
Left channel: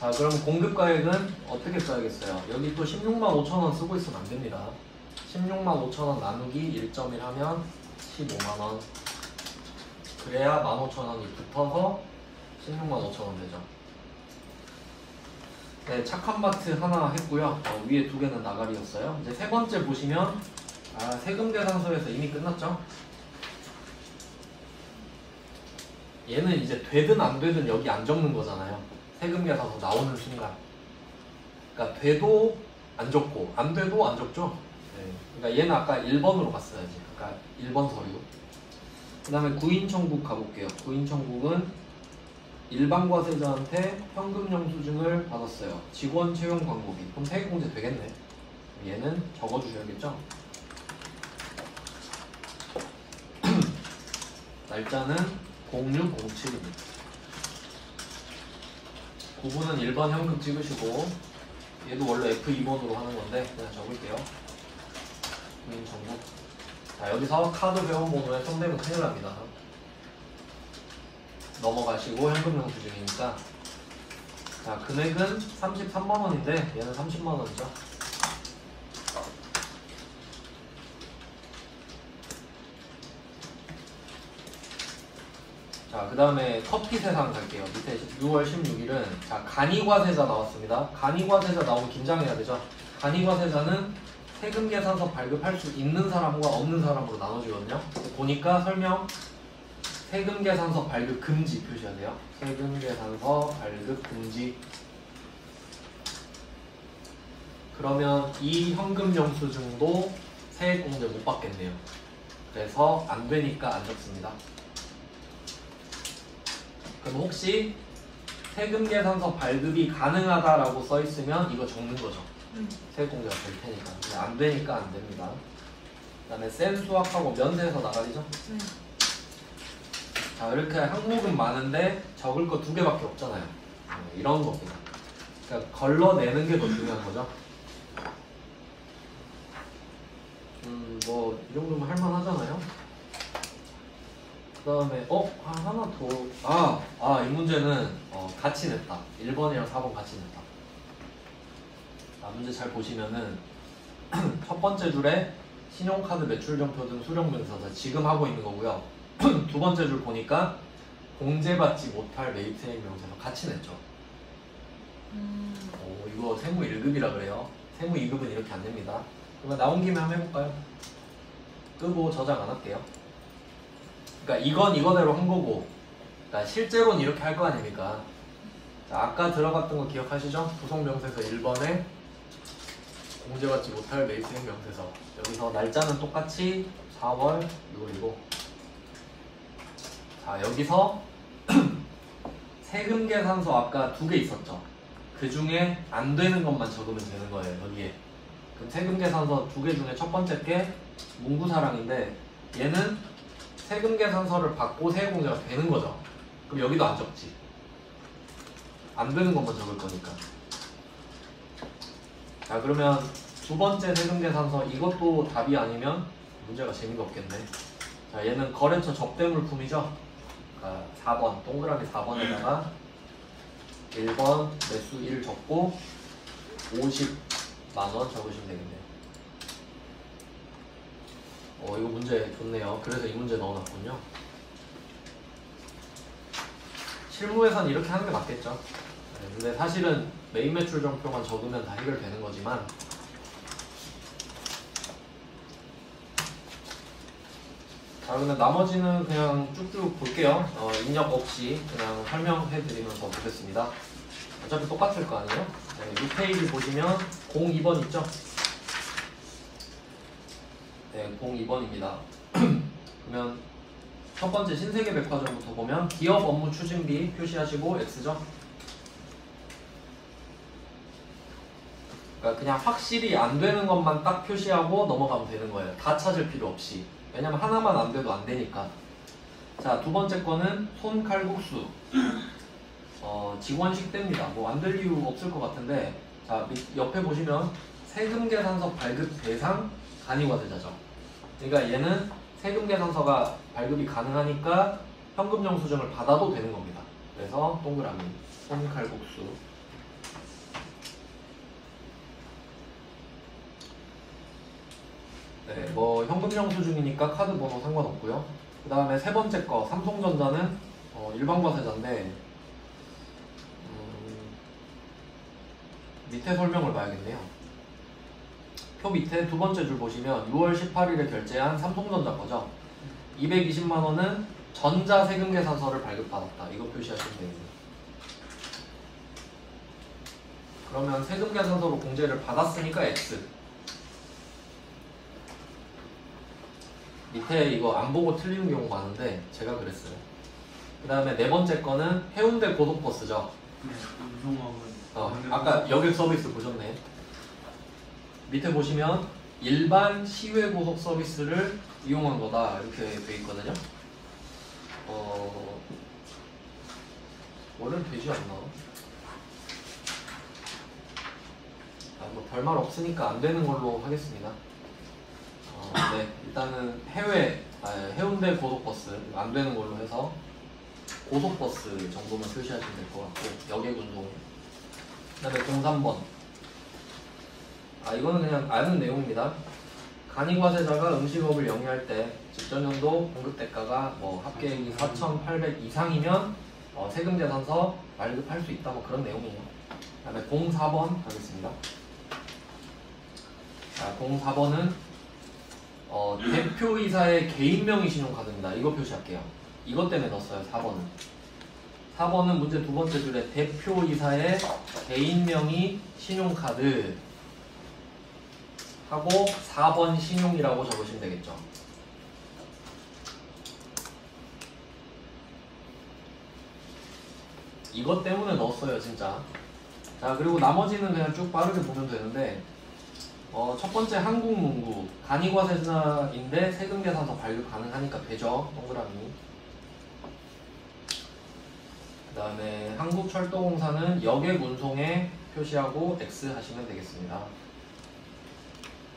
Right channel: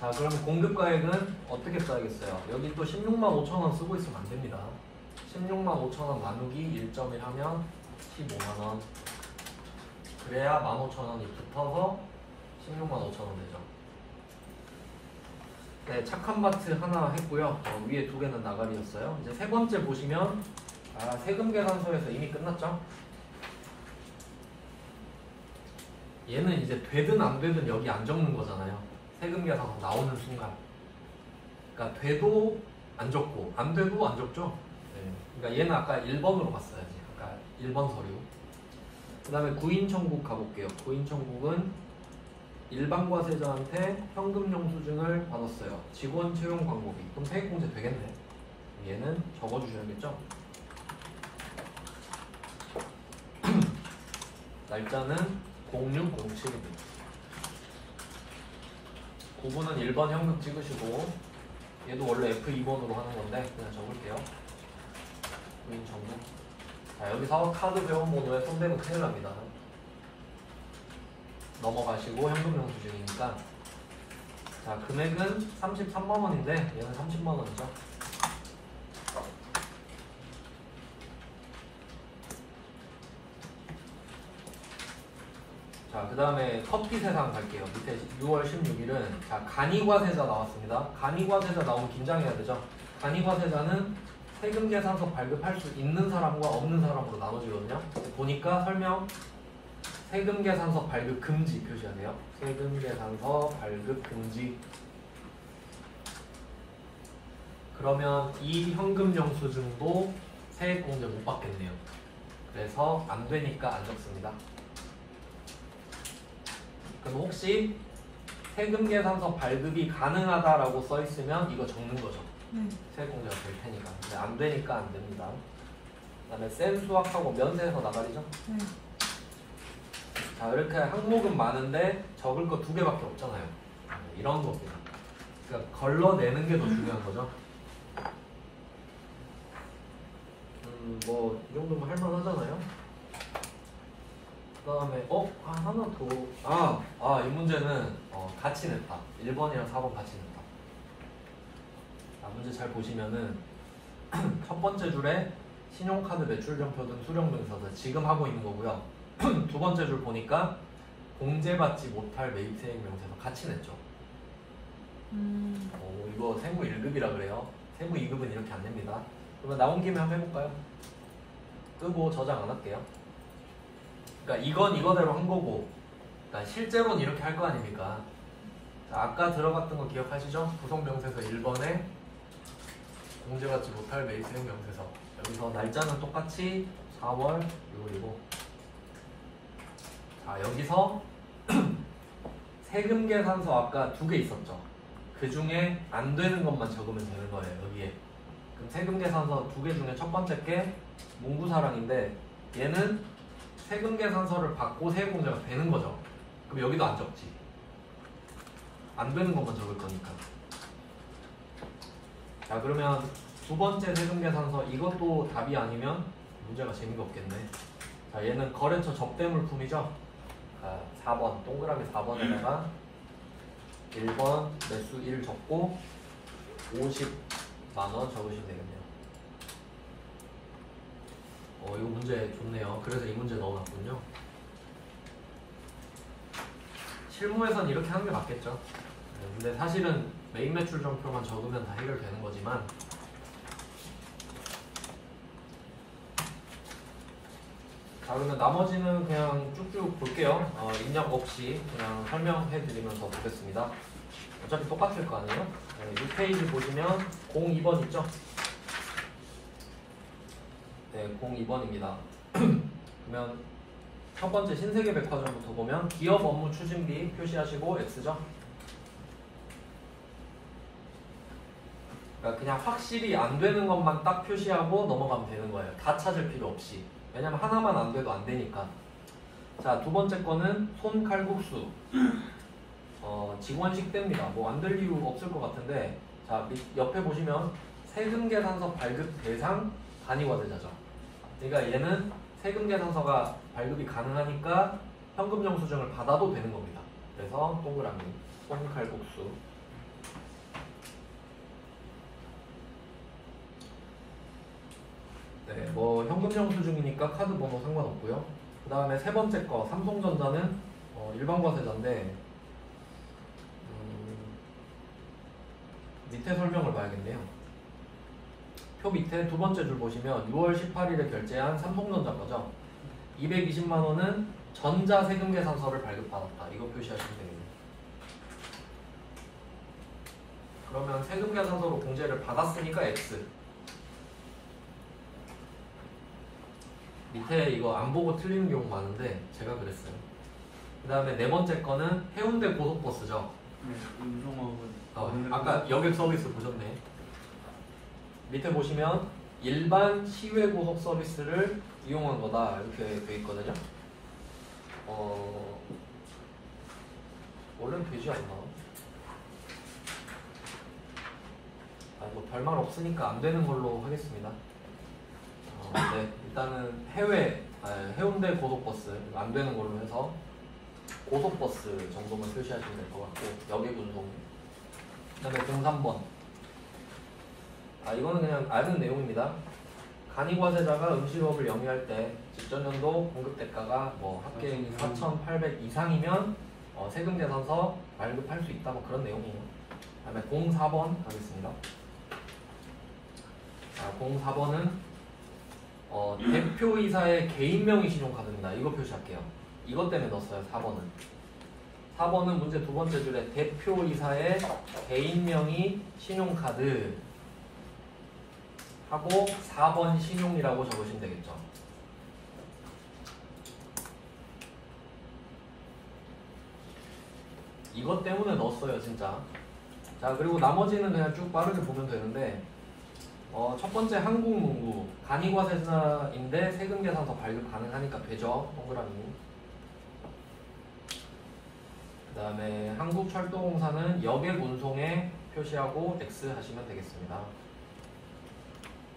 자, 그럼 공급가액은 어떻게 써야겠어요? 여기 또 165,000원 쓰고 있으면 안 됩니다. 165,000원 나누기 1.1 하면 15만원. 그래야 15,000원이 붙어서 165,000원 되죠. 네, 착한마트 하나 했고요. 위에 두 개는 나가리였어요. 이제 세 번째 보시면 세금계산서에서 이미 끝났죠? 얘는 이제 되든 안 되든 여기 안 적는 거잖아요. 세금계산서 나오는 순간. 그러니까 돼도 안 적고 안 돼도 안 적죠. 네. 그러니까 얘는 아까 1번으로 갔어야지. 그러니까 1번 서류. 그 다음에 구인청구 가볼게요. 구인청구는 일반과세자한테 현금 영수증을 받았어요. 직원 채용 광고비. 그럼 세액공제 되겠네. 얘는 적어주셔야겠죠. 날짜는 0607입니다. 구분은 1번 현금 찍으시고 얘도 원래 F2번으로 하는 건데 그냥 적을게요. 구인청구. 자, 여기서 카드 회원번호에 선택은 큰일 납니다. 넘어가시고 현금 영수증이니까. 자, 금액은 33만원인데 얘는 30만원이죠. 자, 그 다음에 커피 세상 갈게요. 밑에 6월 16일은 자, 간이과세자 나왔습니다. 간이과세자 나오면 긴장해야 되죠. 간이과세자는 세금계산서 발급할 수 있는 사람과 없는 사람으로 나눠지거든요. 보니까 설명 세금계산서 발급 금지 표시해야 돼요. 세금계산서 발급 금지. 그러면 이 현금 영수증도 세액공제 못 받겠네요. 그래서 안 되니까 안 적습니다. 그럼 혹시 세금 계산서 발급이 가능하다라고 써 있으면 이거 적는 거죠. 응. 세액공제가 될 테니까. 근데 안 되니까 안 됩니다. 그다음에 센 수학하고 면세에서 나가리죠. 응. 자, 이렇게 항목은 많은데 적을 거 2개밖에 없잖아요. 이런 거거든요. 그러니까 걸러내는 게 더 중요한 거죠. 뭐 이 정도면 할만하잖아요. 그 다음에 하나 더. 이 문제는 같이 냈다. 1번이랑 4번 같이 냈다. 문제 잘 보시면은 첫 번째 줄에 신용카드 매출점표 등 수령명사자 지금 하고 있는 거고요. 두 번째 줄 보니까 공제받지 못할 매입세액 명세서 같이 냈죠. 이거 세무 1급이라 그래요. 세무 2급은 이렇게 안 됩니다. 그러면 나온 김에 한번 해볼까요? 끄고 저장 안 할게요. 그러니까 이건 이거대로 한 거고, 그러니까 실제로는 이렇게 할 거 아닙니까? 자, 아까 들어갔던 거 기억하시죠? 구성명세서 1번에 공제받지 못할 매입세액 명세서. 여기서 날짜는 똑같이 4월 6일이고, 자 여기서 세금 계산서 아까 2개 있었죠. 그 중에 안 되는 것만 적으면 되는 거예요. 여기에 그 세금 계산서 2개 중에 첫 번째 게 문구사랑인데 얘는 세금 계산서를 받고 세액공제가 되는 거죠. 그럼 여기도 안 적지. 안 되는 것만 적을 거니까. 자 그러면 두 번째 세금 계산서 이것도 답이 아니면 문제가 재미가 없겠네. 자 얘는 거래처 접대물품이죠. 4번 동그라미 4번에다가 1번 매수 1 적고 50만원 적으시면 되겠네. 이거 문제 좋네요. 그래서 이 문제 넣어놨군요. 실무에서는 이렇게 하는 게 맞겠죠. 근데 사실은 메인 매출 점표만 적으면 다 해결되는 거지만 자 그러면 나머지는 그냥 쭉쭉 볼게요. 입력 없이 그냥 설명해 드리면서 보겠습니다. 어차피 똑같을 거 아니에요? 이 페이지 보시면 02번 있죠? 네, 02번입니다. 그러면 첫 번째 신세계 백화점부터 보면 기업 업무 추진비 표시하시고 X죠? 그러니까 그냥 확실히 안 되는 것만 딱 표시하고 넘어가면 되는 거예요. 다 찾을 필요 없이. 왜냐면 하나만 안 돼도 안 되니까. 자, 두 번째 거는 손칼국수. 직원 식대입니다. 뭐 안 될 이유 없을 것 같은데, 자, 옆에 보시면 세금계산서 발급 대상 간이과세자죠. 그러니까 얘는 세금계산서가 발급이 가능하니까 현금영수증을 받아도 되는 겁니다. 그래서 동그라미 손칼국수. 네, 뭐 현금영수증이니까 카드 번호 상관없고요. 그 다음에 세 번째 거 삼성전자는 일반 과세자인데 밑에 설명을 봐야겠네요. 표 밑에 두 번째 줄 보시면 6월 18일에 결제한 삼성전자 거죠. 220만 원은 전자세금계산서를 발급받았다. 이거 표시하시면 됩니다. 그러면 세금계산서로 공제를 받았으니까 X. 밑에 이거 안 보고 틀리는 경우 많은데 제가 그랬어요. 그 다음에 네 번째 거는 해운대 고속버스죠. 네, 운송업은 아까 여객 서비스 보셨네. 밑에 보시면 일반 시외고속 서비스를 이용한 거다 이렇게 돼 있거든요. 원래는 되지 않나? 뭐 별말 없으니까 안 되는 걸로 하겠습니다. 네, 일단은 해운대 고속버스 안 되는 걸로 해서 고속버스 정도만 표시하시면 될 것 같고 여객운송. 그다음에 03번. 이거는 그냥 아는 내용입니다. 간이과세자가 음식업을 영위할 때 직전년도 공급대가가 뭐 합계액이 4,800 이상이면 세금계산서 발급할 수 있다 뭐 그런 내용이에요. 그다음에 04번 가겠습니다. 자, 04번은 대표이사의 개인명의 신용카드입니다. 이거 표시할게요. 이것 때문에 넣었어요. 4번은. 4번은 문제 두 번째 줄에 대표이사의 개인명의 신용카드 하고 4번 신용이라고 적으시면 되겠죠. 이것 때문에 넣었어요 진짜. 자 그리고 나머지는 그냥 쭉 빠르게 보면 되는데 첫 번째 한국문구 단위과세자인데 세금계산서 발급 가능하니까 되죠. 동그라미. 그 다음에 한국철도공사는 여객 운송에 표시하고 X 하시면 되겠습니다.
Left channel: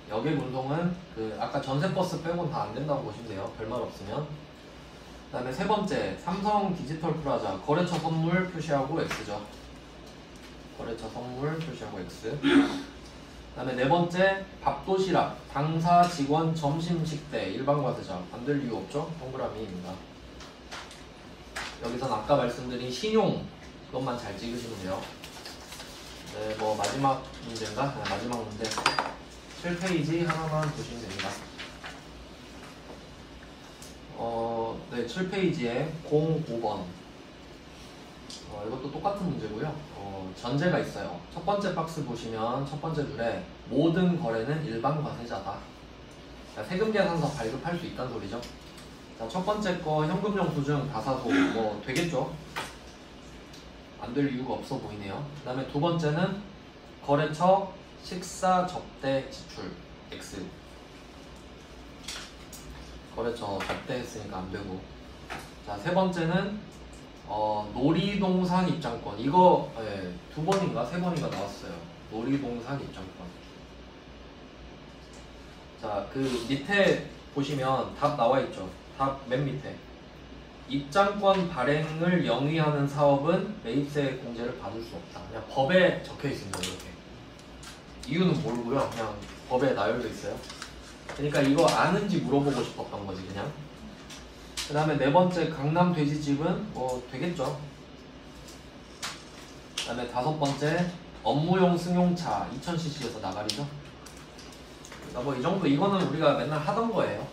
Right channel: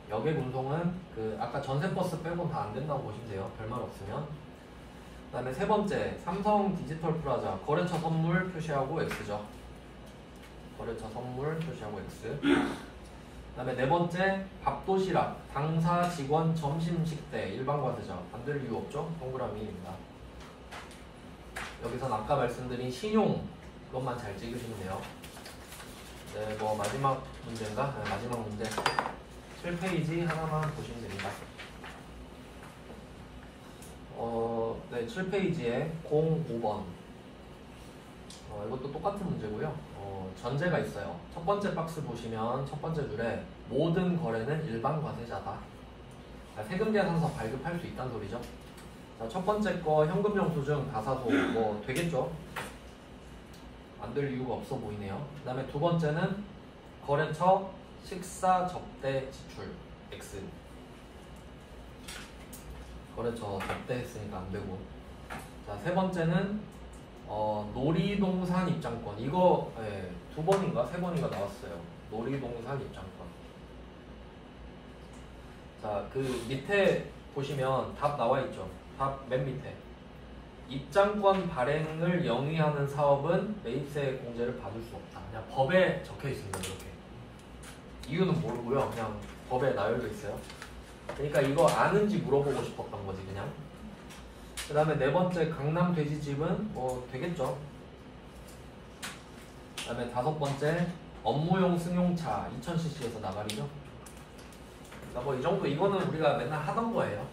여객 운송은 그 아까 전세버스 빼고는 다 안 된다고 보시면 돼요. 별말 없으면. 그 다음에 세 번째 삼성 디지털 플라자 거래처 선물 표시하고 X죠. 거래처 선물 표시하고 X. 그 다음에 네 번째 밥도시락 당사 직원 점심식대 일반과세자 만들 이유 없죠? 동그라미입니다. 여기선 아까 말씀드린 신용 이것만 잘 찍으시면 돼요. 네, 뭐 마지막 문제인가? 마지막 문제 7페이지 하나만 보시면 됩니다. 네, 7페이지에 05번 이것도 똑같은 문제고요. 전제가 있어요. 첫 번째 박스 보시면 첫 번째 줄에 모든 거래는 일반 과세자다. 그러니까 세금 계산서 발급할 수 있다는 소리죠. 자, 첫 번째 거 현금 영수증 가사도 뭐 되겠죠. 안 될 이유가 없어 보이네요. 그 다음에 두 번째는 거래처 식사 접대 지출 X. 거래처 접대했으니까 안 되고. 자, 세 번째는 놀이동산 입장권 이거 네, 두 번인가 세 번인가 나왔어요. 놀이동산 입장권. 자, 그 밑에 보시면 답 나와 있죠. 답 맨 밑에 입장권 발행을 영위하는 사업은 매입세 공제를 받을 수 없다. 그냥 법에 적혀 있습니다. 이렇게 이유는 모르고요. 그냥 법에 나열돼 있어요. 그러니까 이거 아는지 물어보고 싶었던 거지 그냥. 그 다음에 네 번째 강남 돼지집은 뭐 되겠죠. 그 다음에 다섯 번째 업무용 승용차 2000cc에서 나가리죠. 그러니까 뭐 이 정도 이거는 우리가 맨날 하던 거예요.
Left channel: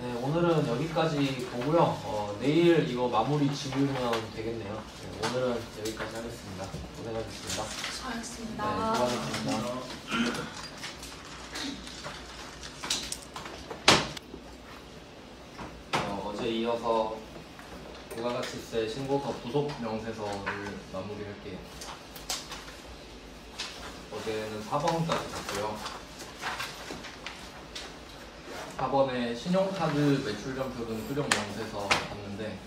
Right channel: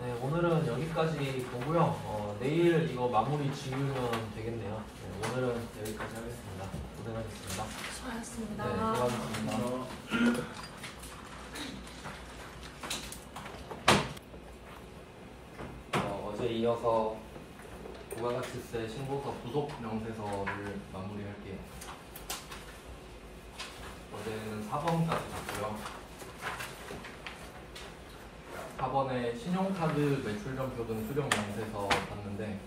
네, 오늘은 여기까지 보고요. 내일 이거 마무리 지으면 되겠네요. 네, 오늘은 여기까지 하겠습니다. 고생하셨습니다. 수고하셨습니다. 네, 수고하셨습니다. 어제 이어서 부가가치세 신고서 부속 명세서를 마무리할게요. 어제는 4번까지 갔고요. 4번에 신용카드 매출점표 등 수령 명세서 봤는데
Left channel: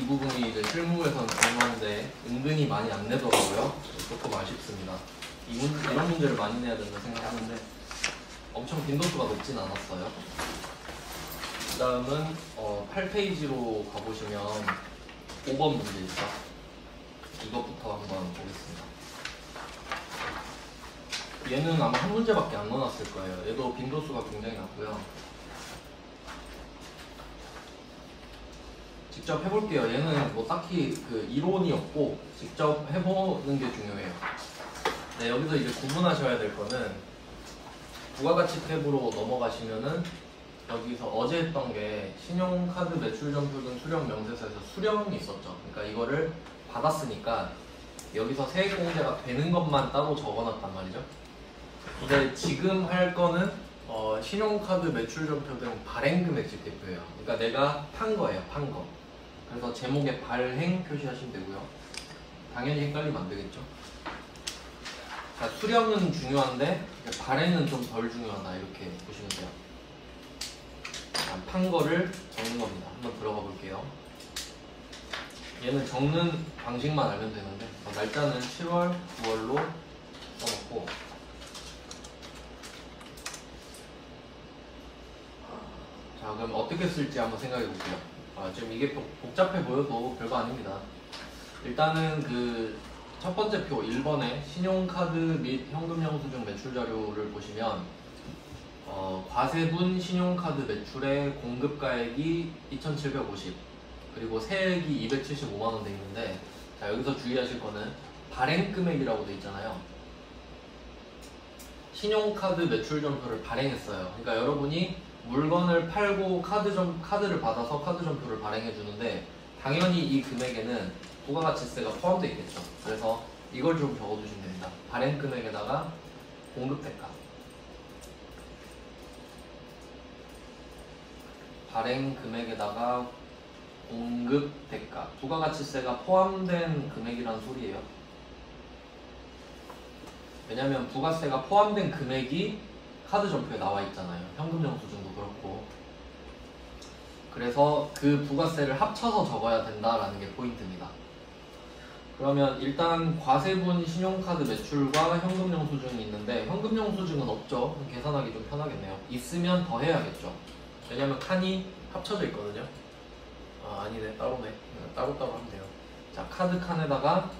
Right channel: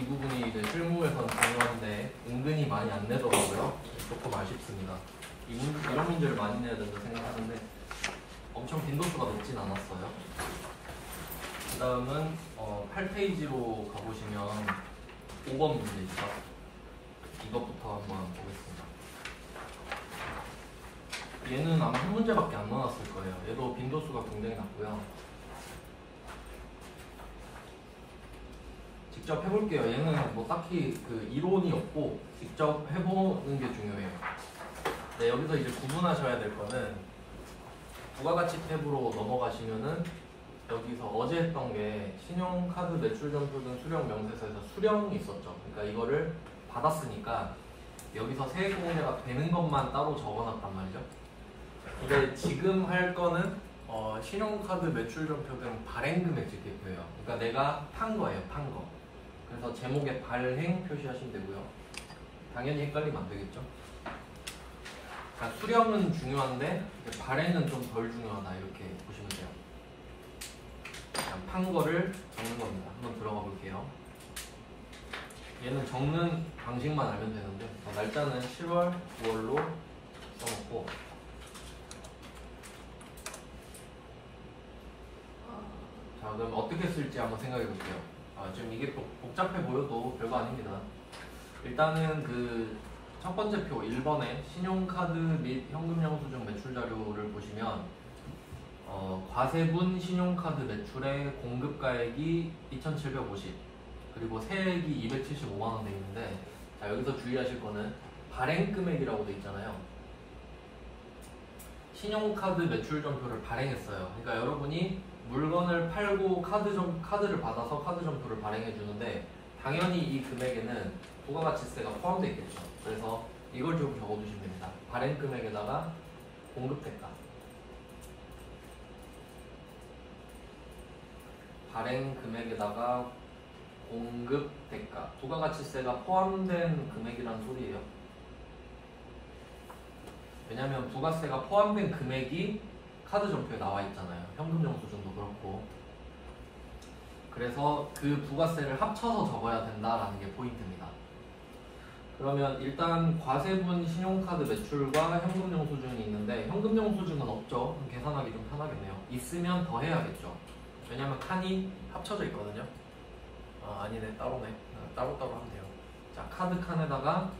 이 부분이 이제 실무에선 중요한데 은근히 많이 안 내더라고요. 조금 아쉽습니다. 이런 문제를 많이 내야 된다고 생각하는데 엄청 빈도수가 높진 않았어요. 그 다음은 8페이지로 가보시면 5번 문제 있죠. 이것부터 한번 보겠습니다. 얘는 아마 한 문제밖에 안 넣어놨을 거예요. 얘도 빈도수가 굉장히 낮고요. 직접 해볼게요. 얘는 뭐 딱히 그 이론이 없고 직접 해보는 게 중요해요. 네, 여기서 이제 구분하셔야 될 거는 부가가치 탭으로 넘어가시면은 여기서 어제 했던 게 신용카드 매출점표 등 수령 명세서에서 수령이 있었죠. 그러니까 이거를 받았으니까 여기서 세액공제가 되는 것만 따로 적어놨단 말이죠. 근데 지금 할 거는 신용카드 매출점표 등 발행금액 집계표예요. 그러니까 내가 판 거예요, 판 거. 그래서 제목에 발행 표시하시면 되고요. 당연히 헷갈리면 안 되겠죠. 자, 수령은 중요한데 발행은 좀 덜 중요하다 이렇게 보시면 돼요. 판 거를 적는 겁니다. 한번 들어가 볼게요. 얘는 적는 방식만 알면 되는데 날짜는 7월, 9월로 써놓고 자, 그럼 어떻게 쓸지 한번 생각해 볼게요. 지금 이게 복잡해 보여도 별거 아닙니다. 일단은 그 첫 번째 표 1번에 신용카드 및 현금 영수증 매출 자료를 보시면 과세분 신용카드 매출의 공급가액이 2,750 그리고 세액이 275만원 되어 있는데 자, 여기서 주의하실 거는 발행금액이라고 되어 있잖아요. 신용카드 매출점표를 발행했어요. 그러니까 여러분이 물건을 팔고 카드를 받아서 카드점표를 발행해 주는데 당연히 이 금액에는 부가가치세가 포함되어 있겠죠. 그래서 이걸 좀 적어주시면 됩니다. 발행금액에다가 공급대가 발행금액에다가 공급 대가, 부가가치세가 포함된 금액이라는 소리예요. 왜냐하면 부가세가 포함된 금액이 카드 점표에 나와 있잖아요. 현금 영수증도 그렇고. 그래서 그 부가세를 합쳐서 적어야 된다라는 게 포인트입니다. 그러면 일단 과세분 신용카드 매출과 현금 영수증이 있는데 현금 영수증은 없죠. 그럼 계산하기 좀 편하겠네요. 있으면 더 해야겠죠. 왜냐면 칸이 합쳐져 있거든요. 아니네, 따로네. 따로따로 하면 돼요. 자, 카드 칸에다가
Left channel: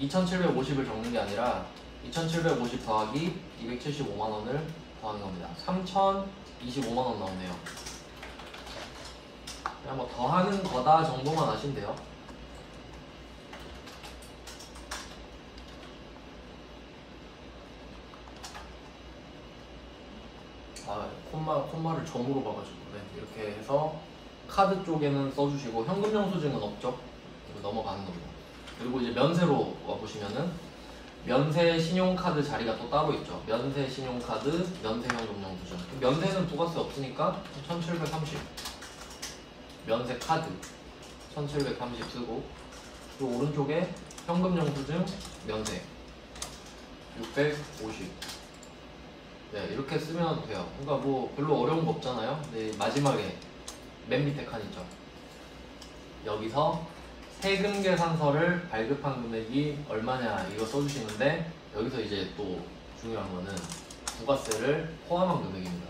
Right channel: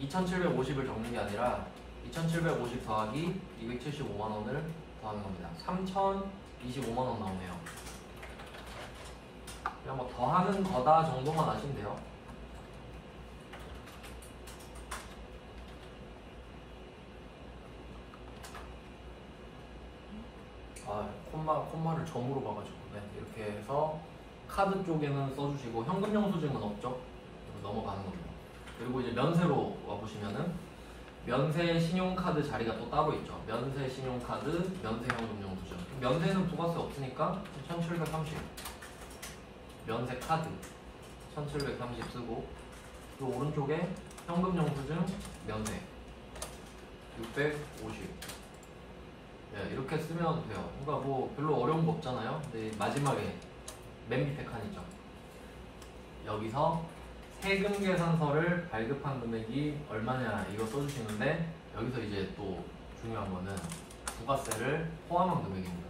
2,750을 적는 게 아니라 2,750 더하기 275만원을 더하는 겁니다. 3,025만원 나오네요. 그냥 뭐 더하는 거다 정도만 아시면 돼요. 콤마를 점으로 봐가지고. 네, 이렇게 해서 카드 쪽에는 써주시고 현금 영수증은 없죠. 넘어가는 겁니다. 그리고 이제 면세로 와보시면은 면세 신용카드 자리가 또 따로 있죠. 면세 신용카드, 면세 현금 영수증. 면세는 부가세 없으니까 1730. 면세 카드 1730 쓰고 또 오른쪽에 현금 영수증 면세 650. 네, 이렇게 쓰면 돼요. 그러니까 뭐 별로 어려운 거 없잖아요. 근데 마지막에 맨 밑에 칸 있죠. 여기서 세금 계산서를 발급한 금액이 얼마냐 이거 써주시는데 여기서 이제 또 중요한 거는 부가세를 포함한 금액입니다.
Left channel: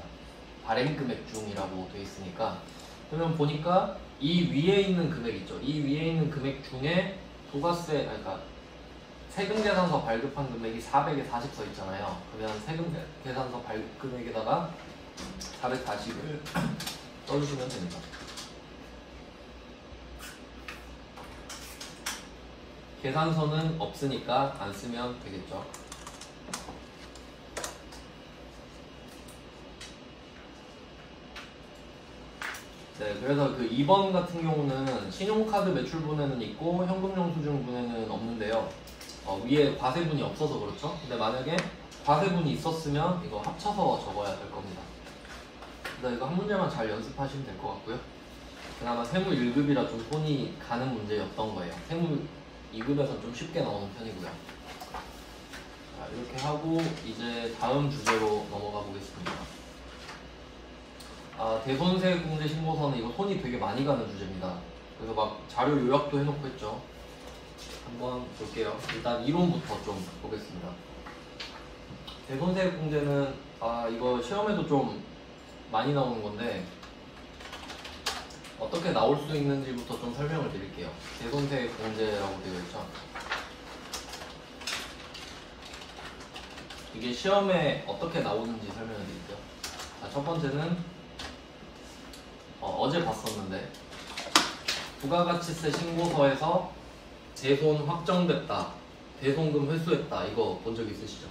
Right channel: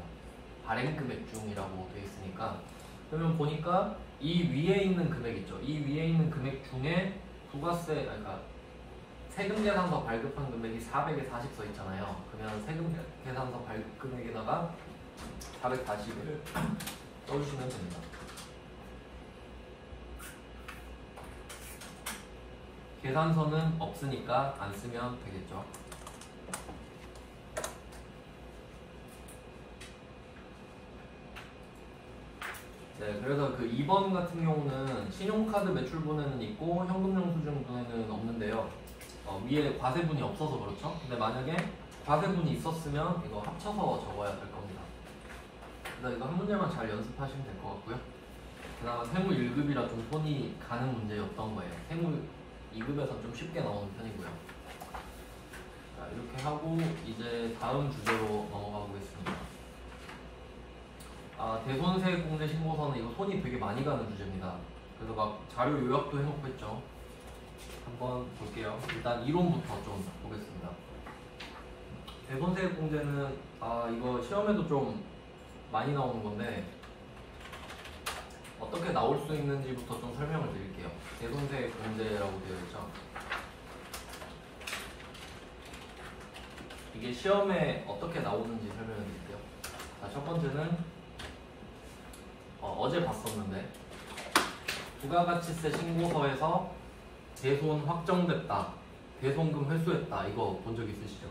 발행 금액 중이라고 되어 있으니까 그러면 보니까 이 위에 있는 금액 있죠. 이 위에 있는 금액 중에 부가세, 그러니까 세금 계산서 발급한 금액이 400에 40 써 있잖아요. 그러면 세금 계산서 발급 금액에다가 440을 써주시면 됩니다. 계산서는 없으니까 안 쓰면 되겠죠. 네, 그래서 그 2번 같은 경우는 신용카드 매출분에는 있고 현금 영수증분에는 없는데요. 위에 과세분이 없어서 그렇죠. 근데 만약에 과세분이 있었으면 이거 합쳐서 적어야 될 겁니다. 근데 이거 한 문제만 잘 연습하시면 될 것 같고요. 그나마 세무 1급이라 좀 손이 가는 문제였던 거예요. 세무 2급에서는 좀 쉽게 나오는 편이고요. 자, 이렇게 하고 이제 다음 주제로 넘어가 보겠습니다. 대손세 공제 신고서는 이거 손이 되게 많이 가는 주제입니다. 그래서 막 자료 요약도 해놓고 했죠. 한번 볼게요. 일단 이론부터 좀 보겠습니다. 대손세 공제는 이거 시험에도 좀 많이 나오는 건데 어떻게 나올 수 있는지부터 좀 설명을 드릴게요. 대손세 공제라고 되어 있죠. 이게 시험에 어떻게 나오는지 설명해 드릴게요. 자, 첫 번째는 어제 봤었는데 부가가치세 신고서에서 대손 확정됐다, 대손금 회수했다 이거 본 적 있으시죠?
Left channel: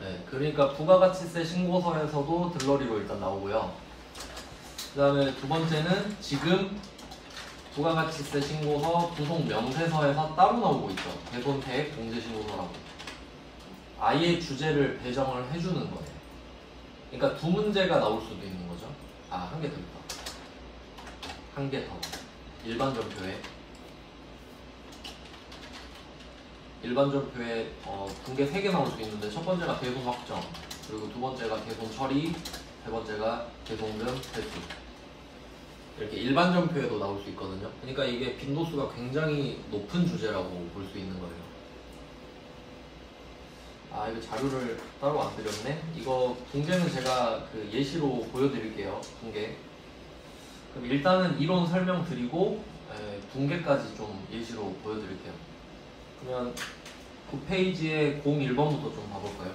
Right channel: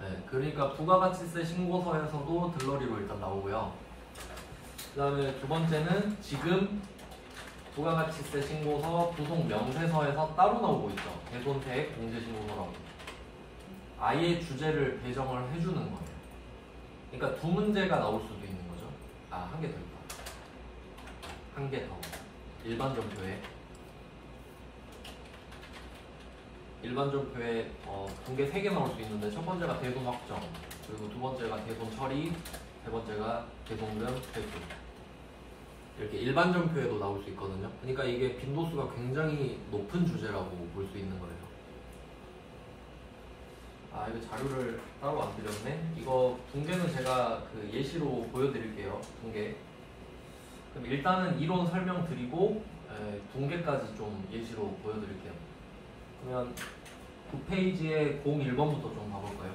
네. 그러니까 부가가치세 신고서에서도 들러리로 일단 나오고요. 그 다음에 두 번째는 지금 부가가치세 신고서 부속 명세서에서 따로 나오고 있죠. 대손세액 공제 신고서라고. 아예 주제를 배정을 해주는 거예요. 그러니까 두 문제가 나올 수도 있는 거죠. 한 개 더 있다. 한 개 더. 일반 전표에 분계 3개 나올 수 있는데 첫 번째가 대손 확정, 그리고 두 번째가 대손 처리, 세 번째가 대손금 회수. 이렇게 일반 전표에도 나올 수 있거든요. 그러니까 이게 빈도수가 굉장히 높은 주제라고 볼 수 있는 거예요. 이거 자료를 따로 안 드렸네. 이거 분계는 제가 그 예시로 보여드릴게요. 분계. 그럼 일단은 이론 설명 드리고 분계까지 좀 예시로 보여드릴게요. 그러면 9페이지에 01번부터 좀 봐볼까요?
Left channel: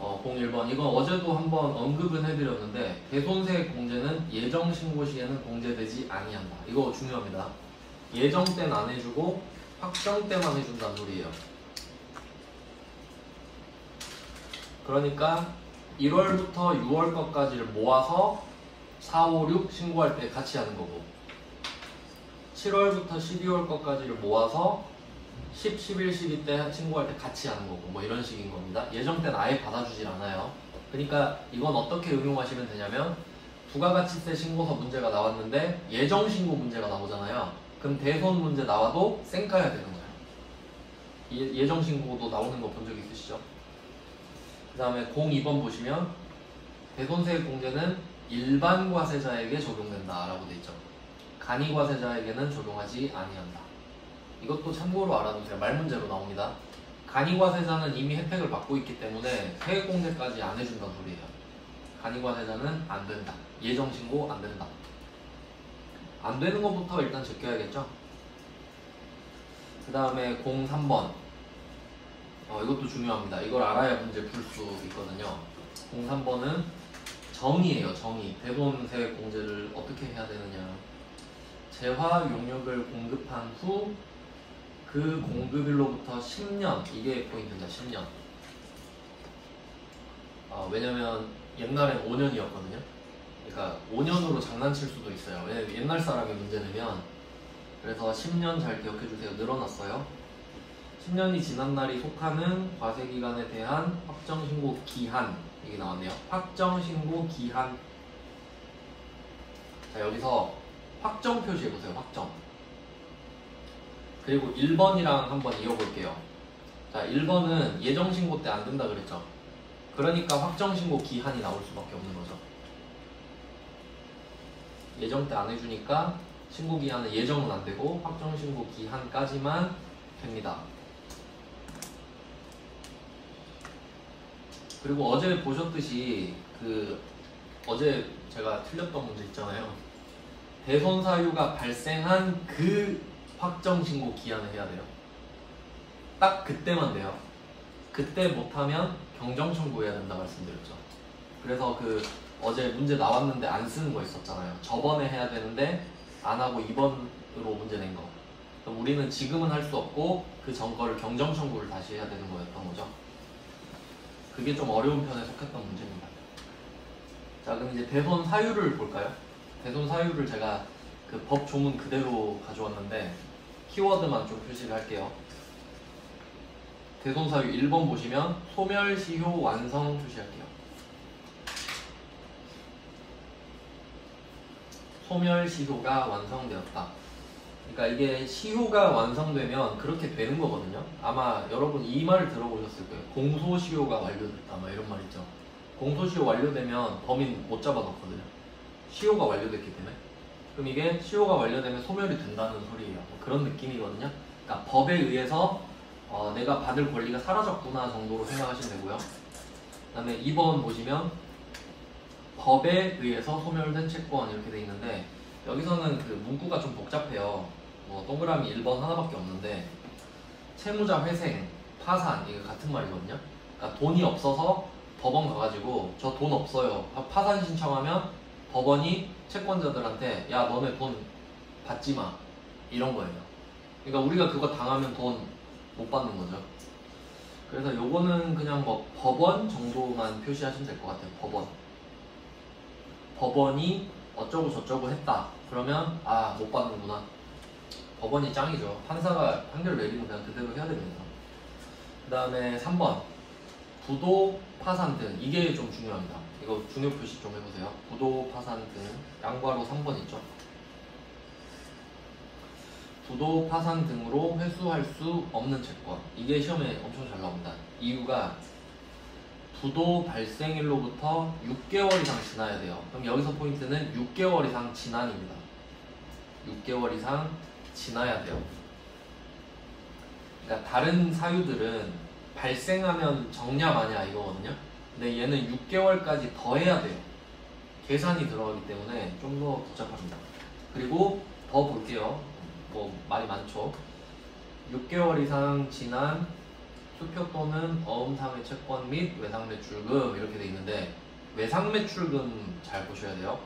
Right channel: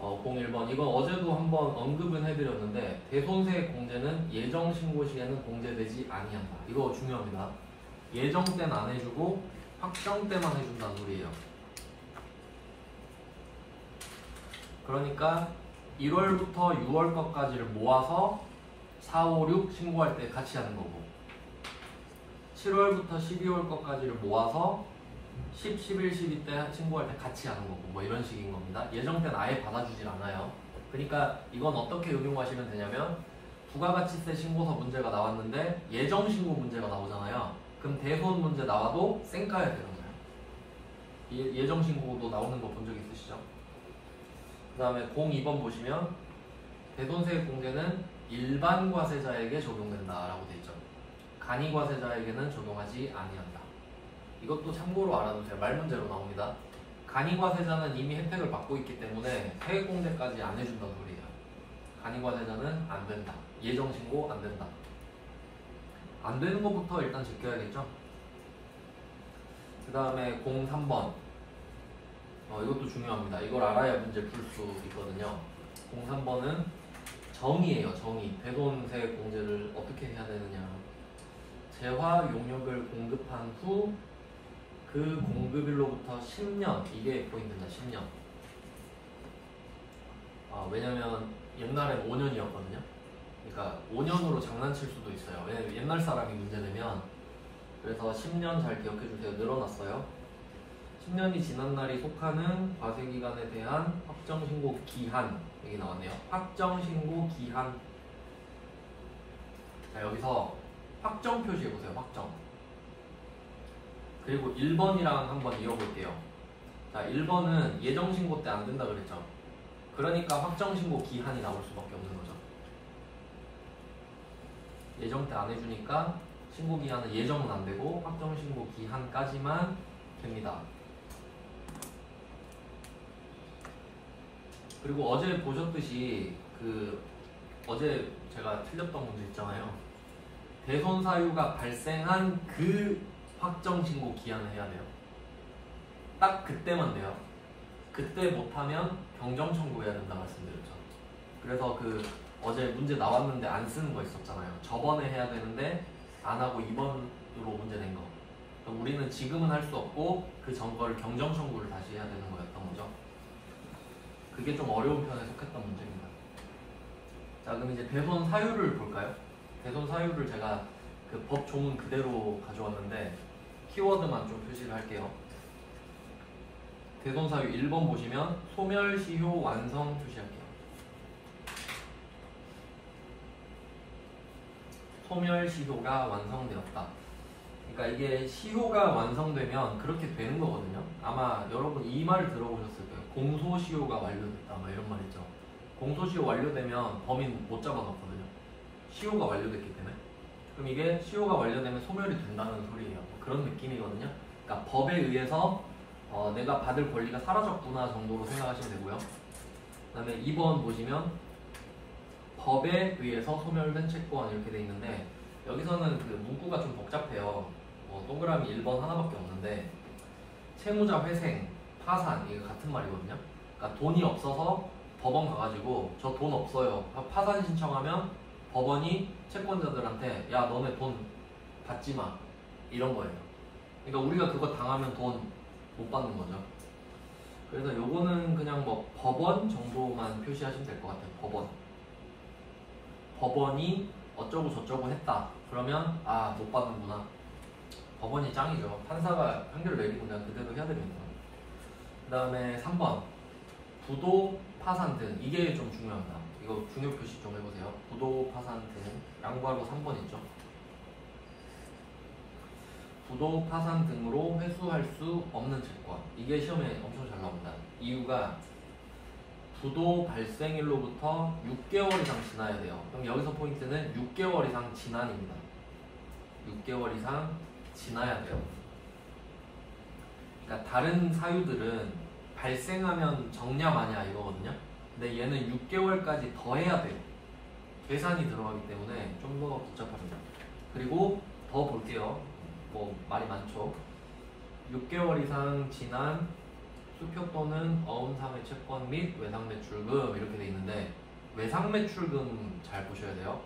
01번. 이건 어제도 한번 언급은 해드렸는데 대손세 공제는 예정 신고 시에는 공제되지 아니한다. 이거 중요합니다. 예정 때는 안 해주고 확정 때만 해준다는 소리예요. 그러니까 1월부터 6월 것까지를 모아서 4, 5, 6 신고할 때 같이 하는 거고 7월부터 12월 것까지를 모아서 10, 11, 12 때 신고할 때 같이 하는 거고 뭐 이런 식인 겁니다. 예정 때는 아예 받아주질 않아요. 그러니까 이건 어떻게 응용하시면 되냐면 부가가치세 신고서 문제가 나왔는데 예정 신고 문제가 나오잖아요. 그럼 대손 문제 나와도 쌩까야 되는 거예요. 예정 신고도 나오는 거 본 적 있으시죠? 그 다음에 02번 보시면 대손세액 공제는 일반 과세자에게 적용된다라고 되어 있죠. 간이 과세자에게는 적용하지 아니한다. 이것도 참고로 알아두세요. 말 문제로 나옵니다. 간이 과세자는 이미 혜택을 받고 있기 때문에 세액 공제까지 안 해준다는 소리예요. 간이 과세자는 안 된다. 예정 신고 안 된다. 안 되는 것부터 일단 제껴야겠죠. 그 다음에 03번. 이것도 중요합니다. 이걸 알아야 문제 풀 수 있거든요. 03번은 정의예요. 정의. 대손세액 공제를 어떻게 해야 되느냐. 재화 용역을 공급한 후 그 공급일로부터 10년, 이게 포인트입니다. 10년. 왜냐면 옛날에 5년이었거든요. 그러니까 5년으로 장난칠 수도 있어요. 왜냐면 옛날 사람이 문제 내면. 그래서 10년 잘 기억해 주세요. 늘어났어요. 10년이 지난 날이 속하는 과세기간에 대한 확정신고 기한, 이게 나왔네요. 확정신고 기한. 자, 여기서 확정 표시해보세요. 확정. 그리고 1번이랑 한번 이어볼게요. 자, 1번은 예정신고 때 안 된다 그랬죠. 그러니까 확정신고 기한이 나올 수밖에 없는 거죠. 예정 때 안 해주니까 신고 기한은 예정은 안 되고 확정신고 기한까지만 됩니다. 그리고 어제 보셨듯이 어제 제가 틀렸던 문제 있잖아요. 대손 사유가 발생한 그 확정 신고 기한을 해야 돼요. 딱 그때만 돼요. 그때 못하면 경정 청구해야 된다 말씀드렸죠. 그래서 어제 문제 나왔는데 안 쓰는 거 있었잖아요. 저번에 해야 되는데 안 하고 2번으로 문제 낸 거. 그럼 우리는 지금은 할 수 없고 그 전 거를 경정 청구를 다시 해야 되는 거였던 거죠. 그게 좀 어려운 편에 속했던 문제입니다. 자, 그럼 이제 대손 사유를 볼까요? 대손 사유를 제가 그 법 조문 그대로 가져왔는데 키워드만 좀 표시를 할게요. 대손 사유 1번 보시면 소멸시효 완성 표시할게요. 소멸시효가 완성되었다. 그러니까 이게 시효가 완성되면 그렇게 되는 거거든요. 아마 여러분 이 말을 들어보셨을 거예요. 공소시효가 완료됐다, 막 이런 말 있죠. 공소시효 완료되면 범인 못 잡아넣거든요. 시효가 완료됐기 때문에. 그럼 이게 시효가 완료되면 소멸이 된다는 소리예요. 그런 느낌이거든요. 그러니까 법에 의해서 내가 받을 권리가 사라졌구나 정도로 생각하시면 되고요. 그 다음에 2번 보시면 법에 의해서 소멸된 채권 이렇게 돼 있는데 여기서는 그 문구가 좀 복잡해요. 동그라미 1번 하나밖에 없는데 채무자 회생, 파산 이게 같은 말이거든요. 그러니까 돈이 없어서 법원 가가지고 저 돈 없어요. 파산 신청하면 법원이 채권자들한테 야 너네 돈 받지 마 이런 거예요. 그러니까 우리가 그거 당하면 돈 못 받는 거죠. 그래서 요거는 그냥 뭐 법원 정도만 표시하시면 될 것 같아요. 법원. 법원이 어쩌고 저쩌고 했다. 그러면 못 받는구나. 법원이 짱이죠. 판사가 판결 내리면 그냥 그대로 해야 됩니다. 그 다음에 3번 부도, 파산 등. 이게 좀 중요합니다. 이거 중요 표시 좀 해보세요. 부도, 파산 등. 양괄호 3번 있죠. 부도, 파산 등으로 회수할 수 없는 채권. 이게 시험에 엄청 잘 나옵니다. 이유가 부도 발생일로부터 6개월 이상 지나야 돼요. 그럼 여기서 포인트는 6개월 이상 지난입니다. 6개월 이상 지나야 돼요. 그러니까 다른 사유들은 발생하면 적냐 마냐 이거거든요. 근데 얘는 6개월까지 더 해야 돼요. 계산이 들어가기 때문에 좀 더 복잡합니다. 그리고 더 볼게요. 뭐 말이 많죠. 6개월 이상 지난 수표 또는 어음상의 채권 및 외상매출금 이렇게 돼 있는데 외상매출금 잘 보셔야 돼요.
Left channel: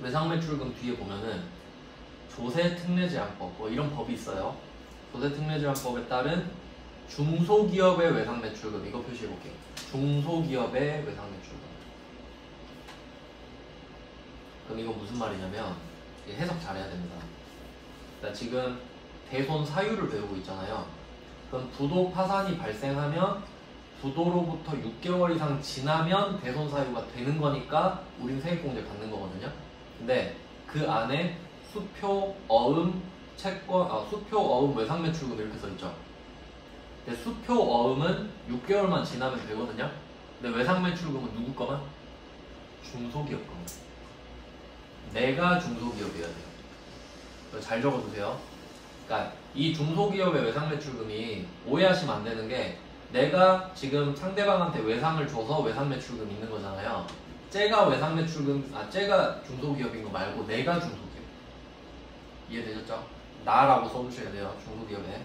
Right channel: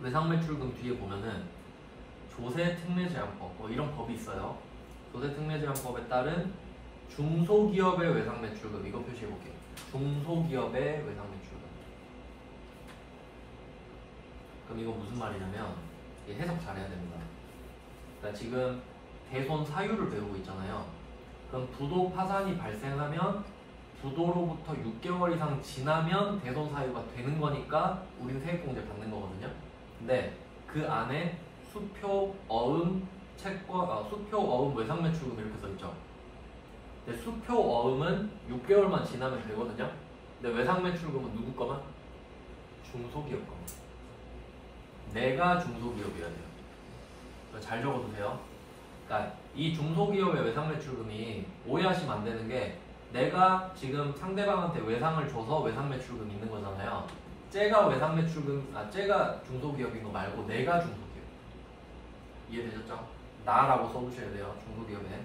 외상매출금 뒤에 보면은 조세특례제한법 뭐 이런 법이 있어요. 조세특례제한법에 따른 중소기업의 외상매출금 이거 표시해 볼게요. 중소기업의 외상매출금. 그럼 이거 무슨 말이냐면 해석 잘해야 됩니다. 그러니까 지금 대손 사유를 배우고 있잖아요. 그럼 부도 파산이 발생하면 부도로부터 6개월 이상 지나면 대손 사유가 되는 거니까 우린 세액공제 받는 거거든요. 근데 그 안에 수표, 어음, 채권, 수표, 어음, 외상매출금 이렇게 써 있죠. 근데 수표, 어음은 6개월만 지나면 되거든요. 근데 외상매출금은 누구 거만? 중소기업 거만. 내가 중소기업이어야 돼요. 이거 잘 적어두세요. 그러니까 이 중소기업의 외상매출금이 오해하시면 안 되는 게 내가 지금 상대방한테 외상을 줘서 외상매출금 있는 거잖아요. 쟤가 쟤가 중소기업인 거 말고 내가 중소기업. 이해되셨죠? 나라고 써주셔야 돼요. 중소기업에.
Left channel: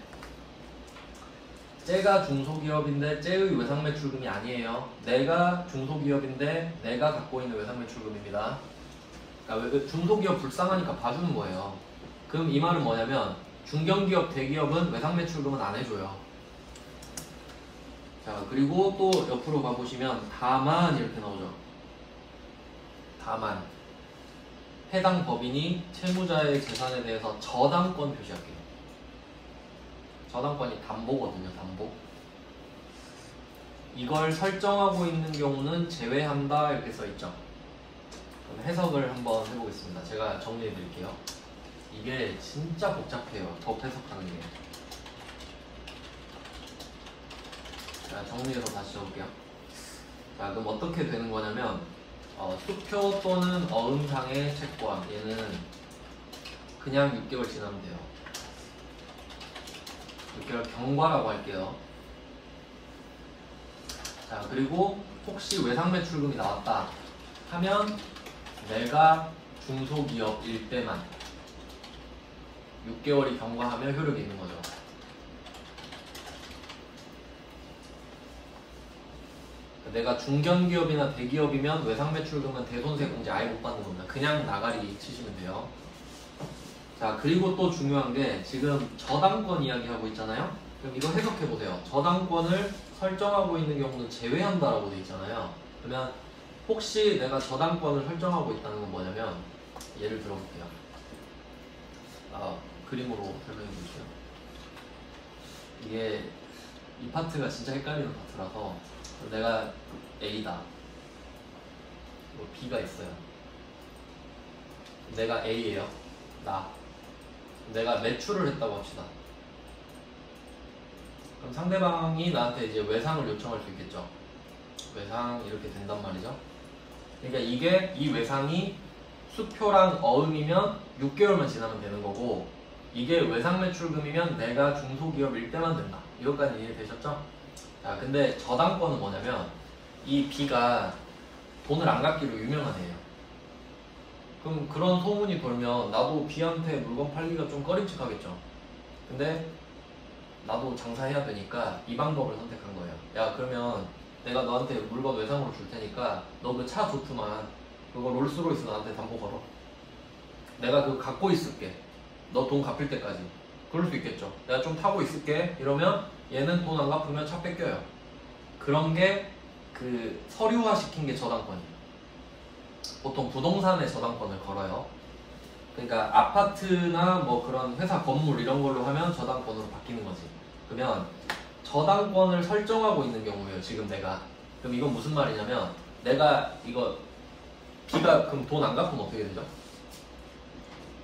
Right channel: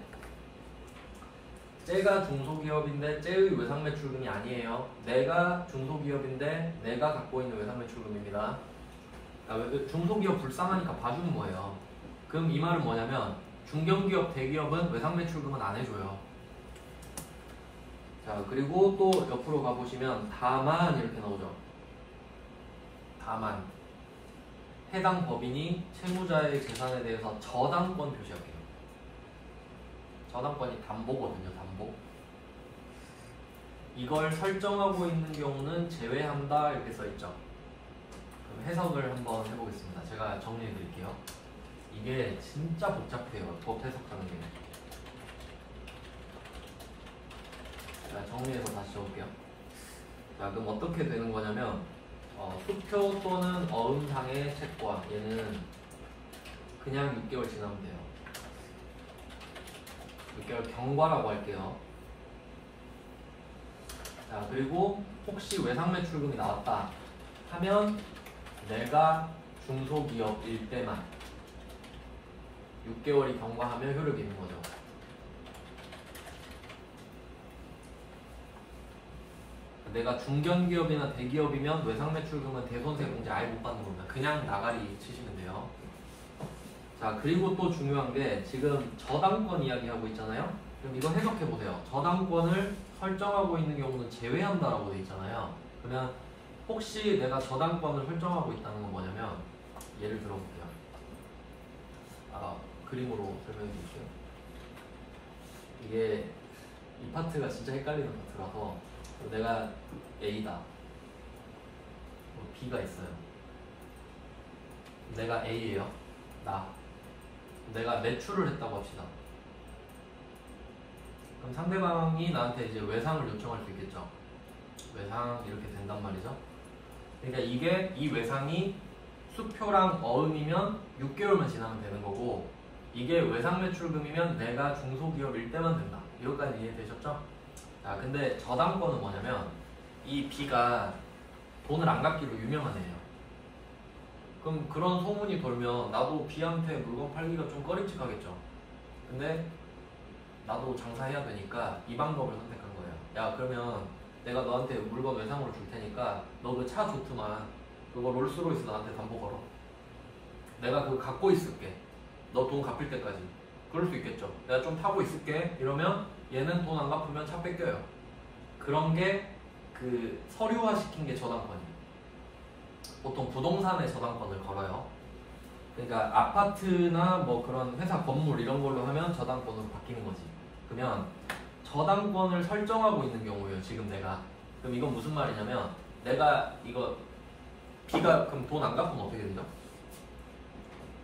쟤가 중소기업인데 쟤의 외상매출금이 아니에요. 내가 중소기업인데 내가 갖고 있는 외상매출금입니다. 그러니까 중소기업 불쌍하니까 봐주는 거예요. 그럼 이 말은 뭐냐면 중견기업, 대기업은 외상매출금은 안 해줘요. 자, 그리고 또 옆으로 가보시면 다만 이렇게 나오죠. 다만 해당 법인이 채무자의 재산에 대해서 저당권 표시할게요. 저당권이 담보거든요. 담보. 이걸 설정하고 있는 경우는 제외한다 이렇게 써있죠. 그럼 해석을 한번 해보겠습니다. 제가 정리해 드릴게요. 이게 진짜 복잡해요. 법 해석하는 게. 자, 정리해서 다시 적을게요. 자, 그럼 어떻게 되는 거냐면 수표 또는 어음상의 채권 얘는 그냥 6개월 지나면 돼요. 6개월 경과라고 할게요. 자, 그리고 혹시 외상매출금이 나왔다 하면 내가 중소기업일 때만 6개월이 경과하면 효력이 있는 거죠. 내가 중견기업이나 대기업이면 외상매출금은 대손세공제 아예 못 받는 겁니다. 그냥 나가리 치시면 돼요. 자, 그리고 또 중요한 게 지금 저당권 이야기하고 있잖아요. 그럼 이거 해석해 보세요. 저당권을 설정하고 있는 경우는 제외한다라고 돼 있잖아요. 그러면 혹시 내가 저당권을 설정하고 있다는 건 뭐냐면 예를 들어볼게요. 그림으로 설명해 보시죠. 이게 이 파트가 진짜 헷갈리는 파트라서 내가 A다. B가 있어요. 내가 A예요. 내가 매출을 했다고 합시다. 그럼 상대방이 나한테 이제 외상을 요청할 수 있겠죠. 외상 이렇게 된단 말이죠. 그러니까 이 외상이 수표랑 어음이면 6개월만 지나면 되는 거고 이게 외상매출금이면 내가 중소기업일 때만 된다. 이것까지 이해되셨죠? 자, 근데 저당권은 뭐냐면 이 B가 돈을 안 갚기로 유명한 애예요. 그럼 그런 소문이 돌면 나도 B한테 물건 팔기가 좀 꺼림칙하겠죠. 근데 나도 장사해야 되니까 이 방법을 선택한 거예요. 야, 그러면 내가 너한테 물건 외상으로 줄 테니까 너 그 차 좋구만. 그거 롤스로이스 나한테 담보 걸어. 내가 그거 갖고 있을게. 너 돈 갚을 때까지. 그럴 수 있겠죠. 내가 좀 타고 있을게. 이러면 얘는 돈 안 갚으면 차 뺏겨요. 그런 게 그 서류화 시킨 게 저당권이에요. 보통 부동산에 저당권을 걸어요. 그러니까 아파트나 뭐 그런 회사 건물 이런 걸로 하면 저당권으로 바뀌는 거지. 그러면 저당권을 설정하고 있는 경우예요. 지금 내가. 그럼 이건 무슨 말이냐면 내가 이거 B가 그럼 돈 안 갚으면 어떻게 되죠?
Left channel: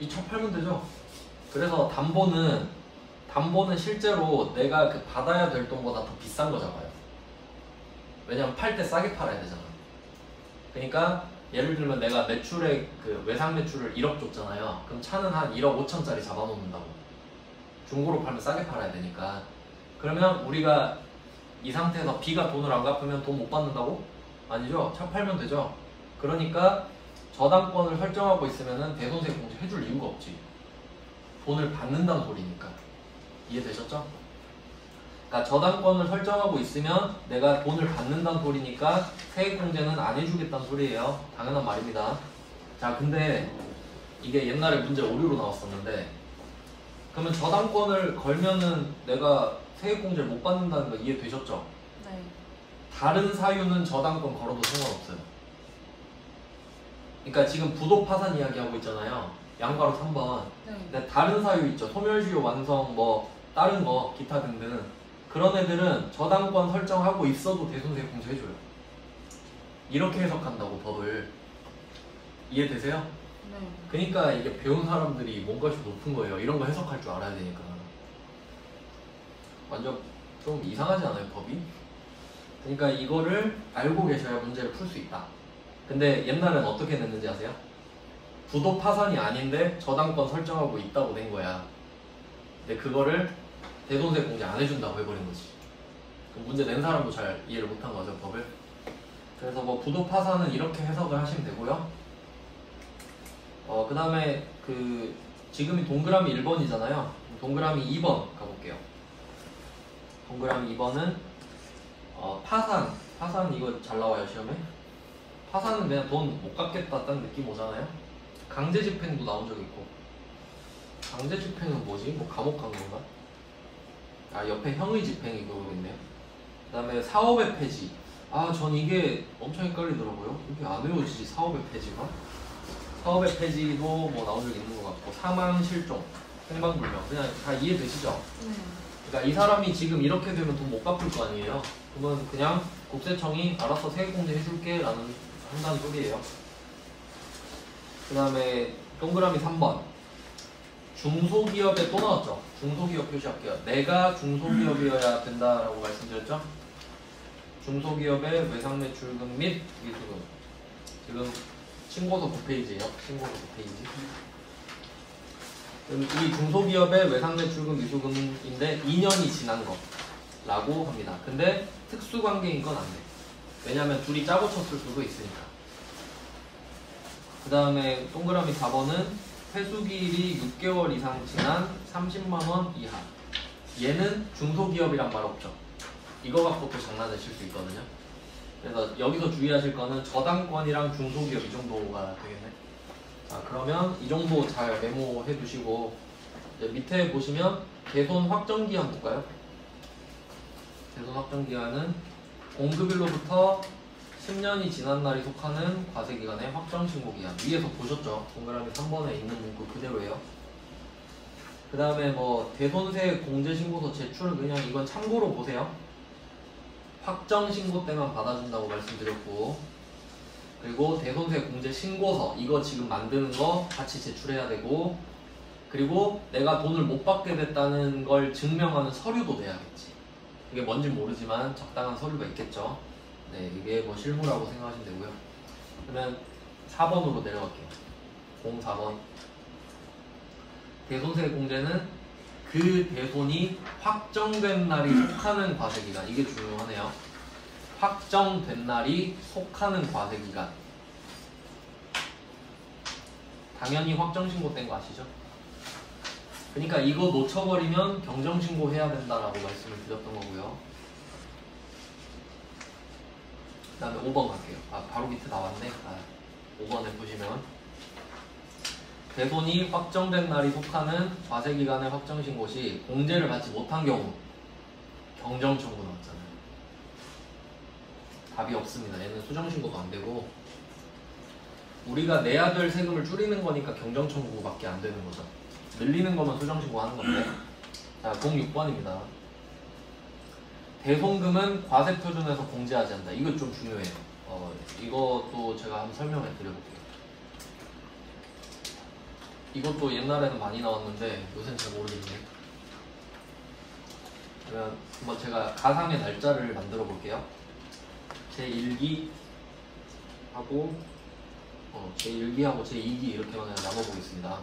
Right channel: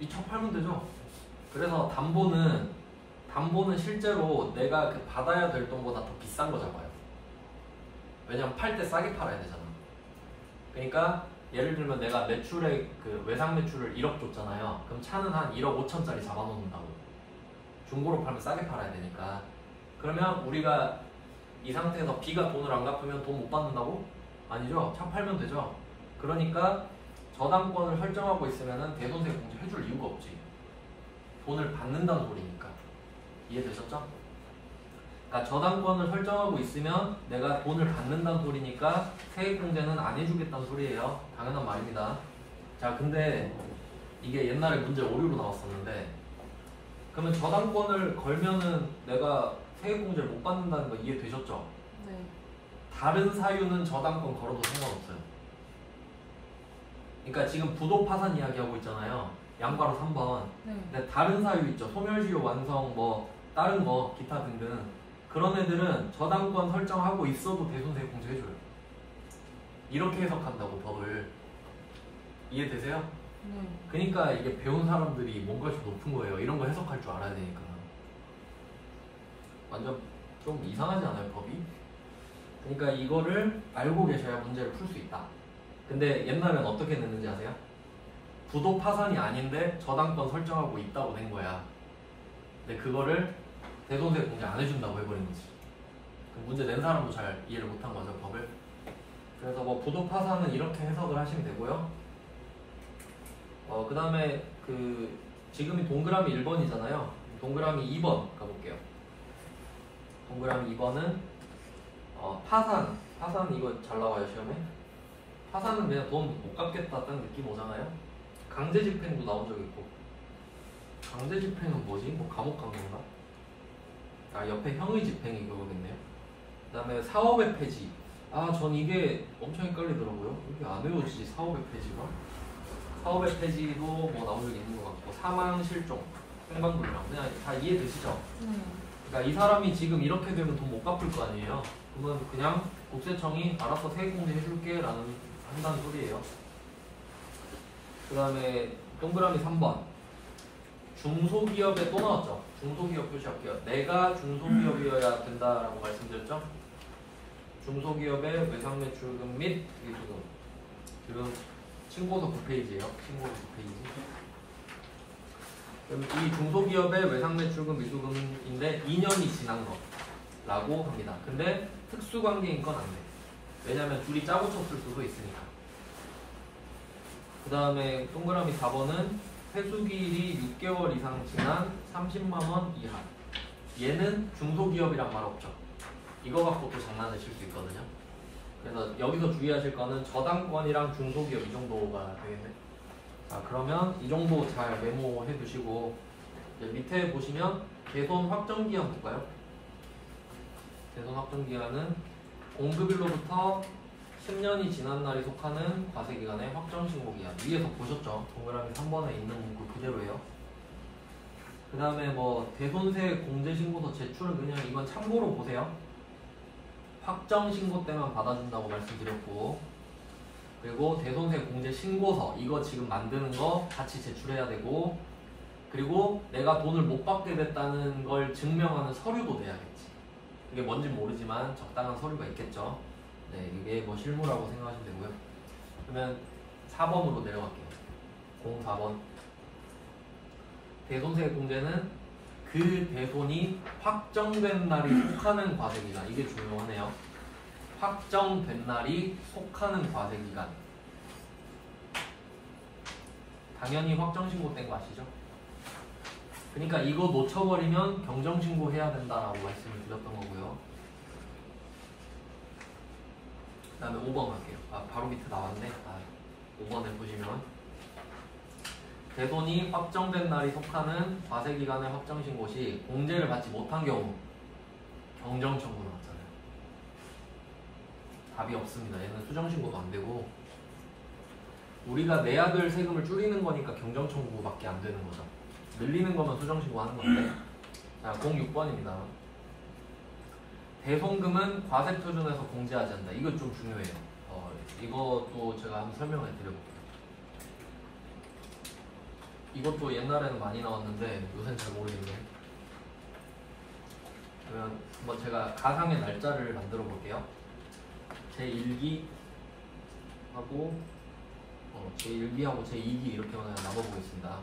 이 차 팔면 되죠. 그래서 담보는 실제로 내가 그 받아야 될 돈보다 더 비싼 거 잡아요. 왜냐면 팔 때 싸게 팔아야 되잖아. 그러니까 예를 들면 내가 매출에 그 외상 매출을 1억 줬잖아요. 그럼 차는 한 1억 5천짜리 잡아놓는다고. 중고로 팔면 싸게 팔아야 되니까. 그러면 우리가 이 상태에서 B가 돈을 안 갚으면 돈 못 받는다고? 아니죠. 차 팔면 되죠. 그러니까 저당권을 설정하고 있으면 대손세 공제 해줄 이유가 없지. 돈을 받는다는 소리니까. 이해되셨죠? 그러니까 저당권을 설정하고 있으면 내가 돈을 받는다는 소리니까 세액공제는 안 해주겠다는 소리예요. 당연한 말입니다. 자, 근데 이게 옛날에 문제 오류로 나왔었는데 그러면 저당권을 걸면은 내가 세액공제를 못 받는다는 거 이해되셨죠? 네. 다른 사유는 저당권 걸어도 상관없어요. 그러니까 지금 부도 파산 이야기하고 있잖아요. 양가로 3번. 네. 근데 다른 사유 있죠. 소멸시효 완성 뭐 다른 거 기타 등등. 그런 애들은 저당권 설정하고 있어도 대손세 공제 해줘요. 이렇게 해석한다고 법을. 이해되세요? 네. 그러니까 이게 배운 사람들이 몸값이 높은 거예요. 이런 거 해석할 줄 알아야 되니까. 완전 좀 이상하지 않아요, 법이? 그러니까 이거를 알고 계셔야 문제를 풀 수 있다. 근데 옛날엔 어떻게 냈는지 아세요? 부도 파산이 아닌데 저당권 설정하고 있다고 된 거야. 근데 그거를 대손세 공제 안 해준다고 해버린 거지. 문제 낸 사람도 잘 이해를 못한 거죠, 법을. 그래서 뭐 부도 파산은 이렇게 해석을 하시면 되고요. 그 다음에 지금이 동그라미 1번이잖아요. 동그라미 2번 가볼게요. 동그라미 2번은 파산 이거 잘 나와요 시험에. 파산은 그냥 돈 못 갚겠다는 느낌 오잖아요. 강제집행도 나온 적 있고. 강제집행은 뭐지? 뭐 감옥 간 건가? 옆에 형의집행이 그거겠네요. 그 다음에 사업의 폐지. 전 이게 엄청 헷갈리더라고요. 이게 안 외워지지, 사업의 폐지가. 사업의 폐지도 뭐 나온 적 있는 것 같고, 사망, 실종, 행방불명. 그냥 다 이해되시죠? 그러니까 이 사람이 지금 이렇게 되면 돈 못 갚을 거 아니에요. 그러면 그냥 국세청이 알아서 세액공제 해줄게 라는 한다는 소리예요. 그 다음에 동그라미 3번. 중소기업에 또 나왔죠. 중소기업 표시할게요. 내가 중소기업이어야 된다라고 말씀드렸죠. 중소기업의 외상매출금 및 미수금. 지금 신고서 9페이지예요. 신고서 9페이지. 이 중소기업의 외상매출금 미수금인데 2년이 지난 거라고 합니다. 근데 특수관계인 건 안 돼. 왜냐면 둘이 짜고 쳤을 수도 있으니까. 그 다음에 동그라미 4번은 회수기일이 6개월 이상 지난 30만원 이하. 얘는 중소기업이란 말 없죠. 이거 갖고 또 장난을 칠 수 있거든요. 그래서 여기서 주의하실 거는 저당권이랑 중소기업 이 정도가 되겠네. 자, 그러면 이 정도 잘 메모해 두시고, 이제 밑에 보시면 대손 확정기한 볼까요? 대손 확정기한은 공급일로부터 10년이 지난 날이 속하는 과세기간의 확정신고기한. 위에서 보셨죠? 동그라미 3번에 있는 문구 그대로예요. 그 다음에 뭐 대손세 공제신고서 제출을 그냥 이건 참고로 보세요. 확정신고 때만 받아준다고 말씀드렸고, 그리고 대손세 공제신고서 이거 지금 만드는 거 같이 제출해야 되고, 그리고 내가 돈을 못 받게 됐다는 걸 증명하는 서류도 내야겠지. 이게 뭔지 모르지만 적당한 서류가 있겠죠. 네, 이게 뭐 실무라고 생각하시면 되고요. 그러면 4번으로 내려갈게요. 04번. 대손세 공제는 그 대손이 확정된 날이 속하는 과세기간. 이게 중요하네요. 확정된 날이 속하는 과세기간. 당연히 확정신고된 거 아시죠? 그러니까 이거 놓쳐버리면 경정신고 해야 된다라고 말씀을 드렸던 거고요. 그 다음에 5번 갈게요. 바로 밑에 나왔네. 5번에 보시면 대손이 확정된 날이 속하는 과세기간의 확정신고 시 공제를 받지 못한 경우 경정청구 나왔잖아요. 답이 없습니다. 얘는 수정신고도 안 되고, 우리가 내야 될 세금을 줄이는 거니까 경정청구밖에 안 되는 거죠. 늘리는 거면 수정신고 하는 건데. 자, 06번입니다. 대손금은 과세표준에서 공제하지 않는다. 이거 좀 중요해요. 이것도 제가 한번 설명해 드려볼게요. 이것도 옛날에는 많이 나왔는데 요새는 잘 모르겠네요. 그러면 한번 제가 가상의 날짜를 만들어 볼게요. 제1기 하고 제1기하고 제2기 이렇게 그냥 나눠보겠습니다.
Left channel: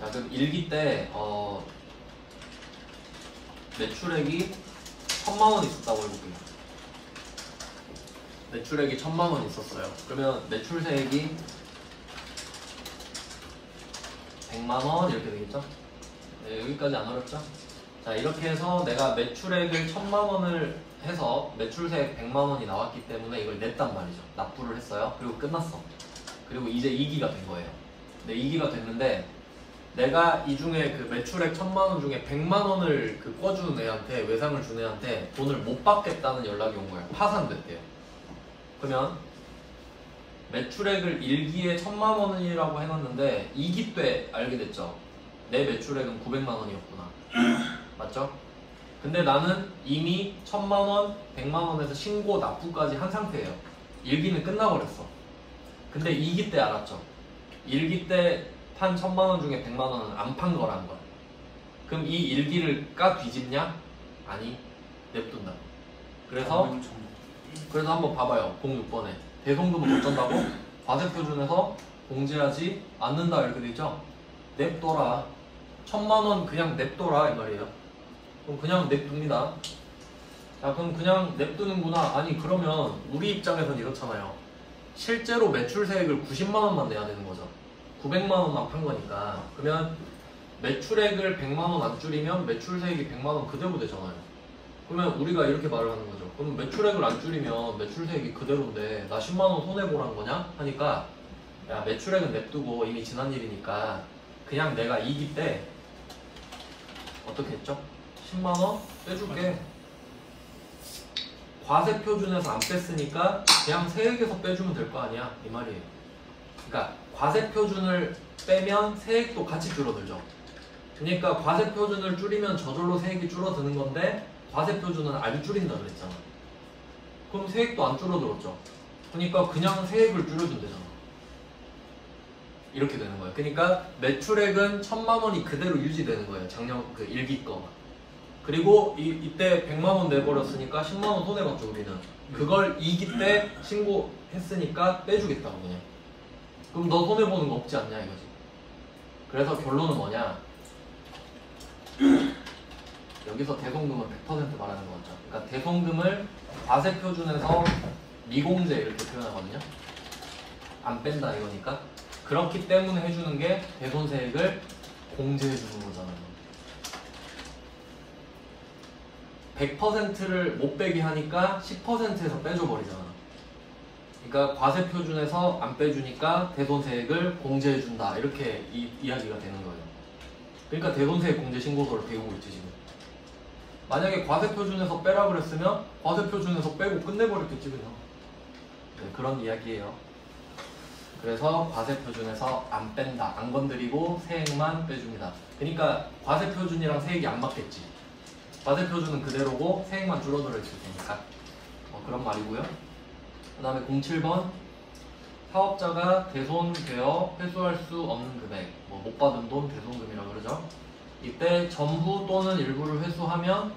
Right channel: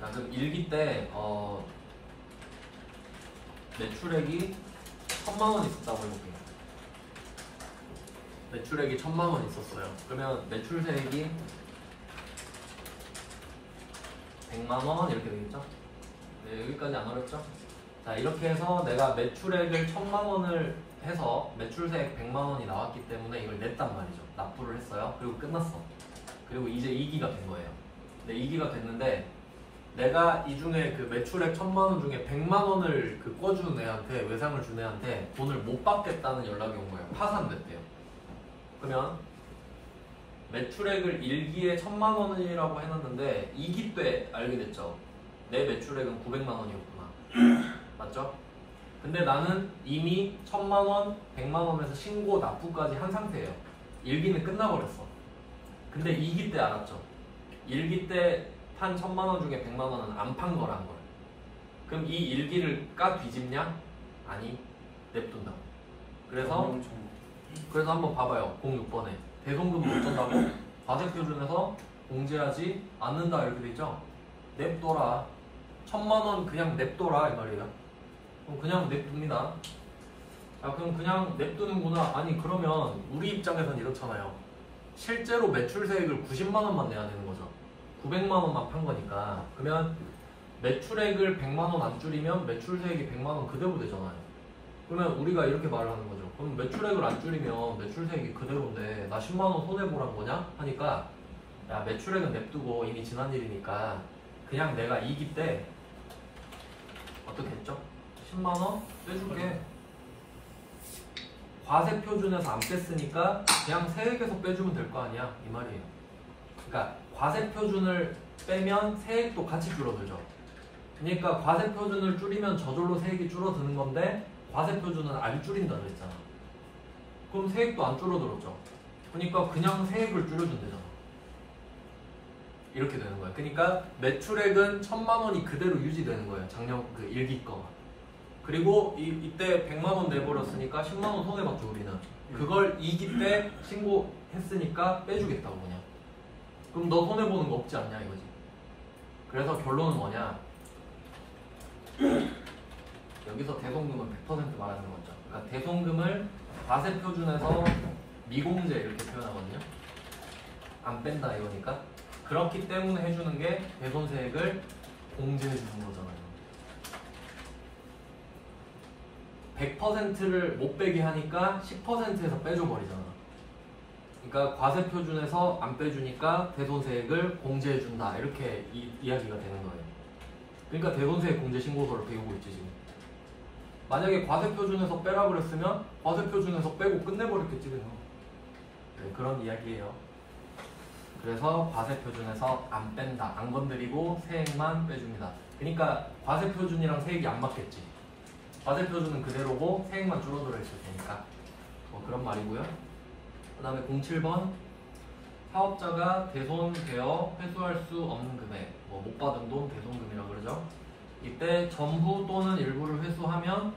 자, 그럼 1기 때 매출액이 1000만원 있었다고 해볼게요. 매출액이 1000만원 있었어요. 그러면 매출세액이 100만원 이렇게 되겠죠? 네, 여기까지 안 어렵죠? 자, 이렇게 해서 내가 매출액을 1000만원을 해서 매출세액 100만원이 나왔기 때문에 이걸 냈단 말이죠. 납부를 했어요. 그리고 끝났어. 그리고 이제 2기가 된 거예요. 네, 2기가 됐는데 내가 이 중에 그 매출액 1000만원 중에 100만원을 꿔주는 애한테, 외상을 준 애한테 돈을 못 받겠다는 연락이 온 거예요. 파산됐대요. 그러면 매출액을 1기에 1000만원이라고 해놨는데 2기 때 알게 됐죠. 내 매출액은 900만원이었구나 맞죠? 근데 나는 이미 1000만원, 100만원에서 신고 납부까지 한 상태예요. 일기는 끝나버렸어. 근데 2기 때 알았죠? 1기 때 판 1000만원 중에 100만원은 안 판 거란 걸. 그럼 이 일기를 까 뒤집냐? 아니, 냅둔다. 그래서 한번 봐봐요. 06번에 대송금은 어쩐다고? 과세표준에서 공제하지 않는다 이렇게 되죠? 냅둬라. 1000만원 그냥 냅둬라 이 말이에요. 그럼 그냥 냅둡니다. 자, 그럼 그냥 냅두는구나. 아니, 그러면 우리 입장에선 이렇잖아요. 실제로 매출세액을 90만원만 내야 되는 거죠. 900만원만 판 거니까. 그러면 매출액을 100만원 안 줄이면 매출세액이 100만원 그대로 되잖아요. 그러면 우리가 이렇게 말을 하는 거죠. 그럼 매출액을 안 줄이면 매출세액이 그대로인데 나 10만원 손해보란 거냐? 하니까 야, 매출액은 냅두고 이미 지난 일이니까 그냥 내가 2기 때 어떻게 했죠? 10만원 빼줄게. 과세표준에서 안 뺐으니까 그냥 세액에서 빼주면 될 거 아니야 이 말이에요. 그러니까 과세표준을 빼면 세액도 같이 줄어들죠. 그러니까 과세표준을 줄이면 저절로 세액이 줄어드는 건데 과세표준은 안 줄인다 그랬잖아. 그럼 세액도 안 줄어들었죠. 그러니까 그냥 세액을 줄여주면 되잖아. 이렇게 되는 거예요. 그러니까 매출액은 1000만원이 그대로 유지되는 거예요. 작년 그 일기 거가. 그리고 이때 100만원 내버렸으니까 10만원 손해봤죠 우리는. 그걸 2기 때 신고했으니까 빼주겠다고 그냥. 그럼 너 손해보는 거 없지 않냐 이거지. 그래서 결론은 뭐냐, 여기서 대송금은 100% 말하는 거죠. 그러니까 대송금을 과세표준에서 미공제 이렇게 표현하거든요. 안 뺀다 이거니까. 그렇기 때문에 해주는 게 대손세액을 공제해주는 거잖아요. 100%를 못 빼게 하니까 10%에서 빼줘버리잖아. 그러니까 과세표준에서 안 빼주니까 대손세액을 공제해준다 이렇게 이야기가 되는 거예요. 그러니까 대손세액 공제 신고서를 배우고 있지 지금. 만약에 과세표준에서 빼라 그랬으면 과세표준에서 빼고 끝내버렸겠지 그냥. 네, 그런 이야기예요. 그래서 과세표준에서 안 뺀다, 안 건드리고 세액만 빼줍니다. 그러니까 과세표준이랑 세액이 안 맞겠지. 과세표준은 그대로고 세액만 줄어들어 있을 테니까 그런 말이고요. 그 다음에 07번 사업자가 대손되어 회수할 수 없는 금액, 못 받은 돈 대손금이라고 그러죠. 이때 전부 또는 일부를 회수하면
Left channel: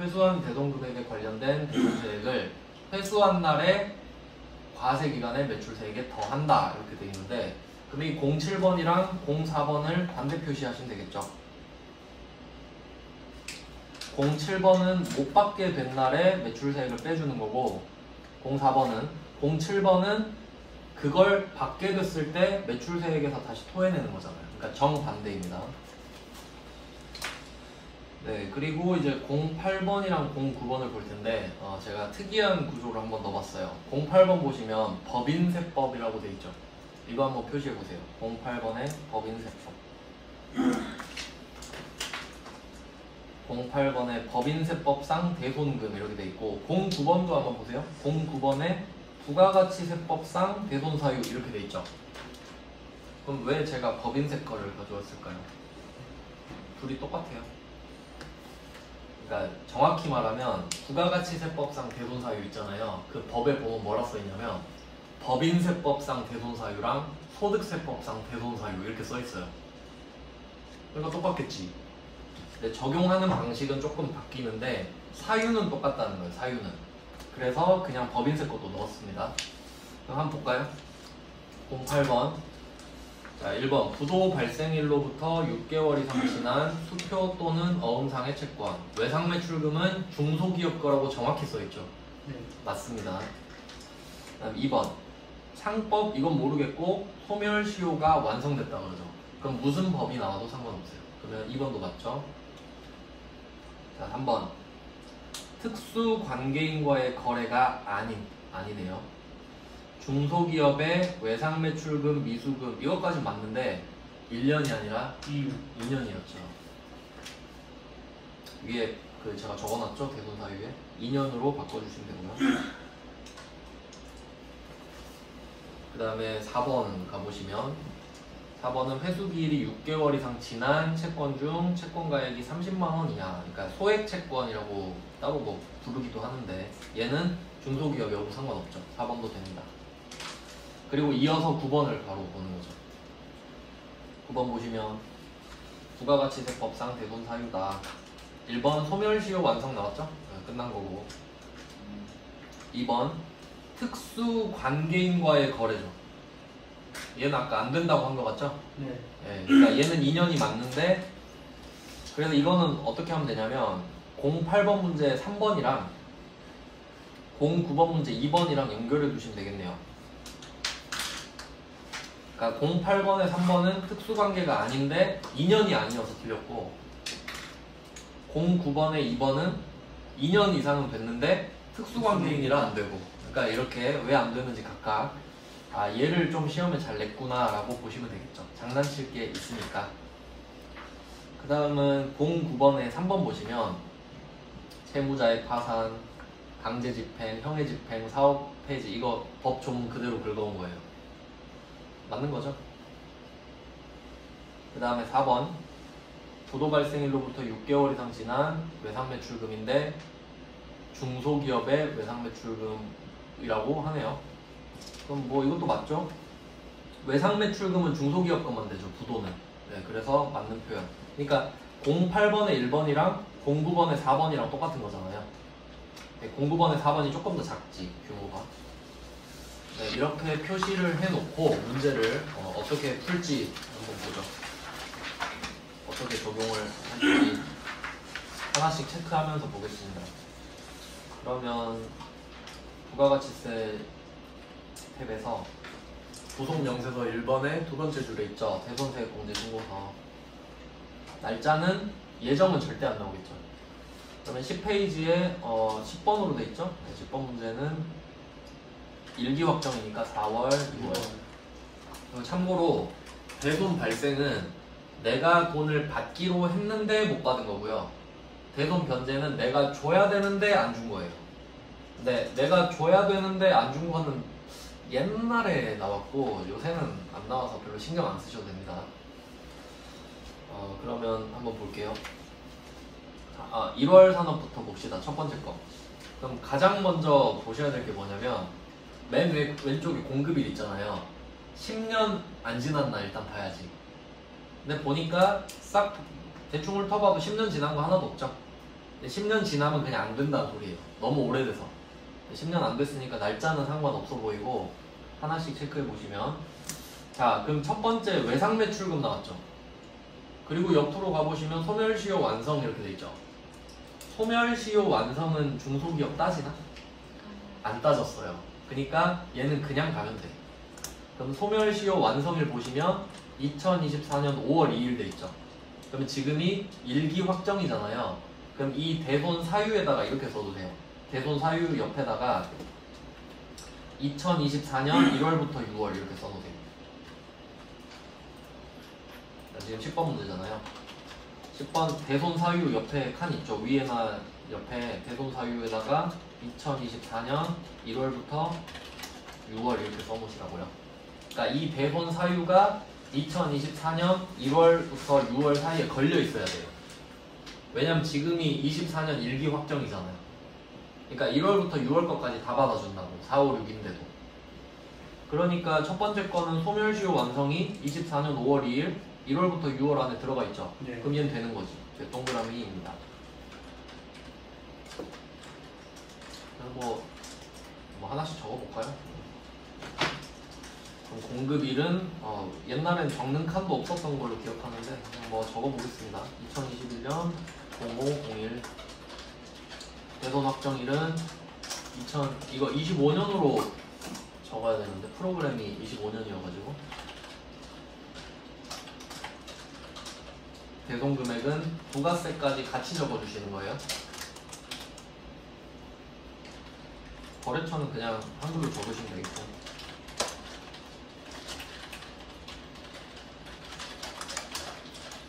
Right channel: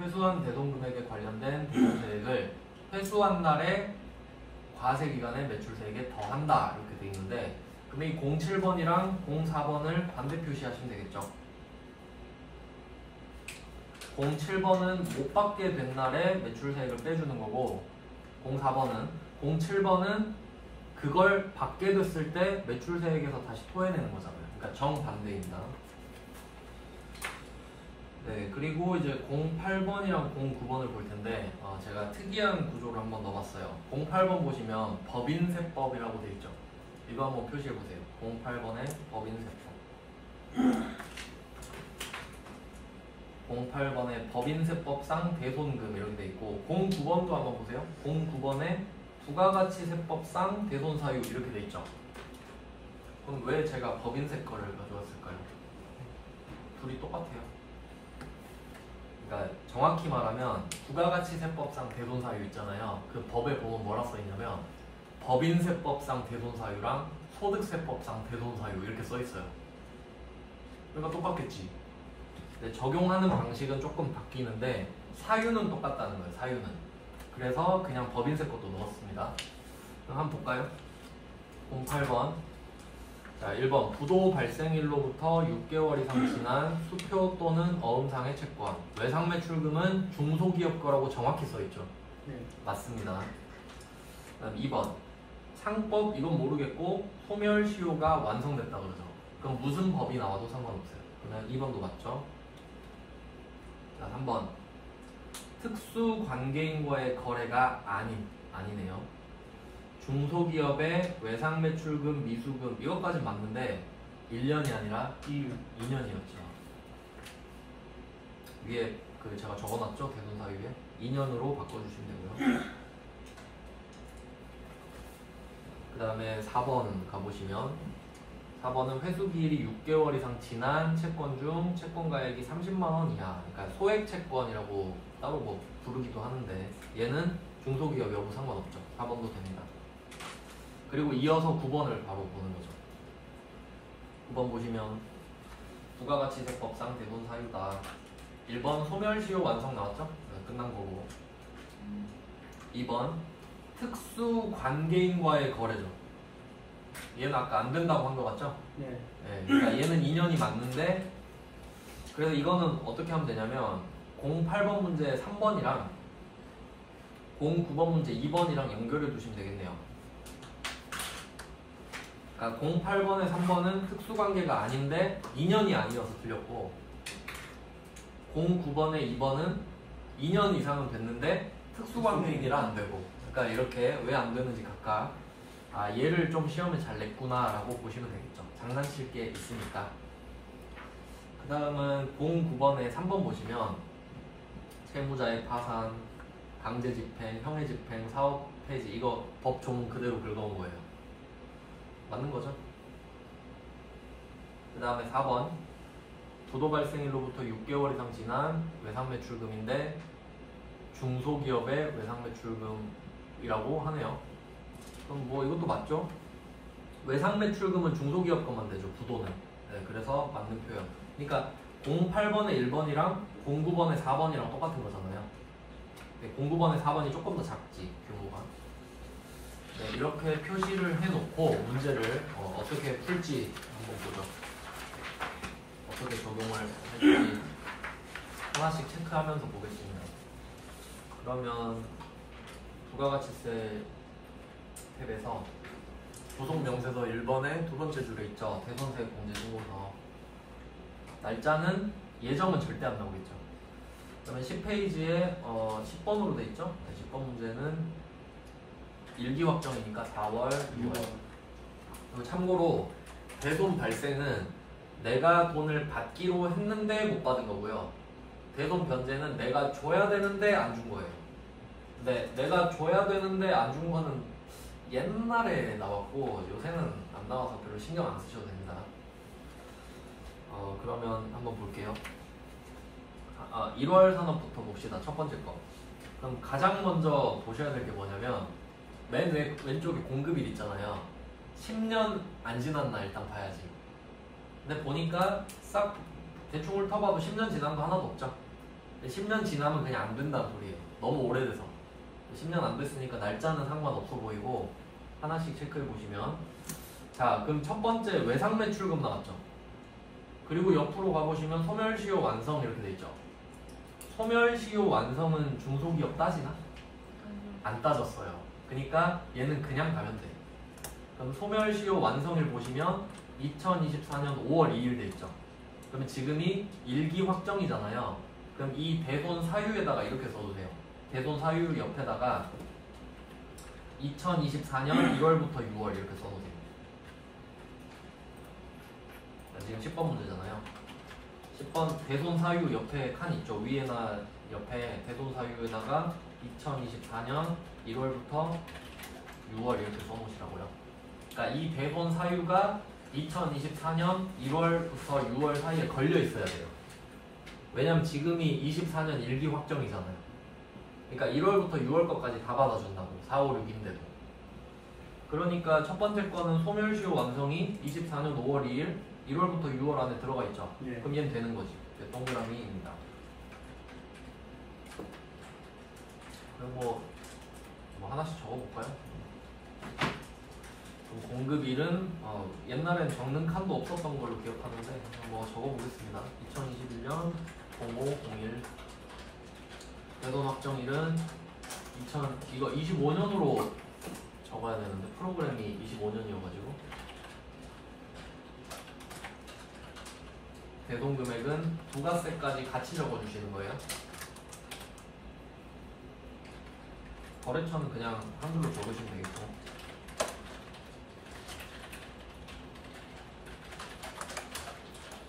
회수한 대손금액에 관련된 대손세액을 회수한 날에 과세기간에 매출세액에 더한다 이렇게 돼 있는데, 그럼 이 07번이랑 04번을 반대 표시하시면 되겠죠. 07번은 못 받게 된 날에 매출세액을 빼주는 거고, 07번은 그걸 받게 됐을 때 매출세액에서 다시 토해내는 거잖아요. 그러니까 정반대입니다. 네, 그리고 이제 08번이랑 09번을 볼 텐데 제가 특이한 구조를 한번 넣어봤어요. 08번 보시면 법인세법이라고 돼 있죠. 이거 한번 표시해 보세요. 08번의 법인세법. 08번의 법인세법상 대손금 이렇게 돼 있고, 09번도 한번 보세요. 09번에 부가가치세법상 대손사유 이렇게 돼 있죠. 그럼 왜 제가 법인세 거를 가져왔을까요? 둘이 똑같아요. 그러니까 정확히 말하면 부가가치세법상 대손사유 있잖아요. 그 법에 보면 뭐라 써있냐면 법인세법상 대손사유랑 소득세법상 대손사유 이렇게 써있어요. 그러니까 똑같겠지. 근데 적용하는 방식은 조금 바뀌는데 사유는 똑같다는 거예요. 사유는. 그래서 그냥 법인세 것도 넣었습니다. 그럼 한번 볼까요? 08번. 자, 1번 부도 발생일로부터 6개월 이상 지난 수표 또는 어음상의 채권. 외상매출금은 중소기업 거라고 정확히 써있죠. 네. 맞습니다. 그다음 2번 상법 이건 모르겠고 소멸시효가 완성됐다 그러죠. 그럼 무슨 법이 나와도 상관없어요. 그러면 2번도 맞죠. 자, 3번 특수관계인과의 거래가 아니네요. 중소기업의 외상매출금, 미수금 이것까지 맞는데 1년이 아니라 2년이었죠. 위에 제가 적어놨죠. 대손사유에 2년으로 바꿔주시면 되고요. 그 다음에 4번 가보시면 4번은 회수기일이 6개월 이상 지난 채권 중 채권가액이 30만 원 이하, 그러니까 소액 채권이라고 따로 뭐 부르기도 하는데 얘는 중소기업 여부 상관없죠. 4번도 됩니다. 그리고 이어서 9번을 바로 보는 거죠. 9번 보시면 부가가치세법상 대손 사유다. 1번 소멸시효 완성 나왔죠? 네, 끝난 거고. 2번 특수관계인과의 거래죠. 얘는 아까 안 된다고 한 거 맞죠? 네. 예, 그러니까 얘는 2년이 맞는데, 그래서 이거는 어떻게 하면 되냐면 08번 문제 3번이랑 09번 문제 2번이랑 연결해 두시면 되겠네요. 그러니까 08번에 3번은 특수관계가 아닌데 2년이 아니어서 틀렸고, 09번에 2번은 2년 이상은 됐는데 특수관계인이라 안 되고, 그러니까 이렇게 왜 안 되는지 각각 얘를 좀 시험에 잘 냈구나 라고 보시면 되겠죠. 장난칠 게 있으니까. 그 다음은 09번에 3번 보시면 채무자의 파산, 강제집행, 형해집행, 사업폐지, 이거 법 조문 그대로 긁어온 거예요. 맞는 거죠? 그 다음에 4번 부도 발생일로부터 6개월 이상 지난 외상매출금인데 중소기업의 외상매출금이라고 하네요. 그럼 뭐 이것도 맞죠? 외상매출금은 중소기업 것만 되죠. 부도는. 네, 그래서 맞는 표현. 그러니까 08번에 1번이랑 09번에 4번이랑 똑같은 거잖아요. 네, 09번에 4번이 조금 더 작지, 규모가. 네, 이렇게 표시를 해놓고 문제를 어떻게 풀지 한번 보죠. 어떻게 적용을 할지 하나씩 체크하면서 보겠습니다. 그러면 부가가치세 탭에서 구속명세서 1번에 두 번째 줄에 있죠. 대손세액공제신고서. 날짜는 예정은 절대 안 나오겠죠. 그러면 10페이지에 10번으로 돼 있죠. 10번 문제는 일기 확정이니까 4월, 6월. 그리고 참고로 대손 발생은 내가 돈을 받기로 했는데 못 받은 거고요. 대손 변제는 내가 줘야 되는데 안 준 거예요. 근데 내가 줘야 되는데 안 준 거는 옛날에 나왔고 요새는 안 나와서 별로 신경 안 쓰셔도 됩니다. 그러면 한번 볼게요. 1월 산업부터 봅시다. 첫 번째 거. 그럼 가장 먼저 보셔야 될 게 뭐냐면 맨 왼쪽에 공급일 있잖아요. 10년 안 지났나 일단 봐야지. 근데 보니까 싹 대충 훑어봐도 10년 지난 거 하나도 없죠. 근데 10년 지나면 그냥 안 된다는 소리예요. 너무 오래돼서. 10년 안 됐으니까 날짜는 상관없어 보이고 하나씩 체크해 보시면, 자 그럼 첫 번째 외상매출금 나왔죠. 그리고 옆으로 가보시면 소멸시효 완성 이렇게 돼 있죠. 소멸시효 완성은 중소기업 따지나? 안 따졌어요. 그러니까 얘는 그냥 가면 돼. 그럼 소멸시효 완성일 보시면 2024년 5월 2일 돼 있죠. 그러면 지금이 일기 확정이잖아요. 그럼 이 대손 사유에다가 이렇게 써도 돼요. 대손 사유 옆에다가 2024년 1월부터 6월 이렇게 써놓으세요. 지금 10번 문제잖아요. 10번 대손 사유 옆에 칸 있죠. 위에나 옆에 대손 사유에다가 2024년 1월부터 6월 이렇게 써놓으시라고요. 그러니까 이 대손 사유가 2024년 1월부터 6월 사이에 걸려 있어야 돼요. 왜냐면 지금이 24년 일기 확정이잖아. 그러니까 1월부터 6월 것까지 다 받아준다고. 4, 5, 6인데도. 그러니까 첫 번째 거는 소멸시효 완성이 24년 5월 2일 1월부터 6월 안에 들어가 있죠. 네. 그럼 얘는 되는 거지. 동그라미입니다. 그럼 뭐 하나씩 적어볼까요? 그럼 공급일은 옛날엔 적는 칸도 없었던 걸로 기억하는데 그냥 뭐 적어보겠습니다. 2021년 0501 대손 확정일은 이거 25년으로 적어야 되는데 프로그램이 25년이어가지고 대손 금액은 부가세까지 같이 적어주시는 거예요. 거래처는 그냥 한글로 적으시면 되겠고.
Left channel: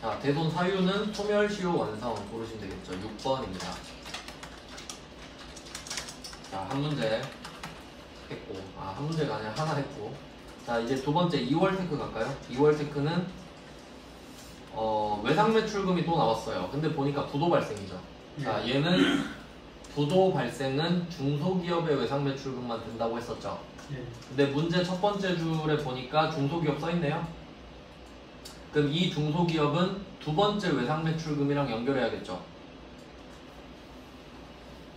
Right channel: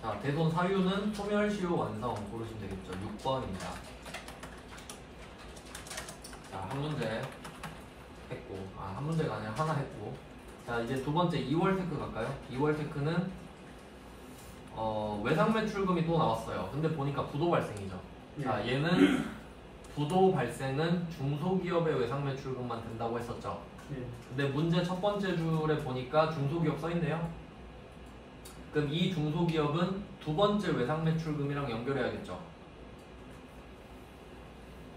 자, 대손 사유는 소멸시효 완성 고르시면 되겠죠. 6번입니다. 자, 한 문제 했고, 한 문제가 아니라 하나 했고, 자, 이제 두 번째 2월 테크 갈까요? 2월 테크는 외상 매출금이 또 나왔어요. 근데 보니까 부도 발생이죠. 자, 얘는 부도 발생은 중소기업의 외상 매출금만 된다고 했었죠. 근데 문제 첫 번째 줄에 보니까 중소기업 써있네요. 그럼 이 중소기업은 두 번째 외상 매출금이랑 연결해야겠죠.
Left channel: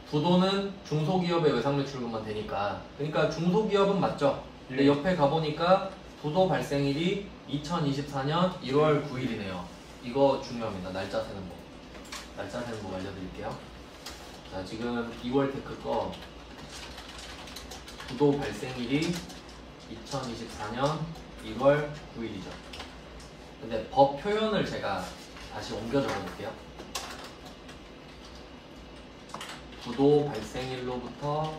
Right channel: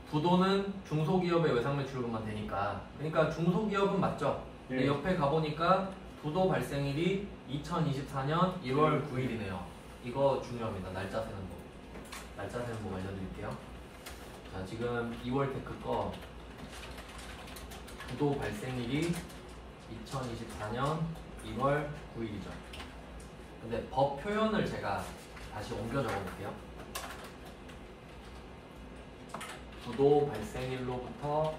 부도는 중소기업의 외상 매출금만 되니까. 그러니까 중소기업은 맞죠. 근데 옆에 가보니까 부도 발생일이 2024년 1월 9일이네요. 이거 중요합니다. 날짜 세는 법. 날짜 세는 법 알려드릴게요. 자, 지금 2월 테크 거 부도 발생일이 2024년 1월 9일이죠. 근데 법 표현을 제가 다시 옮겨 적어볼게요. 부도 발생일로부터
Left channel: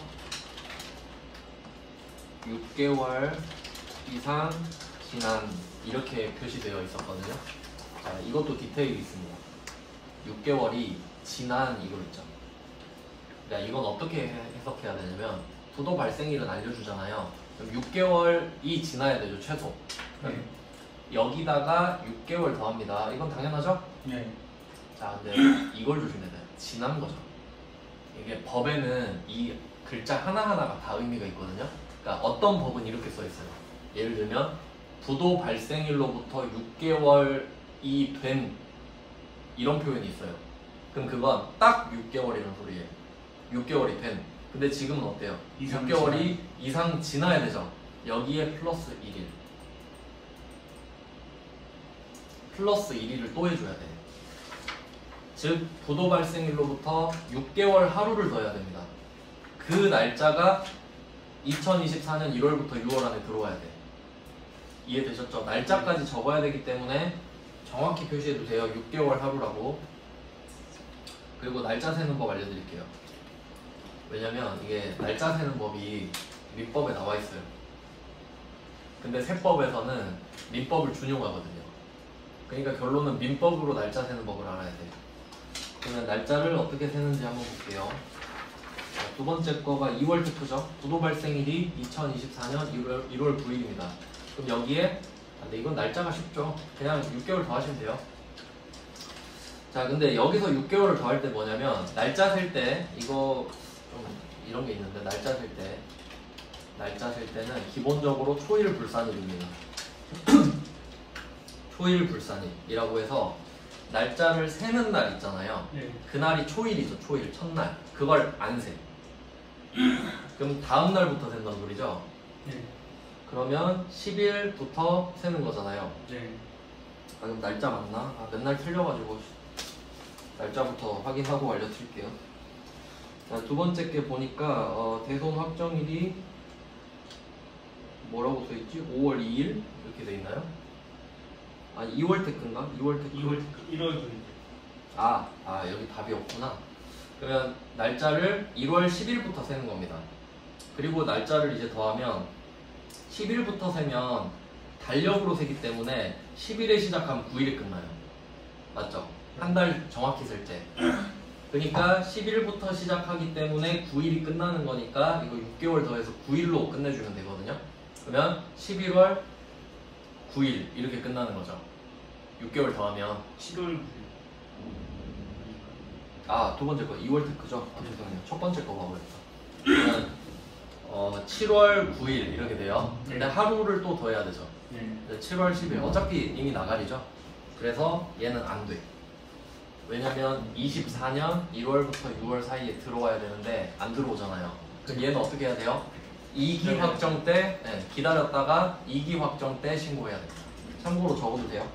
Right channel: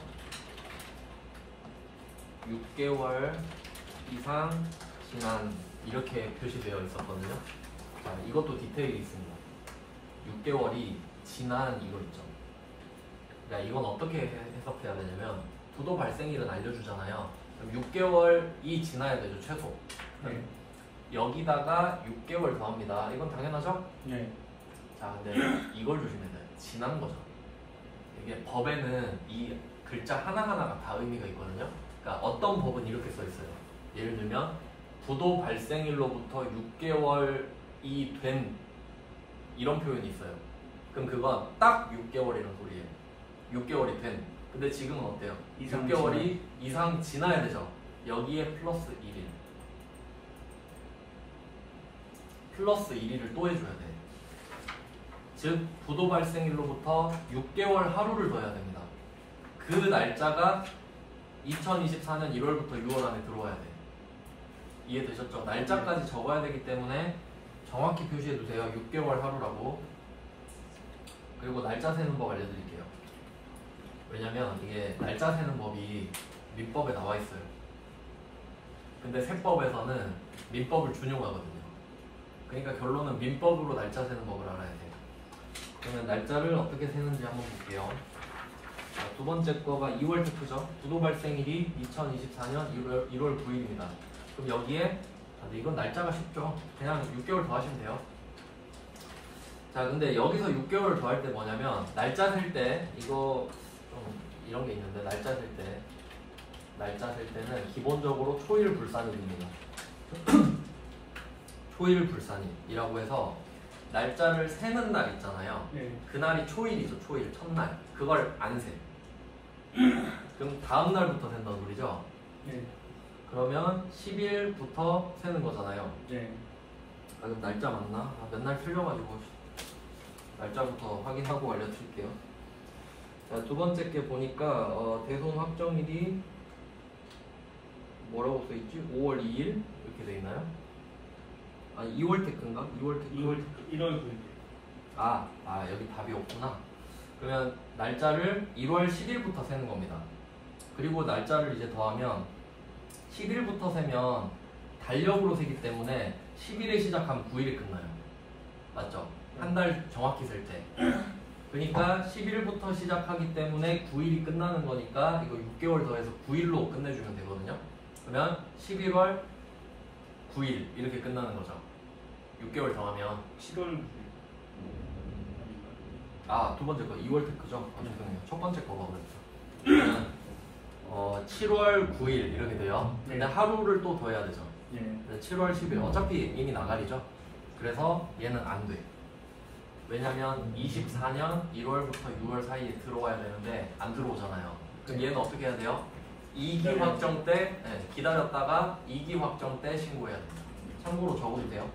6개월 이상 지난 이렇게 표시되어 있었거든요. 자, 이것도 디테일이 있습니다. 6개월이 지난 이거 있죠. 야, 이건 어떻게 해석해야 되냐면 부도 발생일은 알려주잖아요. 그럼 6개월이 지나야 되죠, 최소. 여기다가 6개월 더합니다. 이건 당연하죠? 자, 근데 이걸 조심해야 돼요. 지난 거죠. 이게 법에는 이 글자 하나하나가 다 의미가 있거든요. 그러니까 어떤 법은 이렇게 써 있어요. 예를 들면 부도 발생일로부터 6개월이 된 이런 표현이 있어요. 그럼 그건 딱 6개월이라는 소리예요. 6개월이 된. 근데 지금은 어때요? 6개월이 이상 지나야 되죠. 여기에 플러스 1일. 플러스 1일을 또 해줘야 돼요. 즉 부도 발생일로부터 6개월 하루를 더 해야 됩니다. 그 날짜가 2024년 1월부터 6월 안에 들어와야 돼요. 이해되셨죠? 날짜까지 적어야 되기 때문에 정확히 표시해도 돼요. 6개월 하루라고. 그리고 날짜 세는 법 알려드릴게요. 왜냐면 이게 날짜 세는 법이 민법에 나와 있어요. 근데 세법에서는 민법을 준용하거든요. 그러니까 결론은 민법으로 날짜 세는 법을 알아야 돼요. 그러면 날짜를 어떻게 세는지 한번 볼게요. 자, 두 번째 거가 2월 테크죠. 부도 발생일이 2024년 1월 9일입니다. 그럼 여기에 근데 이건 날짜가 쉽죠. 그냥 6개월 더 하시면 돼요. 자, 근데 여기서 6개월을 더 할 때 뭐냐면 날짜 셀 때 이거 좀 이런 게 있는데 날짜 셀 때는 기본적으로 초일 불산일입니다. 초일 불산일이라고 해서 날짜를 세는 날 있잖아요. 그날이 초일이죠. 초일 첫날. 그걸 안 세. 그럼 다음 날부터 센다는 소리죠. 그러면 10일부터 세는 거잖아요. 아, 그럼 날짜 맞나? 아, 맨날 틀려가지고 날짜부터 확인하고 알려드릴게요. 자, 두 번째 게 보니까 대손 확정일이 뭐라고 써있지? 5월 2일 이렇게 돼 있나요? 아니 2월 테크인가? 2월 테크 1월 9일. 아 여기 답이 없구나. 그러면 날짜를 1월 10일부터 세는 겁니다. 그리고 날짜를 이제 더하면 10일부터 세면 달력으로 세기 때문에 10일에 시작하면 9일에 끝나요. 맞죠? 한 달 정확히 셀 때. 그러니까 10일부터 시작하기 때문에 9일이 끝나는 거니까 이거 6개월 더해서 9일로 끝내주면 되거든요. 그러면 11월 9일 이렇게 끝나는 거죠. 6개월 더하면 7월 9일. 아, 두 번째 거 2월 테크죠? 죄송해요. 첫 번째 거 봐버렸죠. 7월 9일 이렇게 돼요. 근데 하루를 또 더해야 되죠. 7월 10일 어차피 이미 나가리죠. 그래서 얘는 안 돼. 왜냐면 24년 1월부터 6월 사이에 들어와야 되는데 안 들어오잖아요. 그럼 얘는 어떻게 해야 돼요? 2기 확정 때 기다렸다가 2기 확정 때 신고해야 돼요. 참고로 적어도 돼요.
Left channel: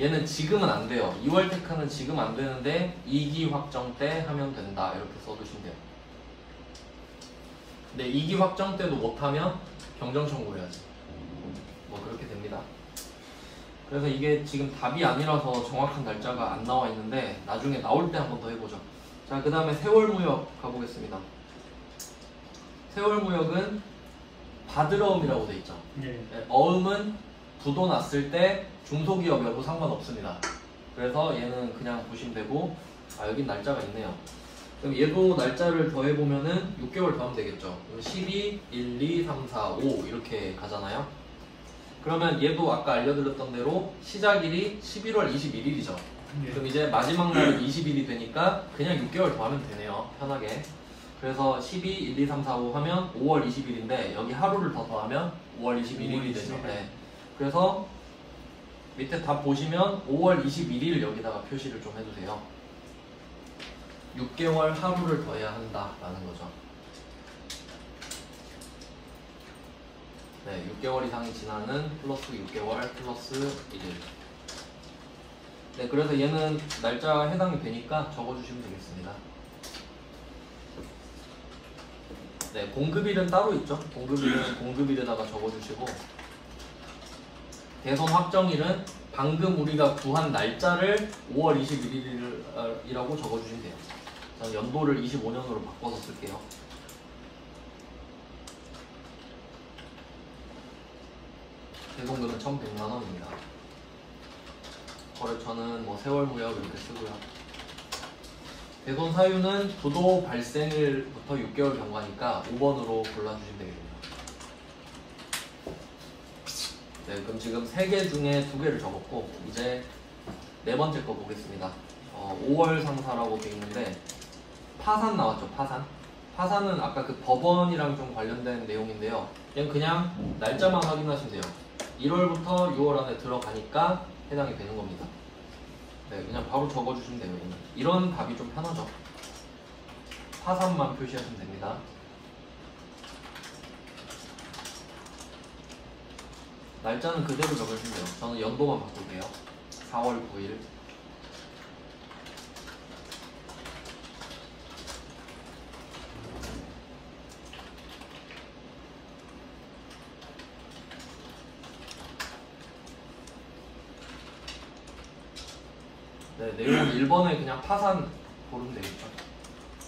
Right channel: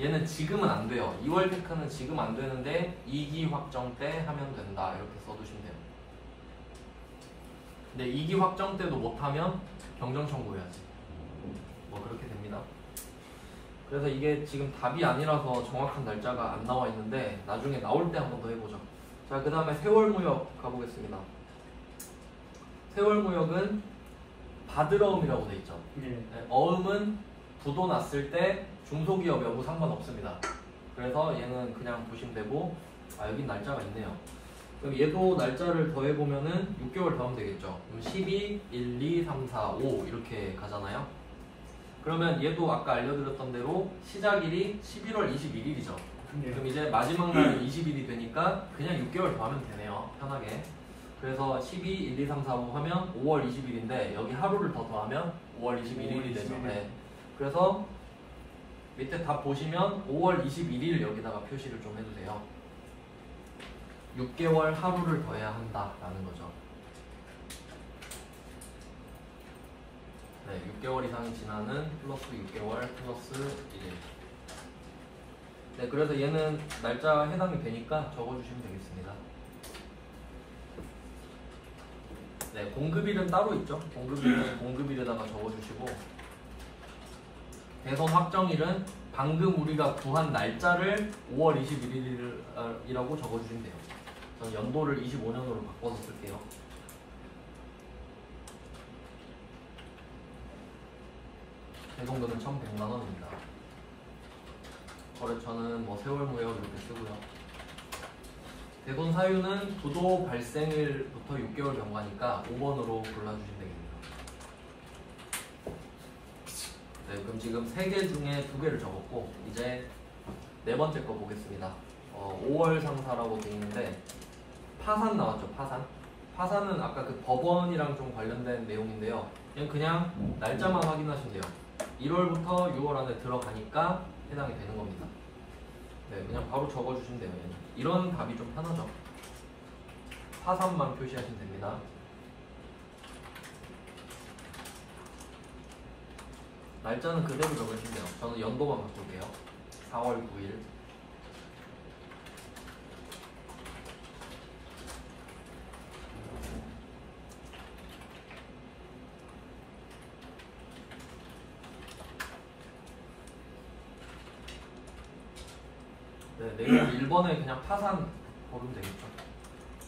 얘는 지금은 안 돼요. 2월 테크는 지금 안 되는데 2기 확정 때 하면 된다. 이렇게 써두시면 돼요. 근데 2기 확정 때도 못하면 경정 청구해야지. 뭐 그렇게 됩니다. 그래서 이게 지금 답이 아니라서 정확한 날짜가 안 나와 있는데 나중에 나올 때 한 번 더 해보죠. 자, 그 다음에 세월무역 가보겠습니다. 세월무역은 바드러움이라고 돼 있죠. 어음은 부도 났을 때 중소기업 여부 상관없습니다. 그래서 얘는 그냥 보시면 되고, 아, 여긴 날짜가 있네요. 그럼 얘도 날짜를 더해보면은 6개월 더하면 되겠죠. 그럼 12, 1, 2, 3, 4, 5 이렇게 가잖아요. 그러면 얘도 아까 알려드렸던 대로 시작일이 11월 21일이죠. 네. 그럼 이제 마지막 날이 20일이 되니까 그냥 6개월 더하면 되네요. 편하게. 그래서 12, 1, 2, 3, 4, 5 하면 5월 20일인데 여기 하루를 더 더하면 5월 21일이 되죠. 21일. 네. 그래서 밑에 다 보시면 5월 21일 여기다가 표시를 좀 해주세요. 6개월 하루를 더해야 한다라는 거죠. 네, 6개월 이상이 지나는 플러스 6개월 플러스 1일. 네, 그래서 얘는 날짜가 해당이 되니까 적어주시면 되겠습니다. 네, 공급일은 따로 있죠. 공급일은 공급일에다가 적어주시고, 개선 확정일은 방금 우리가 구한 날짜를 5월 21일이라고 적어주시면 돼요. 저는 연도를 25년으로 바꿔서 쓸게요. 대송금은 1,100만 원입니다. 거래처는 뭐 세월무역 이렇게 쓰고요. 대손 사유는 부도 발생일부터 6개월 경과니까 5번으로 골라주시면 되겠습니다. 네, 그럼 지금 3개 중에 2개를 적었고 이제 네 번째 거 보겠습니다. 5월 상사라고 되어 있는데 파산 나왔죠. 파산은 아까 그 법원이랑 좀 관련된 내용인데요. 그냥 날짜만 확인하시면 돼요. 1월부터 6월 안에 들어가니까 해당이 되는 겁니다. 네, 그냥 바로 적어주시면 돼요. 이런 답이 좀 편하죠. 파산만 표시하시면 됩니다. 날짜는 그대로 적어주시면 돼요. 저는 연도만 바꿀게요. 4월 9일. 네, 내용 1번에 그냥 파산 고르면 되겠죠.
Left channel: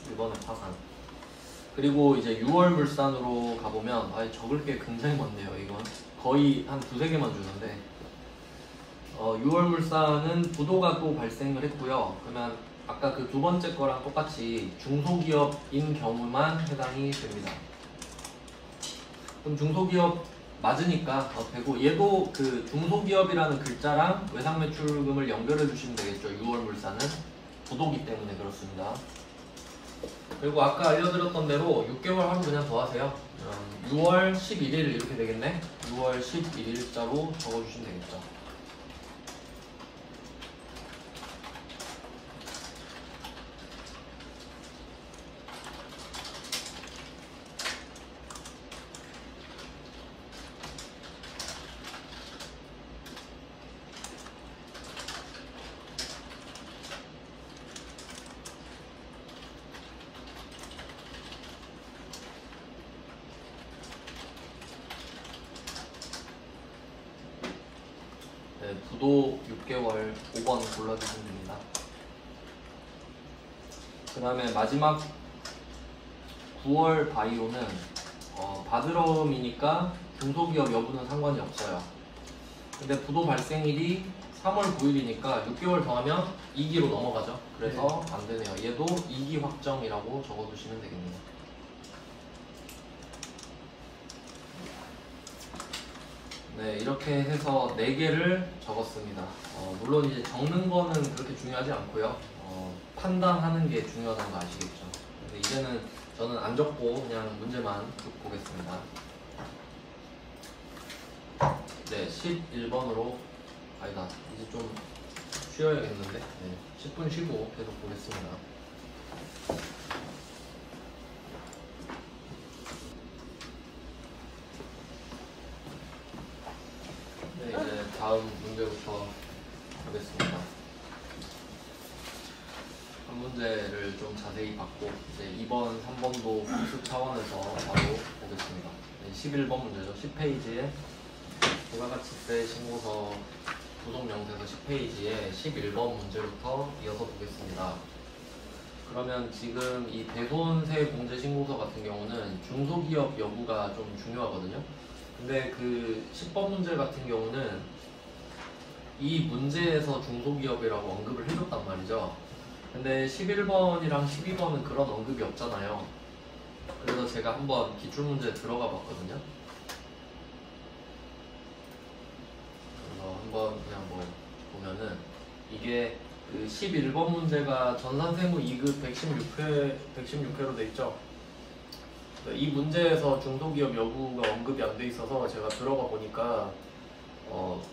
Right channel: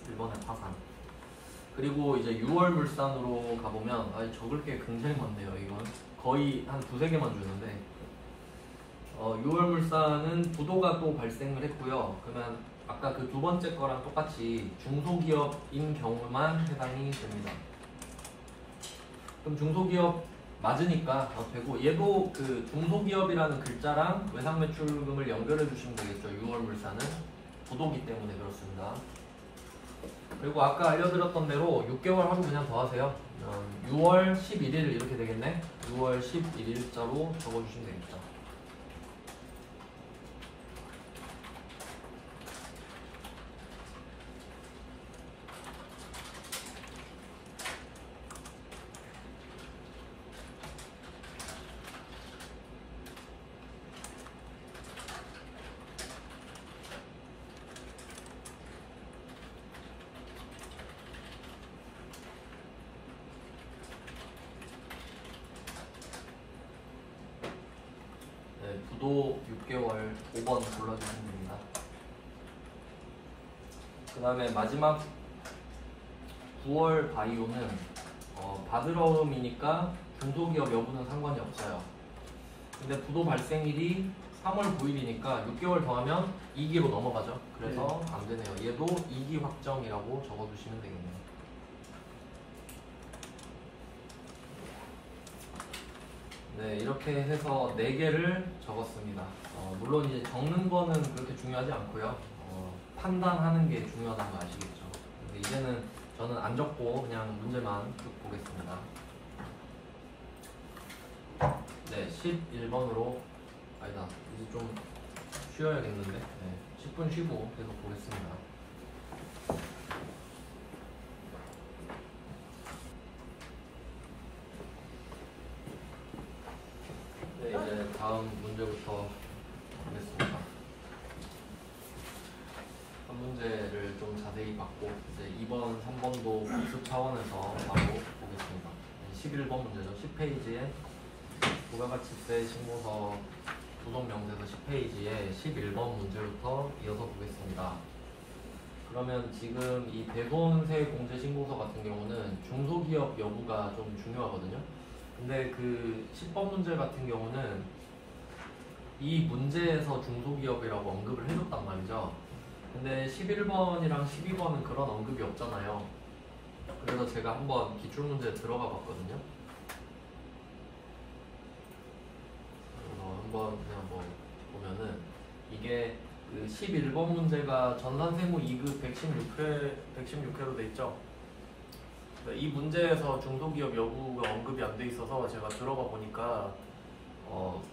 1번에 파산. 그리고 이제 6월 물산으로 가보면 적을 게 굉장히 많네요. 이건 거의 한 2-3개만 주는데 6월 물산은 부도가 또 발생을 했고요. 그러면 아까 그 두 번째 거랑 똑같이 중소기업인 경우만 해당이 됩니다. 그럼 중소기업 맞으니까 되고, 얘도 그 중소기업이라는 글자랑 외상매출금을 연결해 주시면 되겠죠. 6월 물산은 부도기 때문에 그렇습니다. 그리고 아까 알려드렸던 대로 6개월 하고 그냥 더하세요. 6월 11일 이렇게 되겠네. 6월 11일자로 적어주시면 되겠죠. 네, 부도 6개월 5번 골라주시면 됩니다. 그 다음에 마지막 9월 바이오는 바드러움이니까 중소기업 여부는 상관이 없어요. 근데 부도 발생일이 3월 9일이니까 6개월 더하면 2기로 넘어가죠. 그래서 안 되네요. 얘도 2기 확정이라고 적어두시면 되겠네요. 네, 이렇게 해서 4개를 적었습니다. 물론 이제 적는 거는 그렇게 중요하지 않고요. 판단하는 게 중요하다는 거 아시겠죠? 근데 이제는 저는 안 적고 그냥 문제만 쭉 보겠습니다. 네, 11번으로 아니다. 이제 좀 쉬어야겠는데. 네, 10분 쉬고 계속 보겠습니다. 네, 이제 다음 문제부터 보겠습니다. 한 문제를 좀 자세히 받고 이제 2번, 3번도 복습 차원에서 바로 보겠습니다. 11번 문제죠. 10페이지에 부가가치세 신고서 구속명세서 10페이지에 11번 문제부터 이어서 보겠습니다. 그러면 지금 이 대손세 공제 신고서 같은 경우는 중소기업 여부가 좀 중요하거든요. 근데 그 10번 문제 같은 경우는 이 문제에서 중소기업이라고 언급을 해줬단 말이죠. 근데 11번이랑 12번은 그런 언급이 없잖아요. 그래서 제가 한번 기출문제 들어가 봤거든요. 그냥 뭐 보면은 이게 그 11번 문제가 전산세무 2급 116회로 돼 있죠. 이 문제에서 중소기업 여부가 언급이 안 돼 있어서 제가 들어가 보니까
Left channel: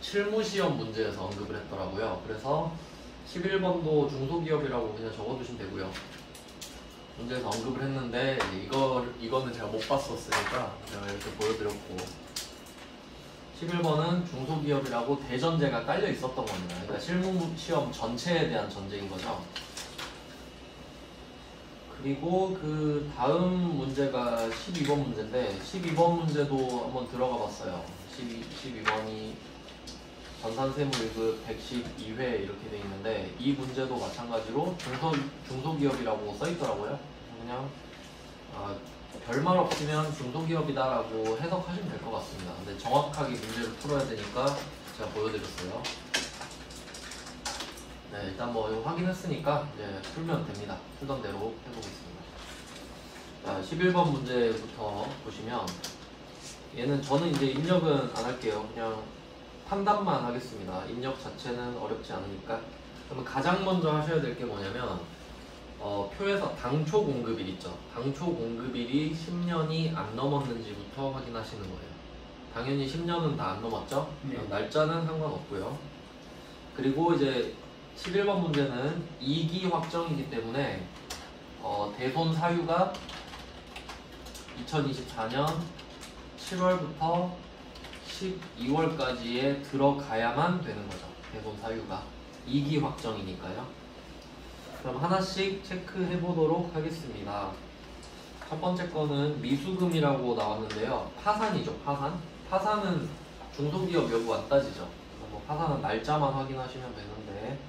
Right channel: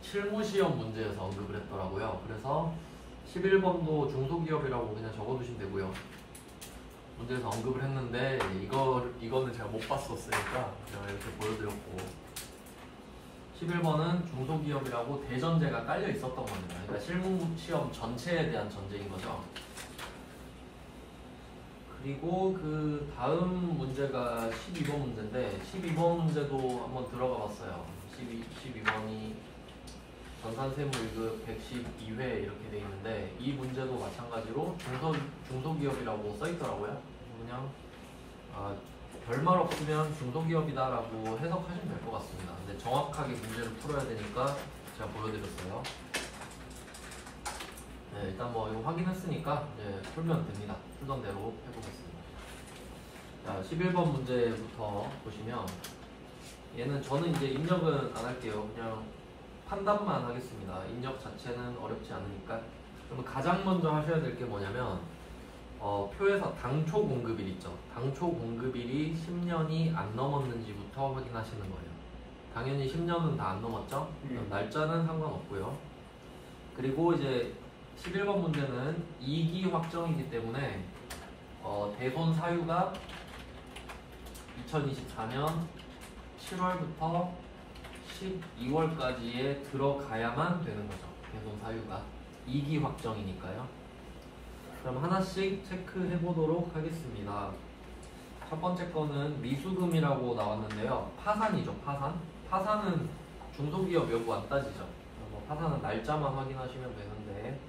실무시험 문제에서 언급을 했더라고요. 그래서 11번도 중소기업이라고 그냥 적어두시면 되고요. 문제에서 언급을 했는데 이거는 제가 못 봤었으니까 제가 이렇게 보여드렸고 11번은 중소기업이라고 대전제가 깔려 있었던 겁니다. 그러니까 실무시험 전체에 대한 전제인 거죠. 그리고 그 다음 문제가 12번 문제인데 12번 문제도 한번 들어가 봤어요. 12번이 전산세무 1급 112회 이렇게 돼 있는데 이 문제도 마찬가지로 중소기업이라고 써 있더라고요. 그냥 별말 없으면 중소기업이다라고 해석하시면 될 것 같습니다. 근데 정확하게 문제를 풀어야 되니까 제가 보여드렸어요. 네, 일단 뭐 이거 확인했으니까 이제 풀면 됩니다. 풀던 대로 해보겠습니다. 자, 11번 문제부터 보시면 얘는 저는 이제 입력은 안 할게요. 그냥 판단만 하겠습니다. 입력 자체는 어렵지 않으니까. 그러면 가장 먼저 하셔야 될 게 뭐냐면 표에서 당초 공급일 있죠. 당초 공급일이 10년이 안 넘었는지부터 확인하시는 거예요. 당연히 10년은 다 안 넘었죠. 날짜는 상관없고요. 그리고 이제 11번 문제는 2기 확정이기 때문에 대손 사유가 2024년 7월부터 12월까지에 들어가야만 되는 거죠. 대손 사유가 2기 확정이니까요. 그럼 하나씩 체크해 보도록 하겠습니다. 첫 번째 거는 미수금이라고 나왔는데요. 파산이죠. 파산은 중소기업 여부 안 따지죠. 파산은 날짜만 확인하시면 되는데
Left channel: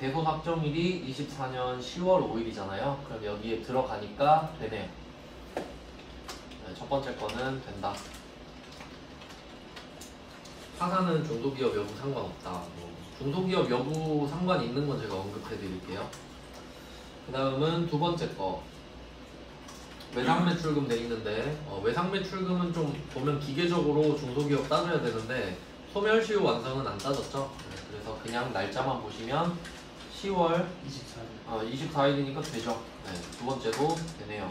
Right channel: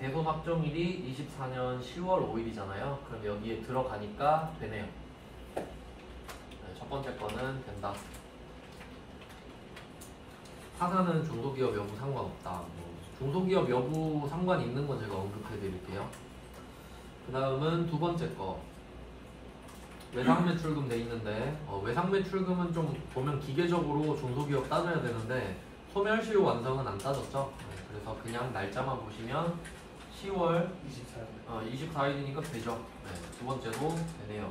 대손 확정일이 24년 10월 5일이잖아요. 그럼 여기에 들어가니까 되네요. 네, 첫 번째 거는 된다. 파산은 중소기업 여부 상관없다. 중소기업 여부 상관 있는 건 제가 언급해 드릴게요. 그 다음은 두 번째 거. 외상매출금 돼 있는데 외상매출금은 좀 보면 기계적으로 중소기업 따져야 되는데 소멸시효 완성은 안 따졌죠. 네, 그래서 그냥 날짜만 보시면 10월 24일 24일이니까 되죠. 네, 두 번째도 되네요.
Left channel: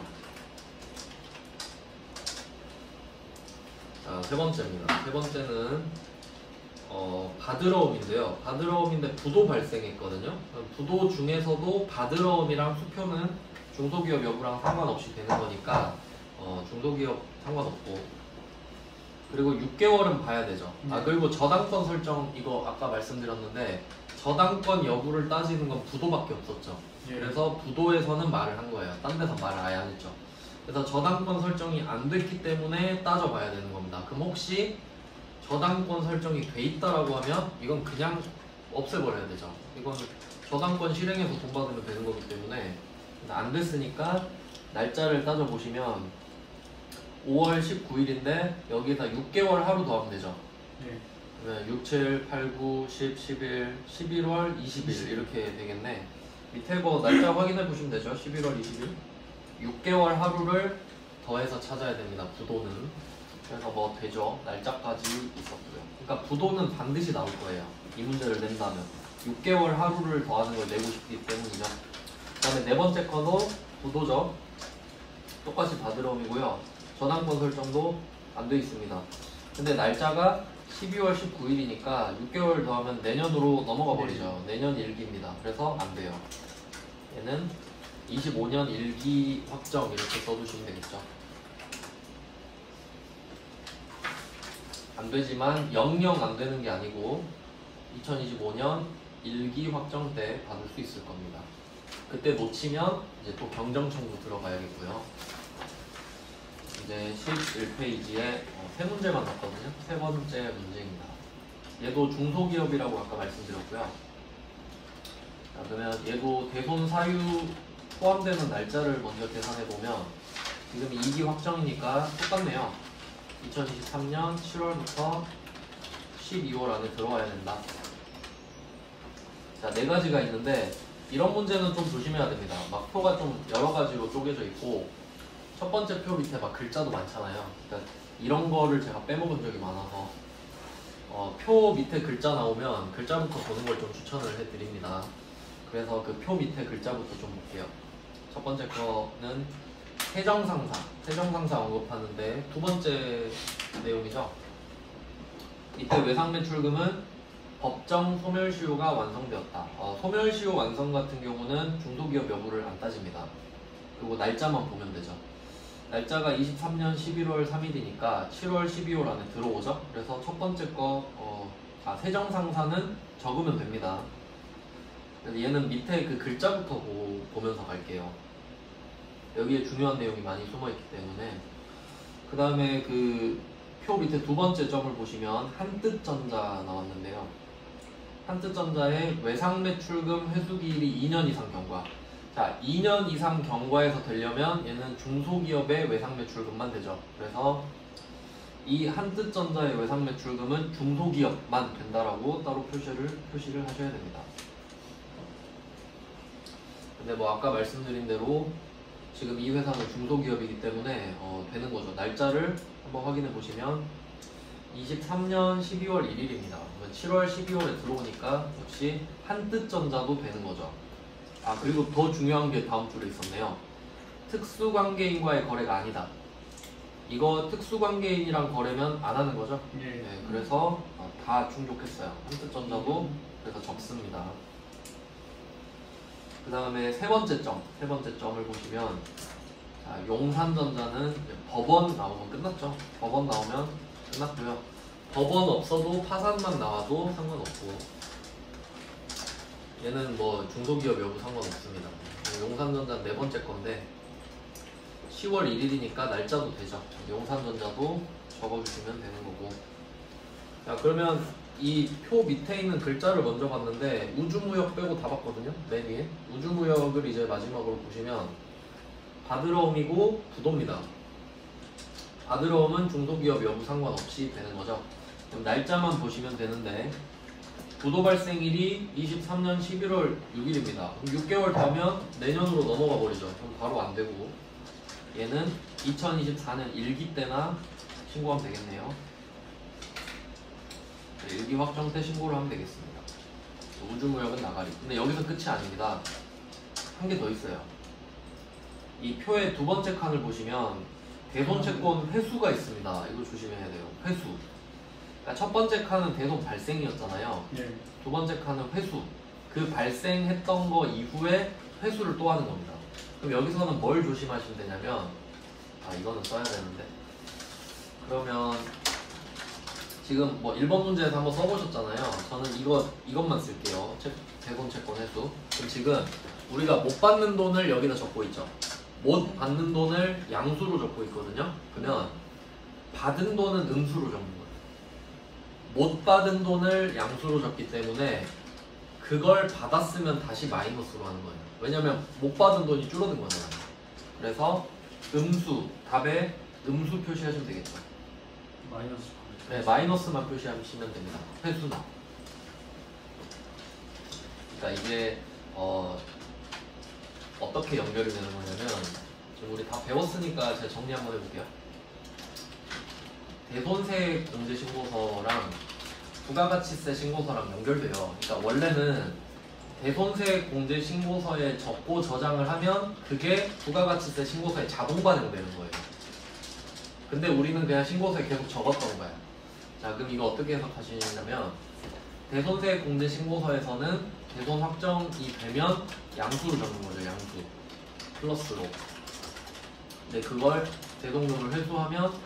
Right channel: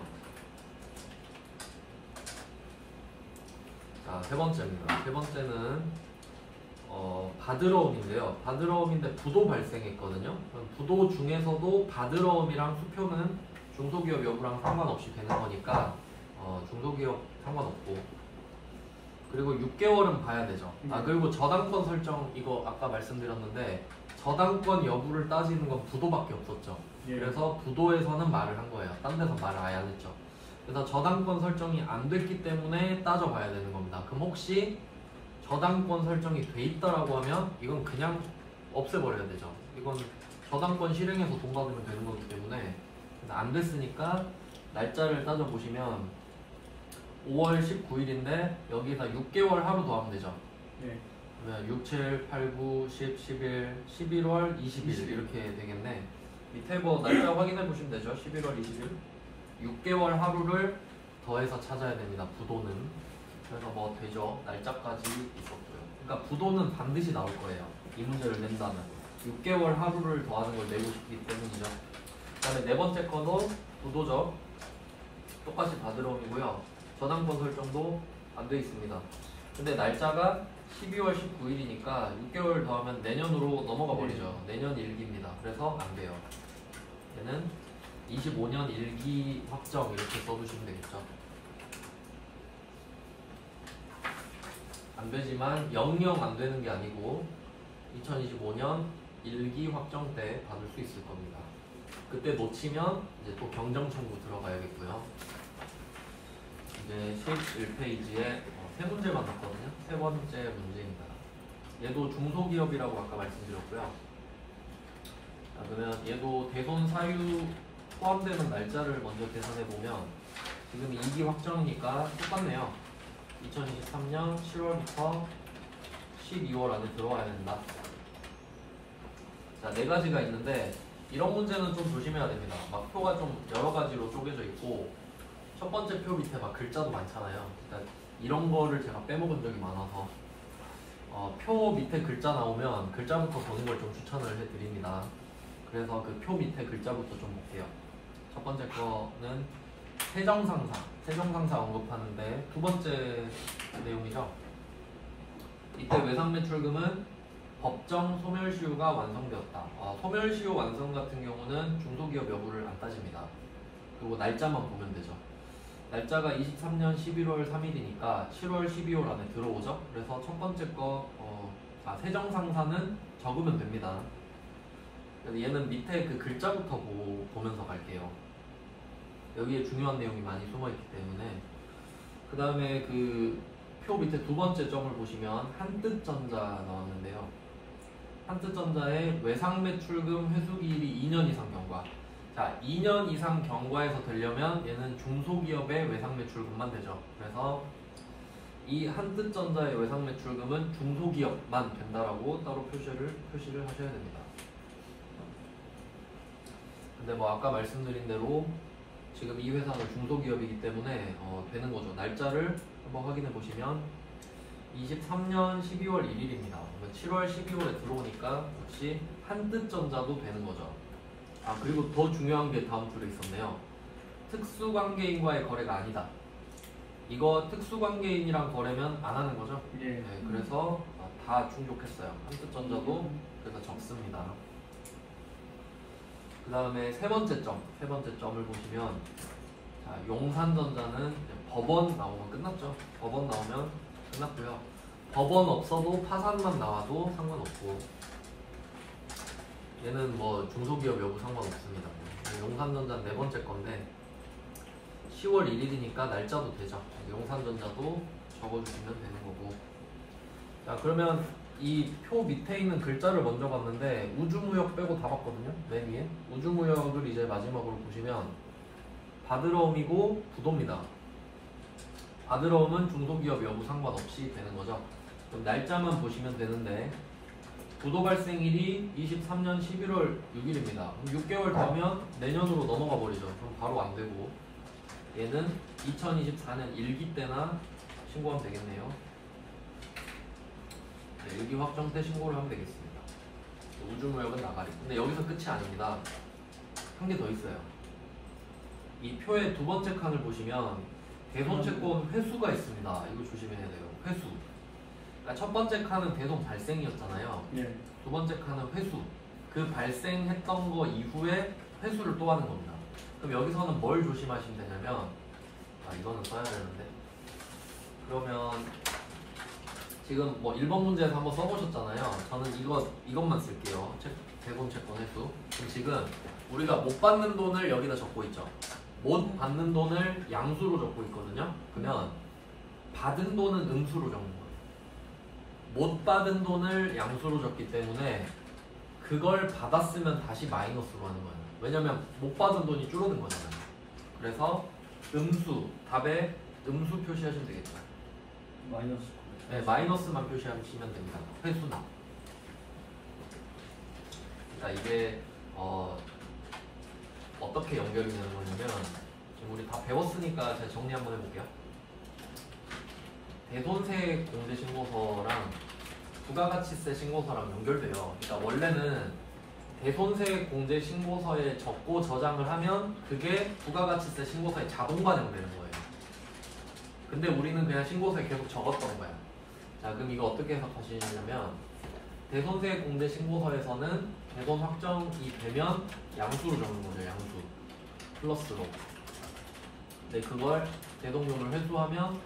자, 세 번째입니다. 세 번째는 바드러움인데요. 바드러움인데 부도 발생했거든요. 부도 중에서도 바드러움이랑 수표는 중소기업 여부랑 상관없이 되는 거니까 중소기업 상관없고, 그리고 6개월은 봐야 되죠. 그리고 저당권 설정, 이거 아까 말씀드렸는데 저당권 여부를 따지는 건 부도밖에 없었죠. 그래서 부도에서는 말을 한 거예요. 딴 데서 말을 아예 안 했죠. 그래서 저당권 설정이 안 됐기 때문에 따져봐야 되는 겁니다. 그럼 혹시 저당권 설정이 돼 있다라고 하면 이건 그냥 없애버려야 되죠. 이건 저당권 실행해서 돈 받으면 되는 거기 때문에 안 됐으니까 날짜를 따져보시면 5월 19일인데 여기에다 6개월 하루 더하면 되죠. 네. 그러면 6, 7, 8, 9, 10, 11, 11월 20일 이렇게 되겠네. 밑에 거 날짜 확인해 보시면 되죠. 11월 20일 6개월 하루를 더해서 찾아야 됩니다. 부도는. 그래서 뭐 되죠. 날짜까지 있었고요. 그러니까 부도는 반드시 나올 거예요. 이 문제를 낸다면 6개월 하루를 더하는 걸 내고 싶기 때문이죠. 그다음에 네 번째 거도 부도죠. 똑같이 바드러움이고요. 전환권 설정도 안 돼 있습니다. 근데 날짜가 12월 19일이니까 6개월 더하면 내년으로 넘어가 버리죠. 내년 1기입니다. 그래서 안 돼요. 얘는 25년 1기 확정 이렇게 써두시면 되겠죠. 안 되지만 영영 안 되는 게 아니고 2025년 1기 확정 때 받을 수 있을 겁니다. 그때 놓치면 이제 또 경정 청구 들어가야겠고요. 이제 11페이지에 세 문제만 넣었거든요. 세 번째 문제입니다. 얘도 중소기업이라고 아까 말씀드렸고요. 자, 그러면 얘도 대손 사유 포함되는 날짜를 먼저 계산해 보면 지금 2기 확정이니까 똑같네요. 2023년 7월부터 12월 안에 들어와야 된다. 자, 네 가지가 있는데 이런 문제는 좀 조심해야 됩니다. 막 표가 좀 여러 가지로 쪼개져 있고 첫 번째 표 밑에 막 글자도 많잖아요. 그러니까 이런 거를 제가 빼먹은 적이 많아서 표 밑에 글자 나오면 글자부터 보는 걸 좀 추천을 해드립니다. 그래서 그 표 밑에 글자부터 좀 볼게요. 첫 번째 거는 세정상사 언급하는데 두 번째 내용이죠. 이때 외상매출금은 법정 소멸시효가 완성되었다. 소멸시효 완성 같은 경우는 중소기업 여부를 안 따집니다. 그리고 날짜만 보면 되죠. 날짜가 23년 11월 3일이니까 7월 12월 안에 들어오죠. 그래서 첫 번째 거 세정상사는 적으면 됩니다. 얘는 밑에 그 글자부터 보면서 갈게요. 여기에 중요한 내용이 많이 숨어있기 때문에. 그 다음에 그 표 밑에 두 번째 점을 보시면 한뜻전자 나왔는데요. 한뜻전자의 외상매출금 회수기일이 2년 이상 경과. 자, 2년 이상 경과에서 되려면 얘는 중소기업의 외상매출금만 되죠. 그래서 이 한뜻전자의 외상매출금은 중소기업만 된다라고 따로 표시를 하셔야 됩니다. 근데 뭐 아까 말씀드린 대로 지금 이 회사는 중소기업이기 때문에 되는 거죠. 날짜를 한번 확인해 보시면 23년 12월 1일입니다. 7월 12월에 들어오니까 역시 한뜻전자도 되는 거죠. 그리고 더 중요한 게 다음 줄에 있었네요. 특수관계인과의 거래가 아니다. 이거 특수관계인이랑 거래면 안 하는 거죠? 네. 그래서 다 충족했어요. 한뜻전자도 그래서 적습니다. 그 다음에 세 번째 점을 보시면 용산전자는 법원 나오면 끝났죠. 법원 나오면 끝났고요. 법원 없어도 파산만 나와도 상관없고 얘는 뭐 중소기업 여부 상관없습니다. 용산전자 네 번째 건데 10월 1일이니까 날짜도 되죠. 용산전자도 적어주시면 되는 거고. 자, 그러면 이 표 밑에 있는 글자를 먼저 봤는데 우주무역 빼고 다 봤거든요. 맨 위에 우주무역을 이제 마지막으로 보시면 바드러움이고 부도입니다. 바드러움은 중소기업 여부 상관없이 되는 거죠. 그럼 날짜만 보시면 되는데 부도 발생일이 23년 11월 6일입니다. 그럼 6개월 더하면 내년으로 넘어가 버리죠. 그럼 바로 안 되고 얘는 2024년 1기 때나 신고하면 되겠네요. 네, 1기 확정 때 신고를 하면 되겠습니다. 우주무역은 나가리. 근데 여기서 끝이 아닙니다. 한 개 더 있어요. 이 표의 두 번째 칸을 보시면 대손채권 회수가 있습니다. 이거 조심해야 돼요. 회수. 그러니까 첫 번째 칸은 대손 발생이었잖아요. 네. 두 번째 칸은 회수. 그 발생했던 거 이후에 회수를 또 하는 겁니다. 그럼 여기서는 뭘 조심하시면 되냐면 이거는 써야 되는데 그러면 지금 뭐 1번 문제에서 한번 써보셨잖아요. 저는 이것만 쓸게요. 대손채권 회수. 그럼 지금 우리가 못 받는 돈을 여기다 적고 있죠. 못 받는 돈을 양수로 적고 있거든요. 그러면 받은 돈은 음수로 적는 거예요. 못 받은 돈을 양수로 적기 때문에 그걸 받았으면 다시 마이너스로 하는 거예요. 왜냐면 못 받은 돈이 줄어든 거잖아요. 그래서 음수, 답에 음수 표시하시면 되겠죠. 마이너스. 네, 마이너스만 표시하시면 됩니다. 회수는. 그러니까 이게 어떻게 연결이 되는 거냐면 지금 우리 다 배웠으니까 제가 정리 한번 해볼게요. 대손세 공제신고서랑 부가가치세 신고서랑 연결돼요. 그러니까 원래는 대손세 공제신고서에 적고 저장을 하면 그게 부가가치세 신고서에 자동 반영되는 거예요. 근데 우리는 그냥 신고서에 계속 적었던 거예요. 자, 그럼 이거 어떻게 해석하시냐면 대손세 공제신고서에서는 대손 확정이 되면 양수로 적는 거죠. 양수 플러스로. 근데 그걸 대손금을 회수하면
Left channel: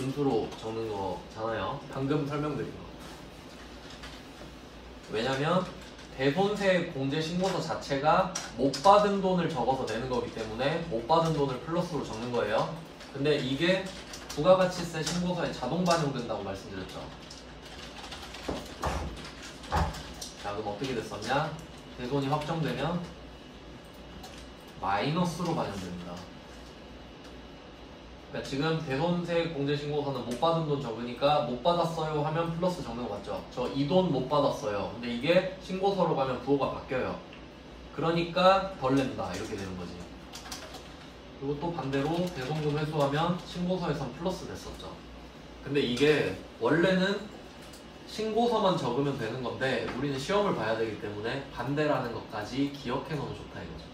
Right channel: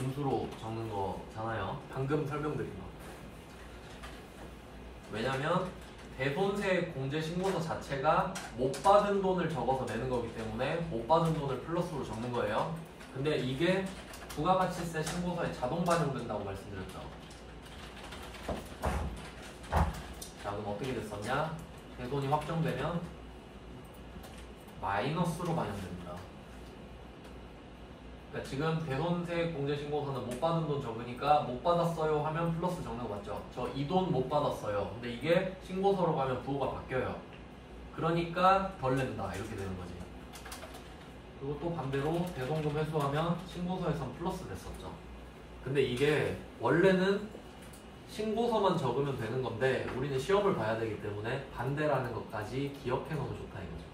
음수로 적는 거잖아요. 방금 설명드린 거. 왜냐면 대손세 공제신고서 자체가 못 받은 돈을 적어서 내는 거기 때문에 못 받은 돈을 플러스로 적는 거예요. 근데 이게 부가가치세 신고서에 자동 반영된다고 말씀드렸죠. 자, 그럼 어떻게 됐었냐? 대손이 확정되면 마이너스로 반영됩니다. 그러니까 지금 대손세 공제신고서는 못 받은 돈 적으니까 못 받았어요 하면 플러스 적는 거 맞죠? 저 이 돈 못 받았어요. 근데 이게 신고서로 가면 부호가 바뀌어요. 그러니까 덜 낸다 이렇게 되는 거지. 그리고 또 반대로 대손금 회수하면 신고서에선 플러스 됐었죠. 근데 이게 원래는 신고서만 적으면 되는 건데 우리는 시험을 봐야 되기 때문에 반대라는 것까지 기억해 놓으면 좋다 이거죠.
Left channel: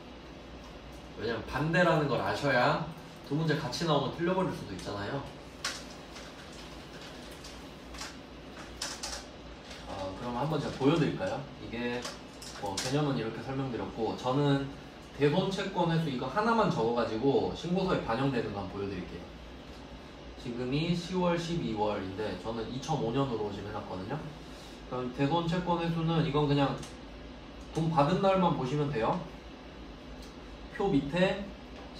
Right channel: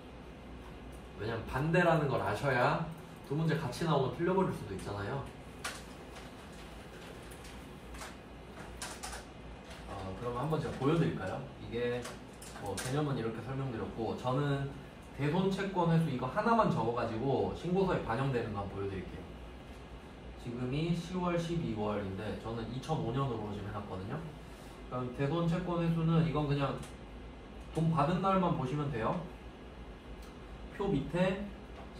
왜냐면 반대라는 걸 아셔야 두 문제 같이 나오면 틀려버릴 수도 있잖아요. 그럼 한번 제가 보여드릴까요? 이게 개념은 이렇게 설명드렸고, 저는 대손 채권 회수 이거 하나만 적어가지고 신고서에 반영되는 거 한번 보여드릴게요. 지금이 10월, 12월인데 저는 2005년으로 지금 해놨거든요. 그럼 대손 채권 회수는 이건 그냥 돈 받은 날만 보시면 돼요. 표 밑에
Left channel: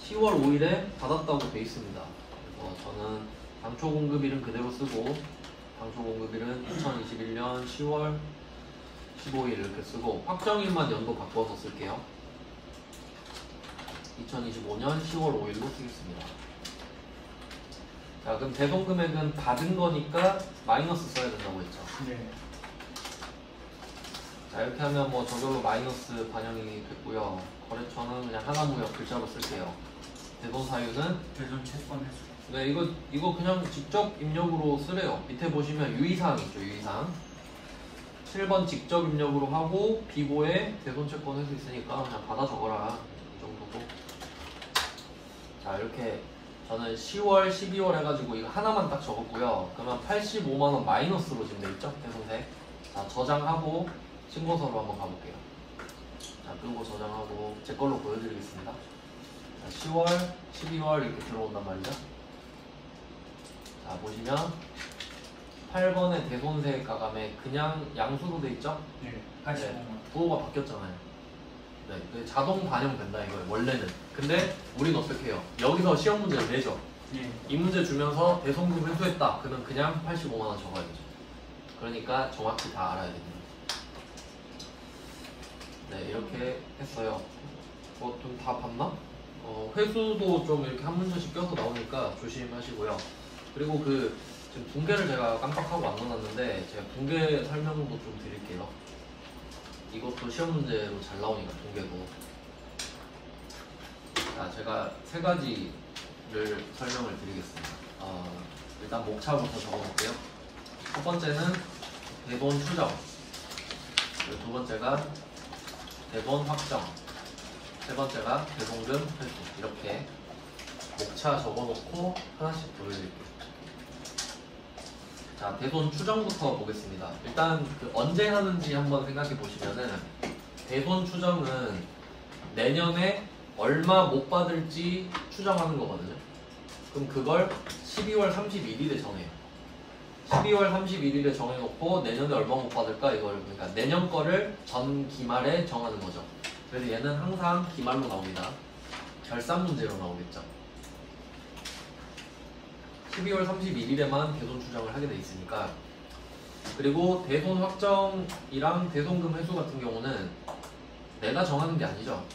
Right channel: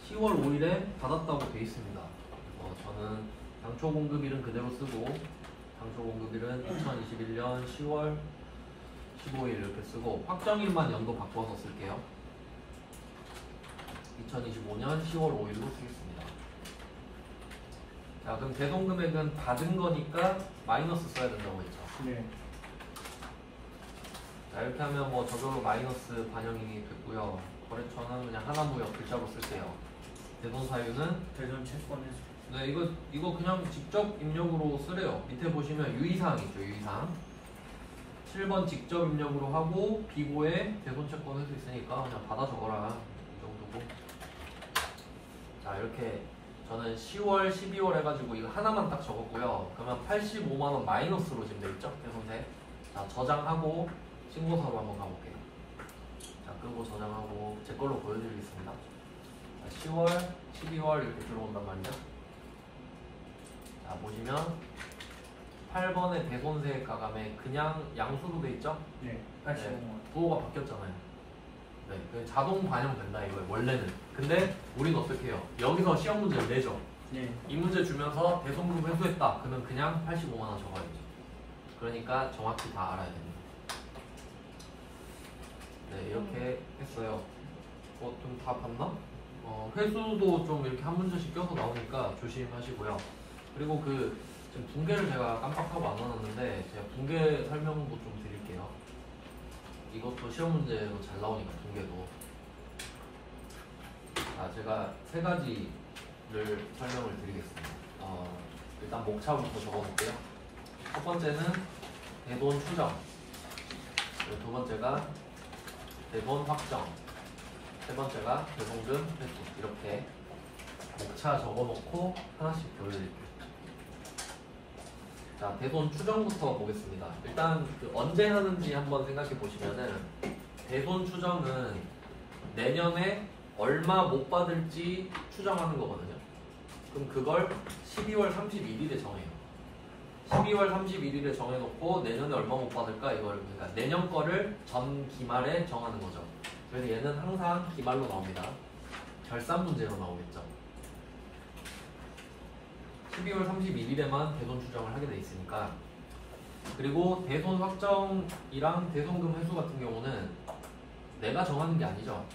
10월 5일에 받았다고 돼 있습니다. 그래서 저는 당초 공급일은 그대로 쓰고, 당초 공급일은 2021년 10월 15일 이렇게 쓰고, 확정일만 연도 바꿔서 쓸게요. 2025년 10월 5일로 쓰겠습니다. 자, 그럼 대손 금액은 받은 거니까 마이너스 써야 된다고 했죠. 네. 자, 이렇게 하면 뭐 저절로 마이너스 반영이 됐고요. 거래처는 그냥 하나무역 글자로 쓸게요. 대손 사유는 대전 채권 회수. 네, 이거 그냥 직접 입력으로 쓰래요. 밑에 보시면 유의사항 있죠, 유의사항. 7번 직접 입력으로 하고 비고에 대손 채권 회수 있으니까 그냥 받아 적어라. 이 정도고. 자, 이렇게 저는 10월, 12월 해가지고 이거 하나만 딱 적었고요. 그러면 85만원 마이너스로 지금 돼있죠, 대손세. 자, 저장하고 신고서로 한번 가볼게요. 자, 그리고 저장하고 제 걸로 보여드리겠습니다. 자, 10월, 12월 이렇게 들어온단 말이죠. 자, 보시면 8번의 대손세 가감에 그냥 양수로 돼 있죠? 네. 네, 부호가 바뀌었잖아요. 네, 그 자동 반영된다 이거 원래는. 근데 우리는 어떻게 해요? 여기서 시험 문제를 내죠. 네. 이 문제 주면서 대손금 회수했다. 그러면 그냥 85만 원 적어야죠. 그러니까 정확히 다 알아야 됩니다. 네, 이렇게 했어요. 좀 다 봤나? 회수도 좀 이렇게 한 문제씩 껴서 나오니까 조심하시고요. 그리고 지금 붕괴를 제가 깜빡하고 안 넣어놨는데 제가 붕괴 설명도 좀 드릴게요. 이것도 시험 문제로 잘 나오니까 붕괴도. 자, 제가 세 가지를 설명을 드리겠습니다. 일단 목차부터 적어볼게요. 첫 번째는 대손 추정, 그리고 두 번째가 대손 확정, 세 번째가 대손금 회수. 이렇게 목차 적어놓고 하나씩 보여드릴게요. 자, 대손 추정부터 보겠습니다. 일단 언제 하는지 한번 생각해 보시면은, 대손 추정은 내년에 얼마 못 받을지 추정하는 거거든요. 그럼 그걸 12월 31일에 정해요. 12월 31일에 정해놓고 내년에 얼마 못 받을까 이걸, 그러니까 내년 거를 전 기말에 정하는 거죠. 그래서 얘는 항상 기말로 나옵니다. 결산 문제로 나오겠죠. 12월 31일에만 대손 추정을 하게 돼 있으니까. 그리고 대손 확정이랑 대손금 회수 같은 경우는 내가 정하는 게 아니죠.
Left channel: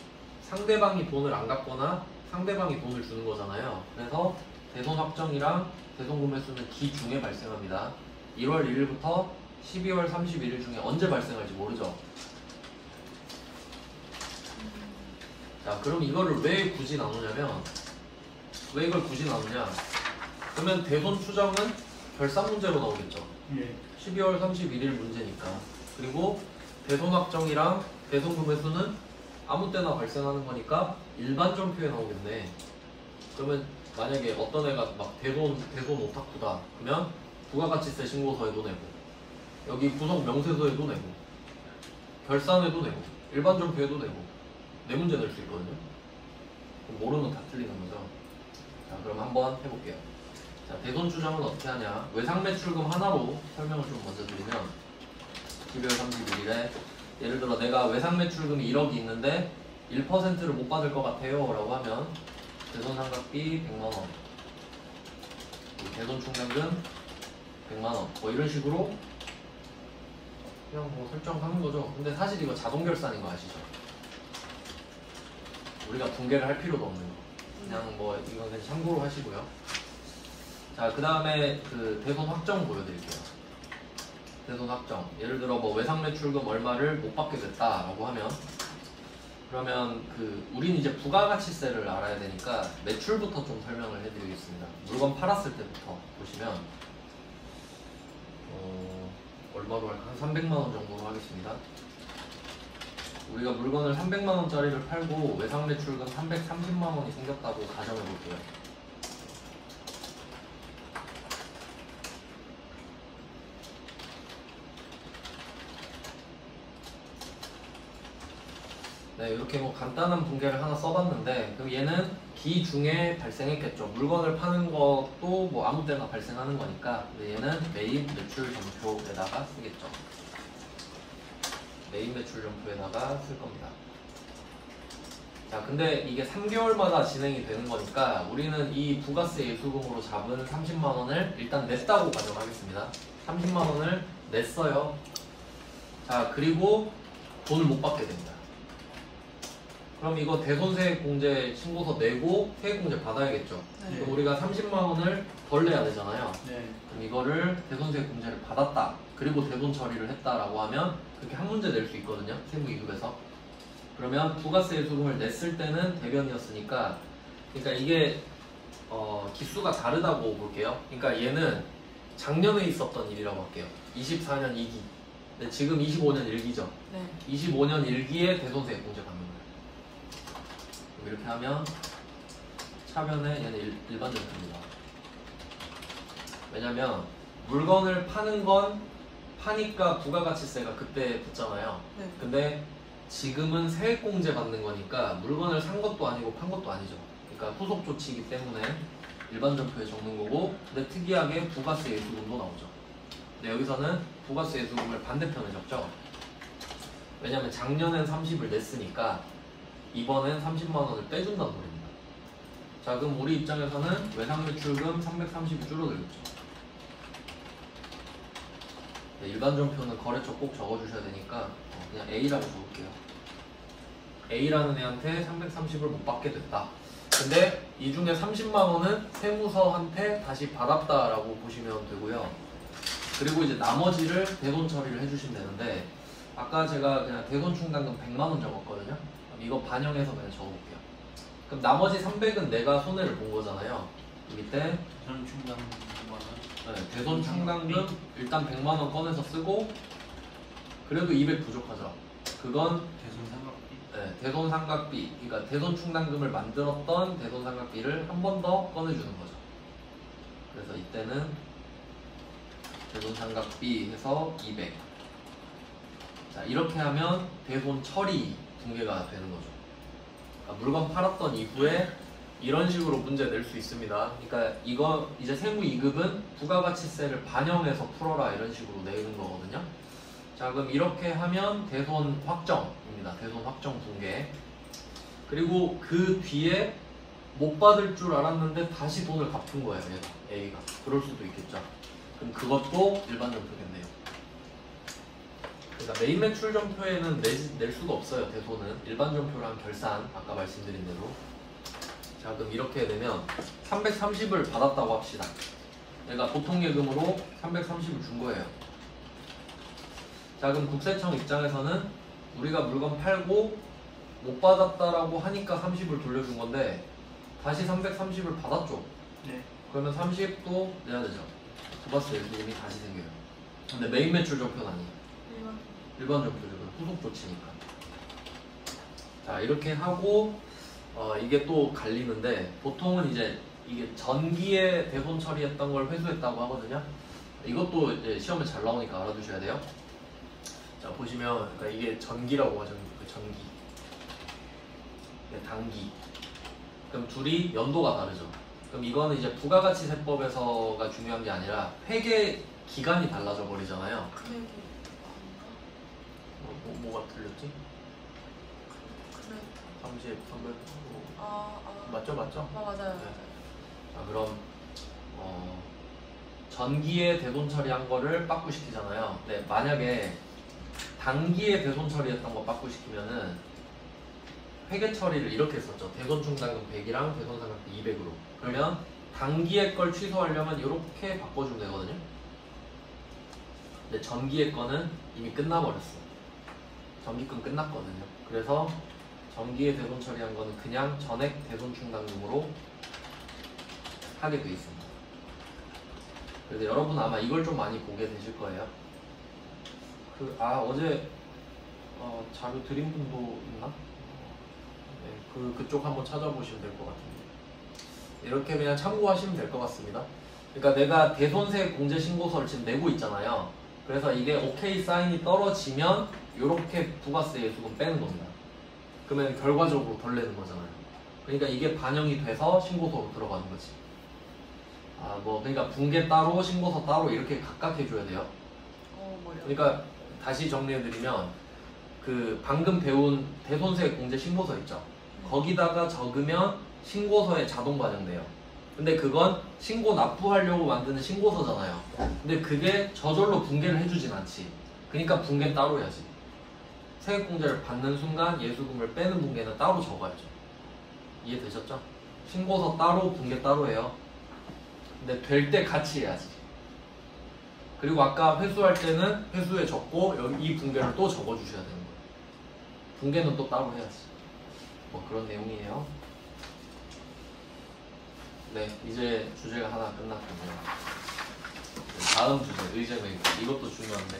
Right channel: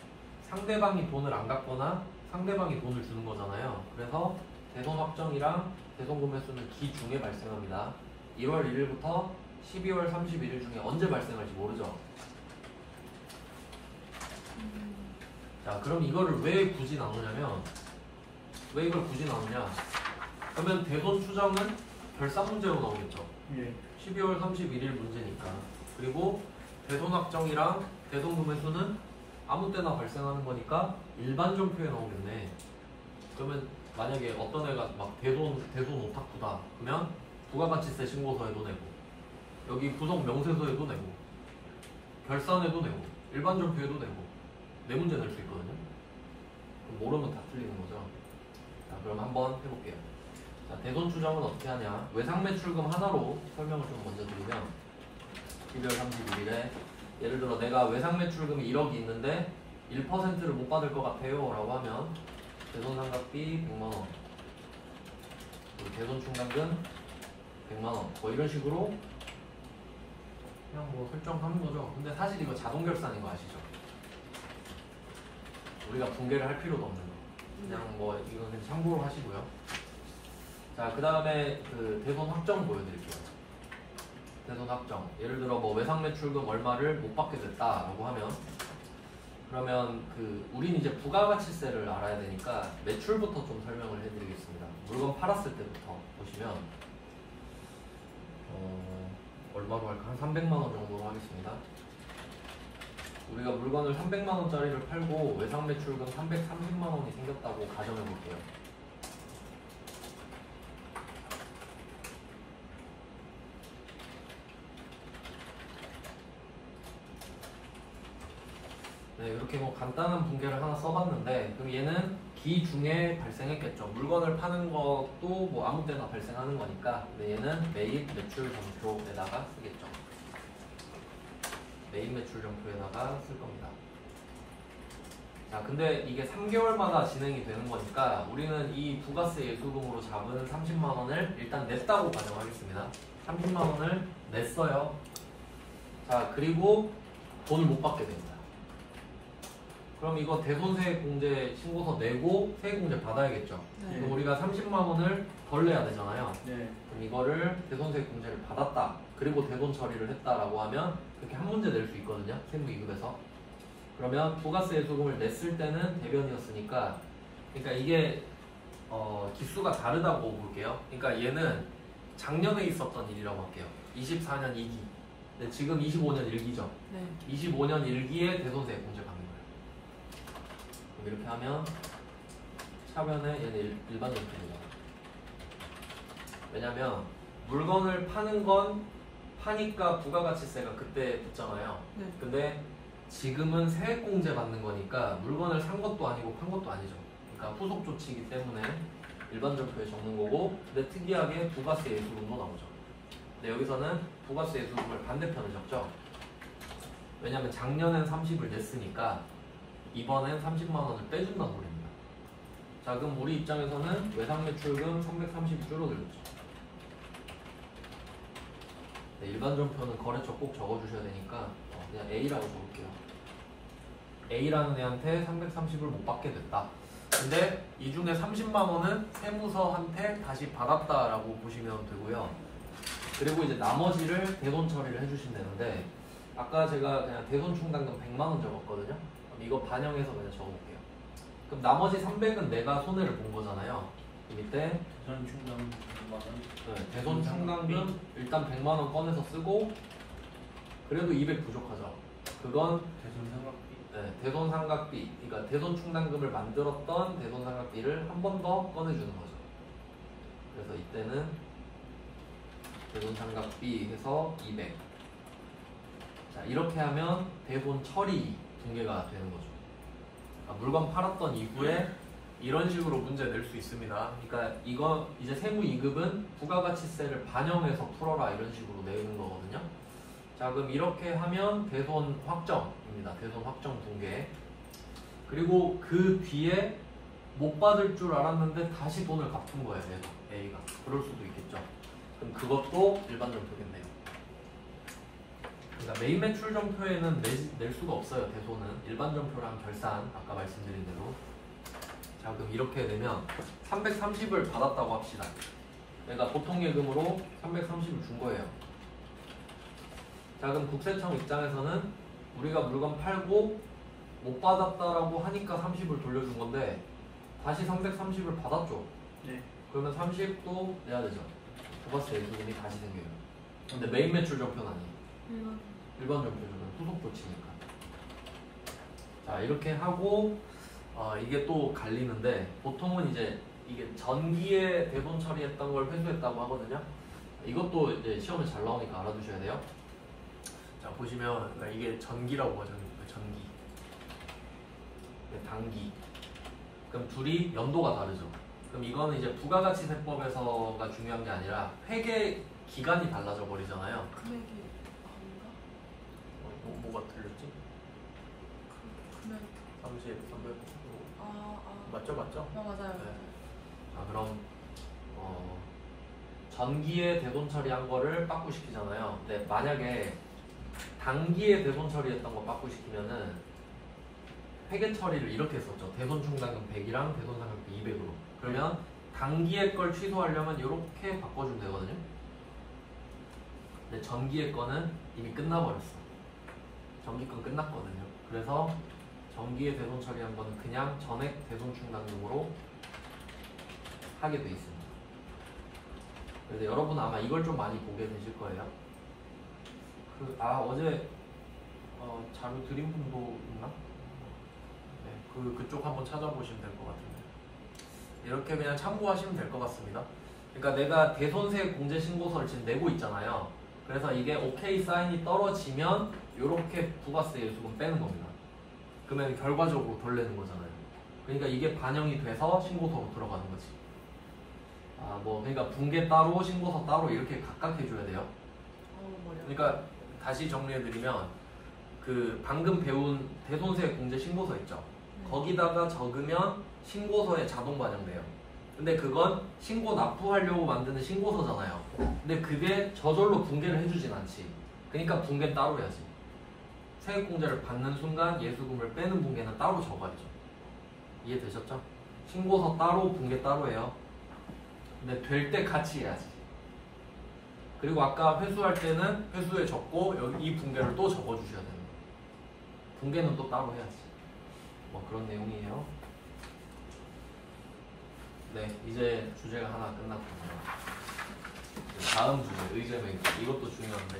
상대방이 돈을 안 갚거나 상대방이 돈을 주는 거잖아요. 그래서 대손 확정이랑 대손금 회수는 기중에 발생합니다. 1월 1일부터 12월 31일 중에 언제 발생할지 모르죠. 자, 그럼 이거를 왜 굳이 나누냐면, 왜 이걸 굳이 나누냐? 그러면 대손 추정은 결산 문제로 나오겠죠. 예. 12월 31일 문제니까. 그리고 대손 확정이랑 대손금 회수는 아무 때나 발생하는 거니까 일반 종표에 나오겠네. 그러면 만약에 어떤 애가 막 대손 오타쿠다. 그러면 부가가치세 신고서에도 내고, 여기 구성 명세서에도 내고, 결산에도 내고, 일반 종표에도 내고, 네 문제 낼 수 있거든요. 그럼 모르면 다 틀리는 거죠. 자, 그럼 한번 해볼게요. 자, 대손 추정은 어떻게 하냐? 외상매출금 하나로 설명을 좀 먼저 드리면, 12월 31일에 예를 들어 내가 외상매출금이 1억이 있는데 1%를 못 받을 것 같아요 라고 하면 대손상각비 100만원, 대손충당금 100만원, 뭐 이런 식으로 그냥 뭐 설정하는 거죠. 근데 사실 이거 자동결산인 거 아시죠? 우리가 붕괴를 할 필요도 없는, 그냥 뭐 이건 그냥 참고로 하시고요. 자, 그 다음에 대손 확정 보여드릴게요. 대손 확정. 예를 들어 뭐 외상매출금 얼마를 못 받게 됐다라고 하면, 그러면 우린 이제 부가가치세를 알아야 되니까 매출부터 좀 설명을 해드리겠습니다. 물건 팔았을 때부터 보시면 얼마 한 300만 원 정도 하겠습니다. 우리가 물건을 300만 원짜리를 팔고 외상 매출금 330만 원이 생겼다고 가정해 볼게요. 네, 이렇게 뭐 간단한 분계를 하나 써봤는데, 그럼 얘는 기 중에 발생했겠죠. 물건을 파는 것도 뭐 아무 때나 발생하는 거니까. 근데 얘는 매입 매출 점표에다가 쓰겠죠. 매입 매출 점표에다가 쓸 겁니다. 자, 근데 이게 3개월마다 진행이 되는 거니까 우리는 이 부가세 예수금으로 잡은 30만 원을 일단 냈다고 가정하겠습니다. 30만 원을 냈어요. 자, 그리고 돈을 못 받게 됩니다. 그럼 이거 대손세액공제 신고서 내고 세액공제 받아야겠죠. 네. 그럼 우리가 30만 원을 덜 내야 되잖아요. 네. 그럼 이거를 대손세액공제를 받았다. 그리고 대손 처리를 했다라고 하면 그렇게 한 문제 낼 수 있거든요. 세무이급에서. 그러면 부가세 예수금을 냈을 때는 대변이었으니까, 그러니까 이게 기수가 다르다고 볼게요. 그러니까 얘는 작년에 있었던 일이라고 할게요. 24년 2기. 근데 지금 25년 1기죠. 네. 25년 1기에 대손세액공제 받는 거예요. 이렇게 하면 차변에 얘는 일반 점표입니다. 왜냐면 물건을 파는 건 파니까 부가가치세가 그때 붙잖아요. 네. 근데 지금은 세액공제 받는 거니까 물건을 산 것도 아니고 판 것도 아니죠. 그러니까 후속 조치이기 때문에 일반 점표에 적는 거고, 근데 특이하게 부가세 예수금도 나오죠. 근데 여기서는 부가세 예수금을 반대편에 적죠. 왜냐면 작년엔 30을 냈으니까 이번엔 30만 원을 빼준다는 소리입니다. 자, 그럼 우리 입장에서는 외상매출금 330이 줄어들겠죠. 네, 일반 점표는 거래처 꼭 적어주셔야 되니까 그냥 A라고 적을게요. A라는 애한테 330을 못 받게 됐다. 근데 이 중에 30만 원은 세무서한테 다시 받았다라고 보시면 되고요. 그리고 이제 나머지를 대손 처리를 해주시면 되는데, 아까 제가 그냥 대손 충당금 100만 원 적었거든요. 그럼 이거 반영해서 그냥 적어볼게요. 그럼 나머지 300은 내가 손해를 본 거잖아요. 그 밑에 전 충당 100만 원. 네, 대손 충당금 일단 100만 원 꺼내서 쓰고, 그래도 200 부족하죠. 그건 대손 사각비. 네, 대손 상각비, 그러니까 대손 충당금을 만들었던 대손 상각비를 한 번 더 꺼내주는 거죠. 그래서 이때는 대손 상각비 해서 200. 자, 이렇게 하면 대손 처리 분계가 되는 거죠. 그러니까 물건 팔았던 이후에 이런 식으로 문제 낼 수 있습니다. 그러니까 이거 이제 세무 2급은 부가가치세를 반영해서 풀어라 이런 식으로 내는 거거든요. 자, 그럼 이렇게 하면 대손 확정입니다. 대손 확정 분계. 그리고 그 뒤에 못 받을 줄 알았는데 다시 돈을 갚은 거예요. 얘가, A가. 그럴 수도 있겠죠. 그럼 그것도 일반 점표겠네요. 그러니까 매입 매출 점표에는 낼 수가 없어요. 대손은 일반 점표랑 결산, 아까 말씀드린 대로. 자, 그럼 이렇게 되면 330을 받았다고 합시다. 얘가 보통 예금으로 330을 준 거예요. 자, 그럼 국세청 입장에서는 우리가 물건 팔고 못 받았다라고 하니까 30을 돌려준 건데 다시 330을 받았죠. 네. 그러면 30도 내야 되죠. 부가세 예수금이 다시 생겨요. 근데 매입 매출 점표는 아니에요. 일반 점표는 후속 조치니까. 자, 이렇게 하고 이게 또 갈리는데, 보통은 이제 이게 전기에 대손 처리했던 걸 회수했다고 하거든요. 이것도 이제 시험에 잘 나오니까 알아두셔야 돼요. 자, 보시면 그러니까 이게 전기라고 하죠. 전기. 이게 단기. 그럼 둘이 연도가 다르죠. 그럼 이거는 이제 부가가치세법에서가 중요한 게 아니라 회계 기간이 달라져 버리잖아요. 금액이 아닌가? 뭐가 틀렸지? 금액. 30, 300. 맞죠? 맞아요. 네. 그럼 전기에 대손 처리한 거를 빠꾸시키잖아요. 네, 만약에 단기에 대손 처리했던 거 빠꾸시키면은 회계 처리를 이렇게 했었죠. 대손 충당금 100이랑 대손 상각비 200으로. 그러면 단기의 걸 취소하려면 이렇게 바꿔주면 되거든요. 근데 전기의 거는 이미 끝나버렸어요. 전기권 끝났거든요. 그래서 전기에 대손 처리한 거는 그냥 전액 대손 충당금으로 하게 돼 있습니다. 그래서 여러분 아마 이걸 좀 많이 보게 되실 거예요. 어제 자료 드린 분도 있나? 네, 그쪽 한번 찾아보시면 될 것 같은데 이렇게 그냥 참고하시면 될 것 같습니다. 그러니까 내가 대손세 공제 신고서를 지금 내고 있잖아요. 그래서 이게 오케이 사인이 떨어지면 이렇게 부가세 예수금 빼는 겁니다. 그러면 결과적으로 덜 내는 거잖아요. 그러니까 이게 반영이 돼서 신고서로 들어가는 거지. 그러니까 분계 따로 신고서 따로 이렇게 각각 해줘야 돼요. 뭐요? 그러니까 다시 정리해드리면 그 방금 배운 대손세 공제 신고서 있죠. 거기다가 적으면 신고서에 자동 반영돼요. 근데 그건 신고 납부하려고 만드는 신고서잖아요. 근데 그게 저절로 분계를 해주진 않지. 그러니까 분계는 따로 해야지. 세액공제를 받는 순간 예수금을 빼는 분계는 따로 적어야죠. 이해되셨죠? 신고서 따로 분계 따로 해요. 근데 될 때 같이 해야지. 그리고 아까 회수할 때는 회수에 적고 여기 이 분계를 또 적어주셔야 되는 거예요. 분계는 또 따로 해야지. 뭐 그런 내용이에요. 네, 이제 주제가 하나 끝났군요. 다음 주제 의제 매입. 이것도 중요한데.